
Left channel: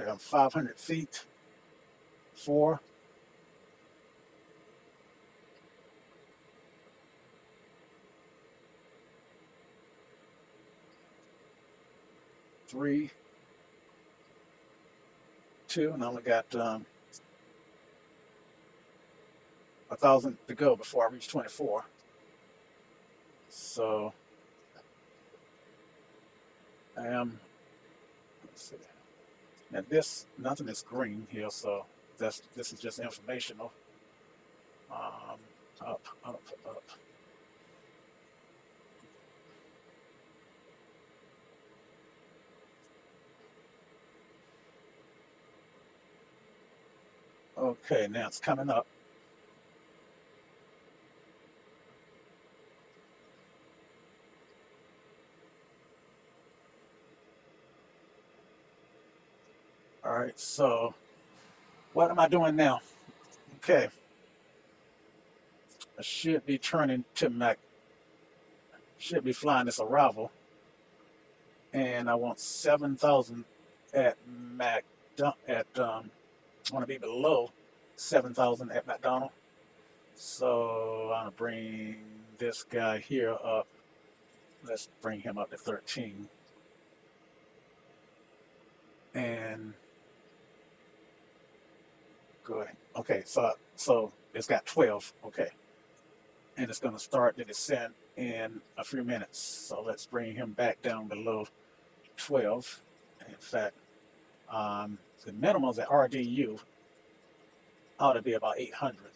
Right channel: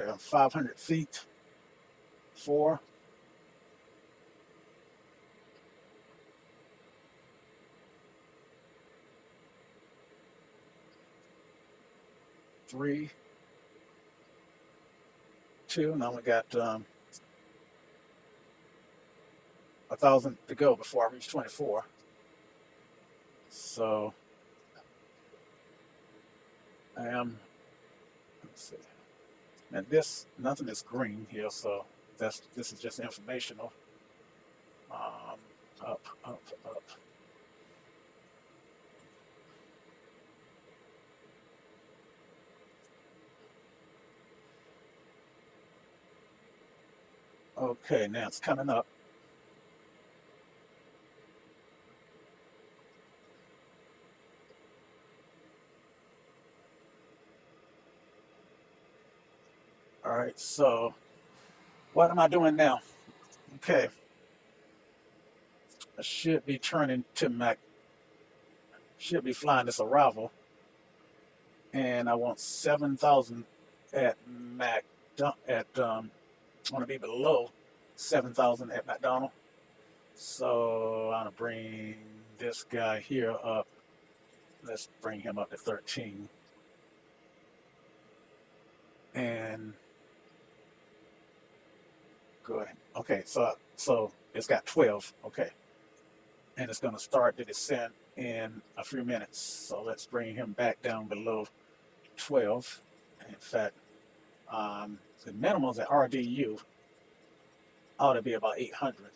Okay, I'm 500 feet. 4, 3, 2. Now we got 1,000 to go before I reach 24. So I am, let's see. Now this, nothing is green here, so this is just informational. Up, up, up. Okay, now it's coming up. All right, so what am I doing now? Okay, I should be turning to should be flying this arrival, and I want 7,000 at I want to be below 7,000 at McDonald. So I'm gonna bring this guy here up. Let's bring him up to 13. And good. Okay, so it's got 12. Okay, and it's gonna start the descent in a few minutes. So let's bring him back down below 12. In fact, the minimums at RDU ought to be about 800.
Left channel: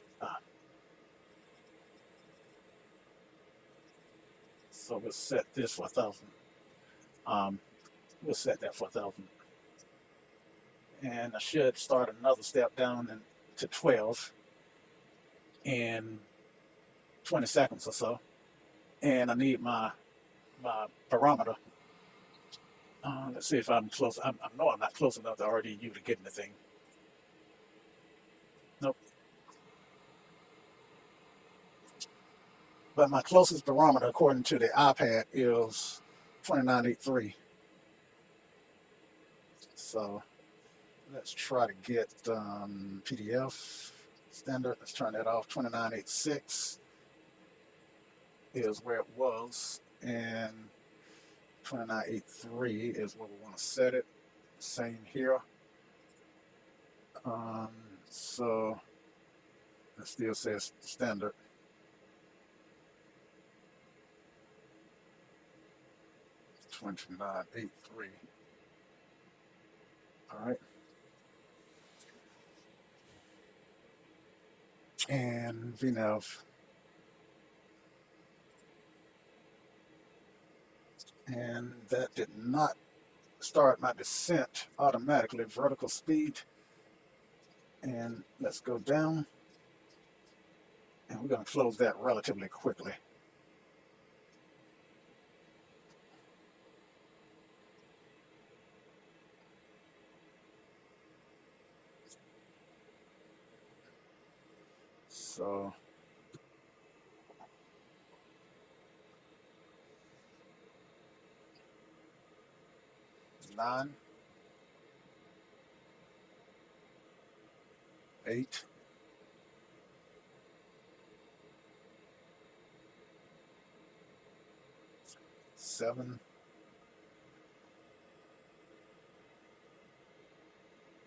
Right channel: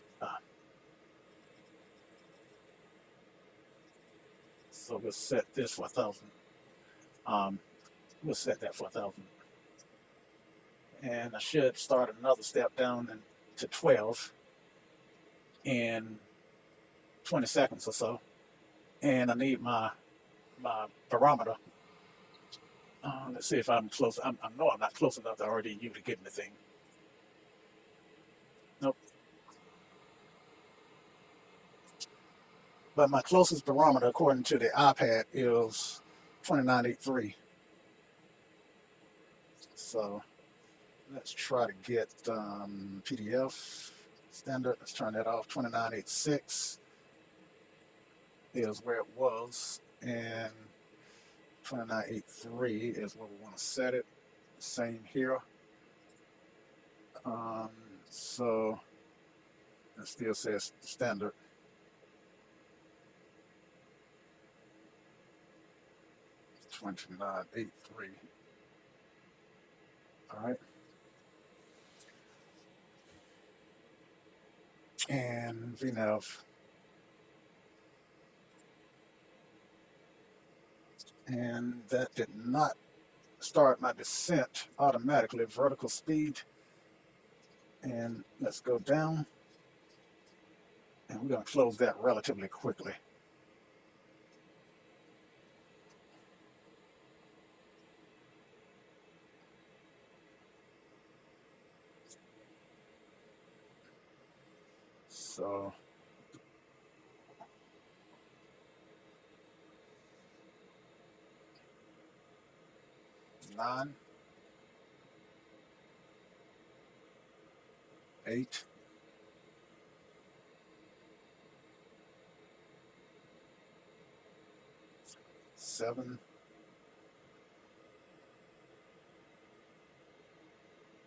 So we'll set this for 1,000. We'll set that for 1,000. And I should start another step down to 12 in 20 seconds or so. And I need my barometer. Let's see if I'm close. I know I'm not close enough to RDU to get in the thing. Nope. But my closest barometer, according to the iPad, is 2983. So let's try to get PDF standard. Let's turn that off. 2986 is where it was, and 2983 is where we want to set it. Same here. So it still says standard. $29.83. All right. And VNav. And that did not start my descent automatically. Vertical speed. And let's go down. And we're going to close that relatively quickly. So 9, 8, 7,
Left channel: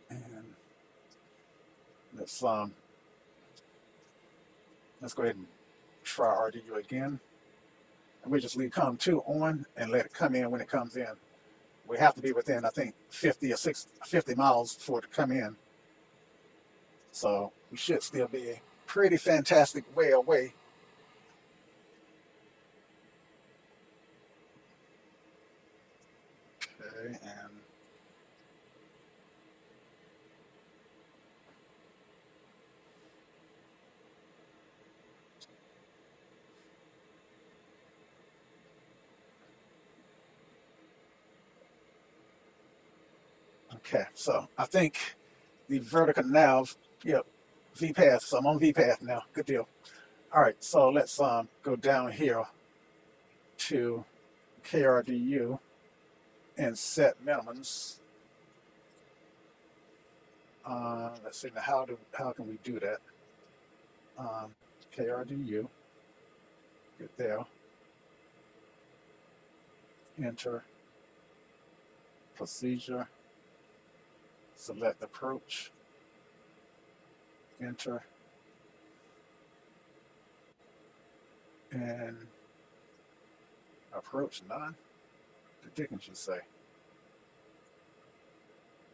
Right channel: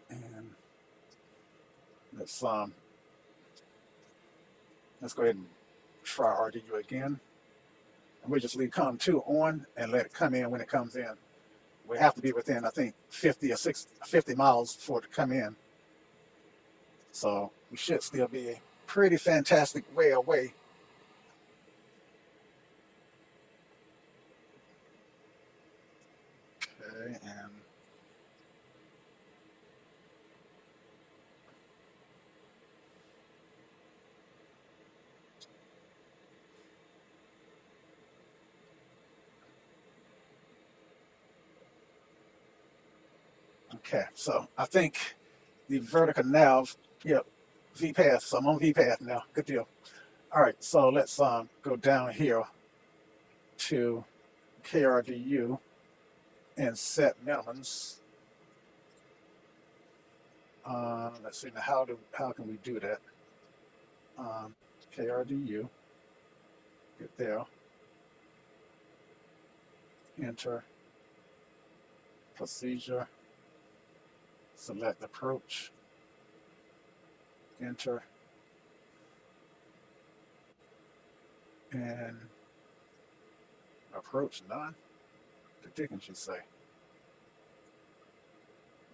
and let's go ahead and try RDU again. And we just leave COM2 on and let it come in when it comes in. We have to be within, I think, 50 or 50 miles for it to come in. So we should still be a pretty fantastic way away. Okay, and okay, so I think the vertical nav, yeah, V path. So I'm on V path now. Good deal. All right, so let's go down here to KRDU and set minimums. Let's see now how can we do that? KRDU, get there, enter, procedure, select approach, enter, and approach none. The dickens you say?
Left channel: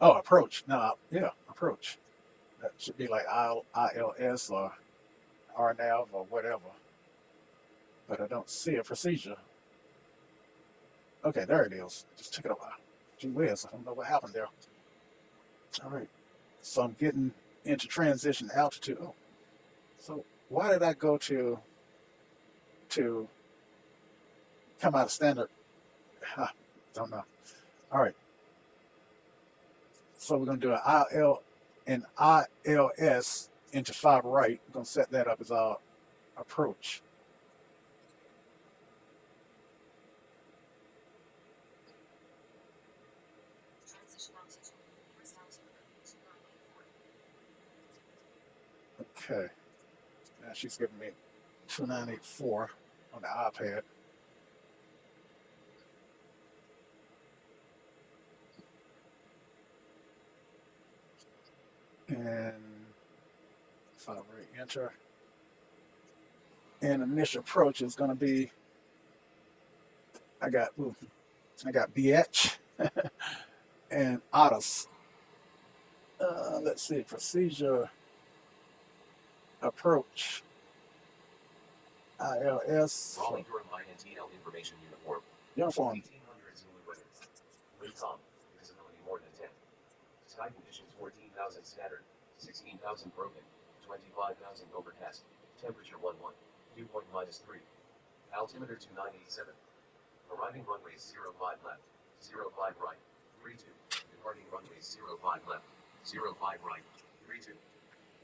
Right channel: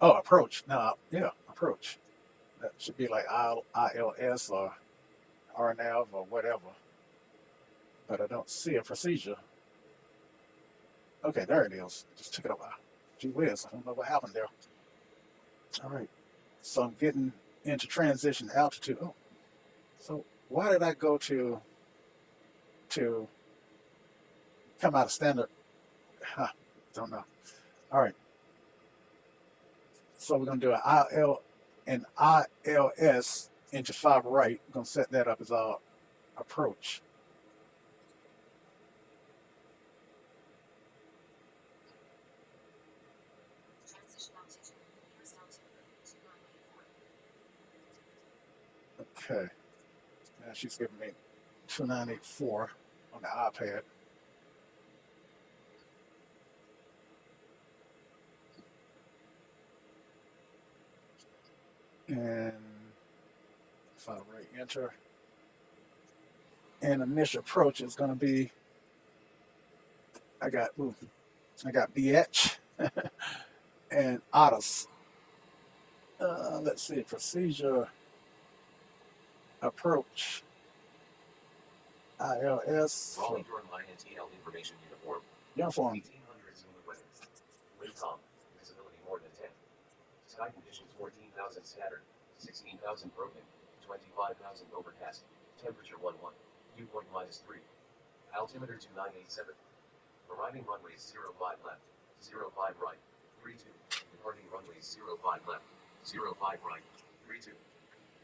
Oh, approach. No, yeah, approach. That should be like ILS or RNAV or whatever. But I don't see a procedure. Okay, there it is. Just took it a while. Gee whiz, I don't know what happened there. All right. So I'm getting into transition altitude. Oh, so why did I go to come out of standard? Don't know. All right. So we're gonna do an ILS into 5 right. We're gonna set that up as our approach. Okay. Now she's giving me 2984 on the iPad. And 5 right, enter. And initial approach is going to be, I got BH and Otis. Let's see, procedure, approach, ILS. Raleigh-Durham INTL information Uniform. 1800 zoom weather. Wind calm. Visibility more than 10. Sky conditions 14,000 scattered, 16,000 broken, 25,000 overcast. Temperature 11. Dew point -3. Altimeter 2987. Arriving runways 05 left, 05 right, 32. Departing runways 05 left, 05 right, 32.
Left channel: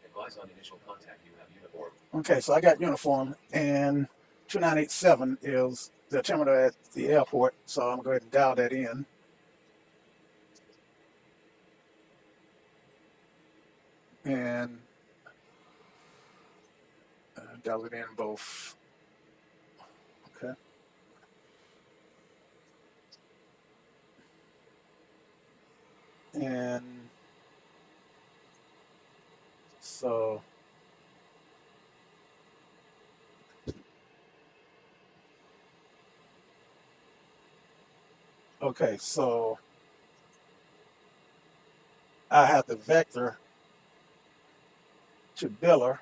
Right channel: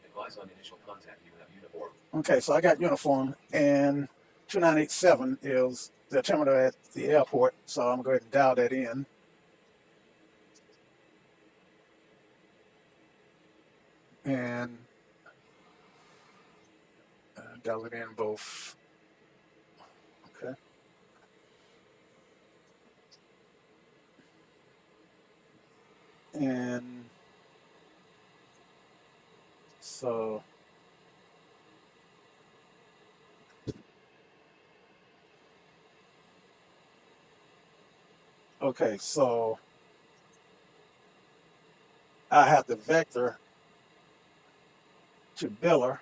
Advise on initial contact, you have uniform. Okay, so I got uniform, and 2987 is the altimeter at the airport, so I'm going to dial that in. And dial it in both. Okay. And so okay, so I have the vector to biller.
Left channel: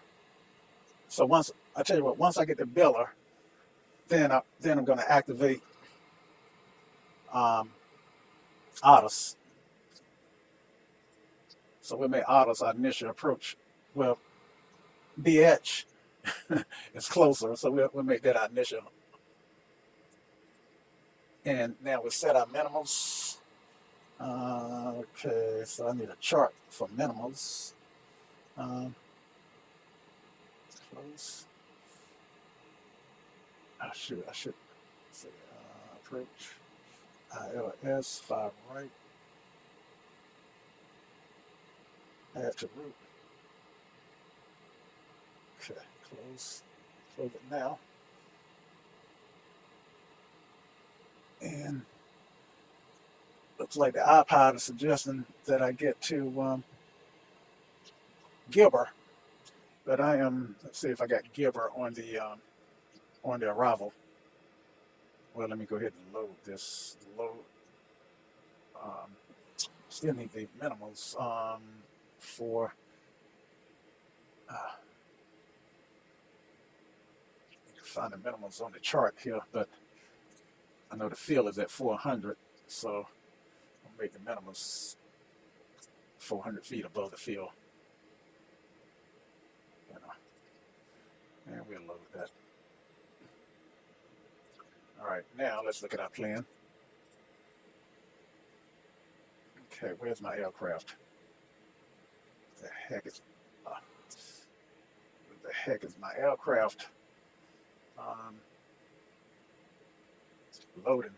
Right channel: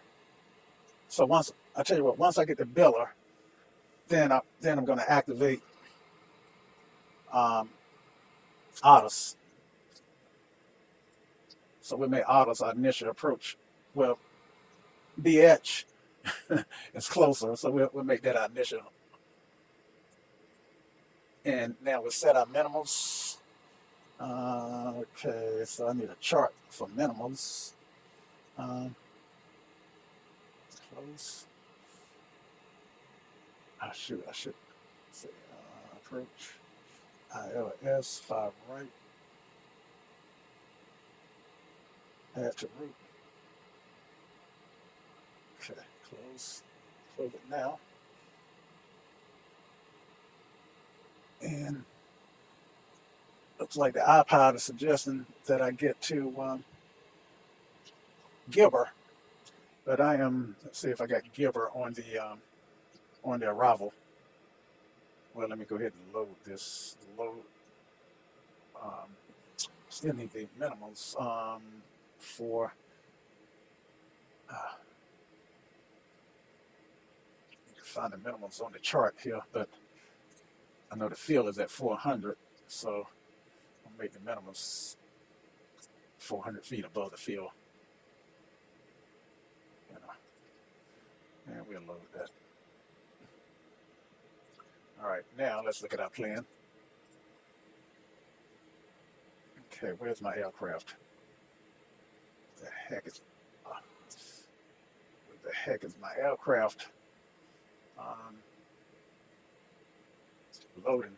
So once I tell you what, once I get the biller, then I'm going to activate autos. So we'll make autos our initial approach. Well, BH is closer, so we'll make that our initial. And now we'll set our minimals. Okay, so I need a chart for minimals. Close. I should say approach. ILS 5 right. Add to root. Okay, close it now. And looks like the iPod is suggesting that I get to Gibber, but I am. Let's see if I got Gibber on the arrival. Well, let me go ahead and load this. Still need the minimals for. Find the minimums on the chart here, but I know the field is at 400, so I'll make the minimums 400 feet above the field. And we'll load that. All right, now let's look at our plan. Okay, where's my aircraft? The heck is my aircraft? Loading.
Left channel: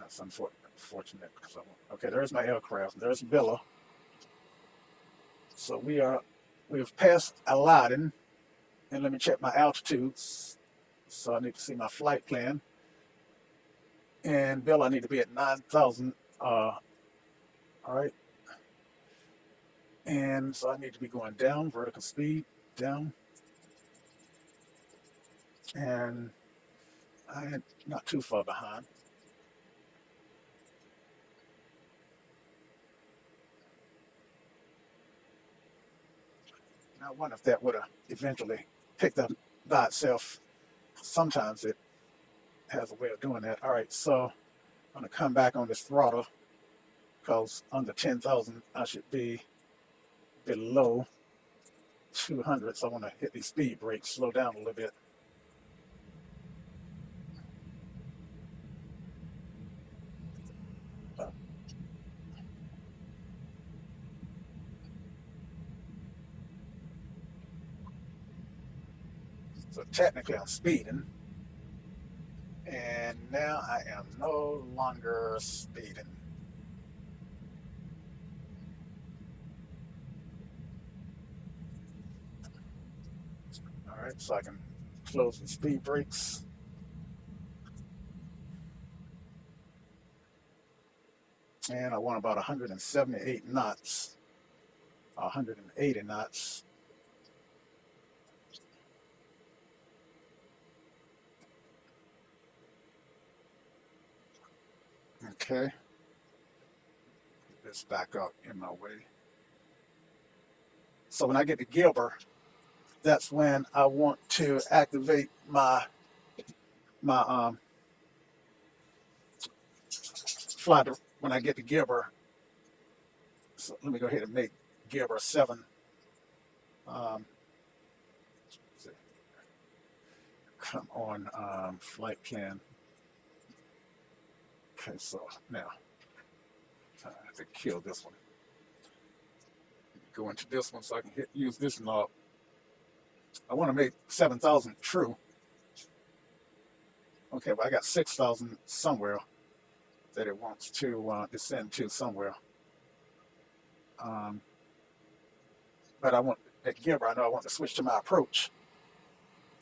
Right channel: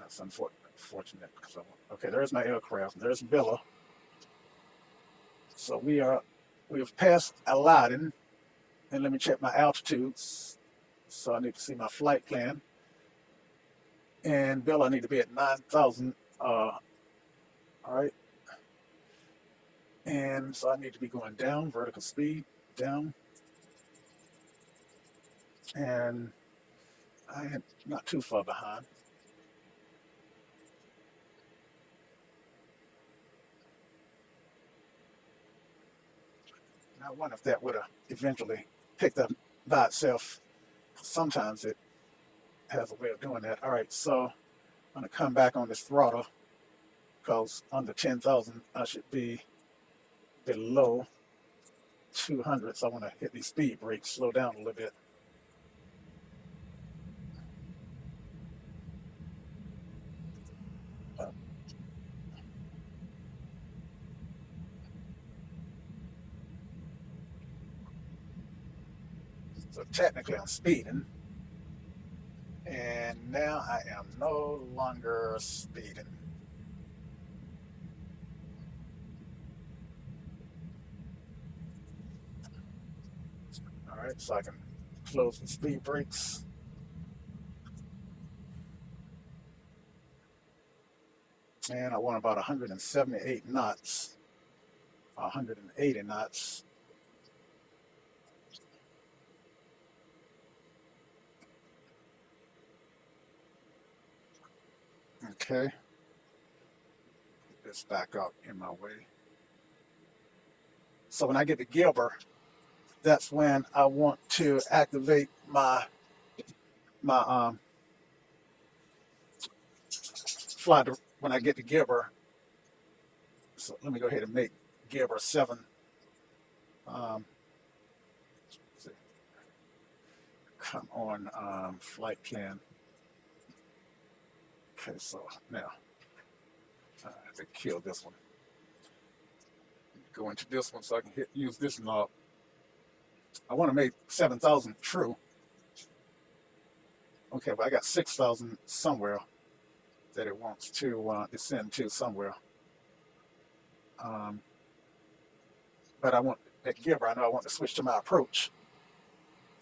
That's unfortunate because okay, there's my aircraft. There's Billa. So we've passed Aladdin, and let me check my altitudes. So I need to see my flight plan. And Billa, I need to be at 9,000. All right. And so I need to be going down, vertical speed down, and I am not too far behind. I wonder if that would have eventually picked up by itself. Sometimes it has a way of doing that. All right, so I'm going to come back on this throttle because under 10,000 I should be below 200. So I want to hit these speed brakes, slow down a little bit. So technically I'm speeding, and now I am no longer speeding. All right, so I can close the speed brakes. And I want about 178 knots, 180 knots. Okay, this back out in my way. So when I get to Gilbert, that's when I want to activate my fly when I get to Gilbert. So let me go ahead and make Gilbert 7. Come on, flight plan. Okay, so now I have to kill this one. Go into this one so I can use this knob. I want to make 7,000 true. Okay, but I got 6,000 somewhere that it wants to descend to somewhere. But I want at Gilbert, I know I want to switch to my approach.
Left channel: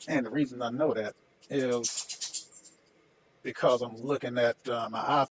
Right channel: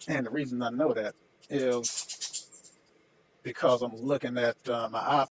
And the reason I know that is because I'm looking at my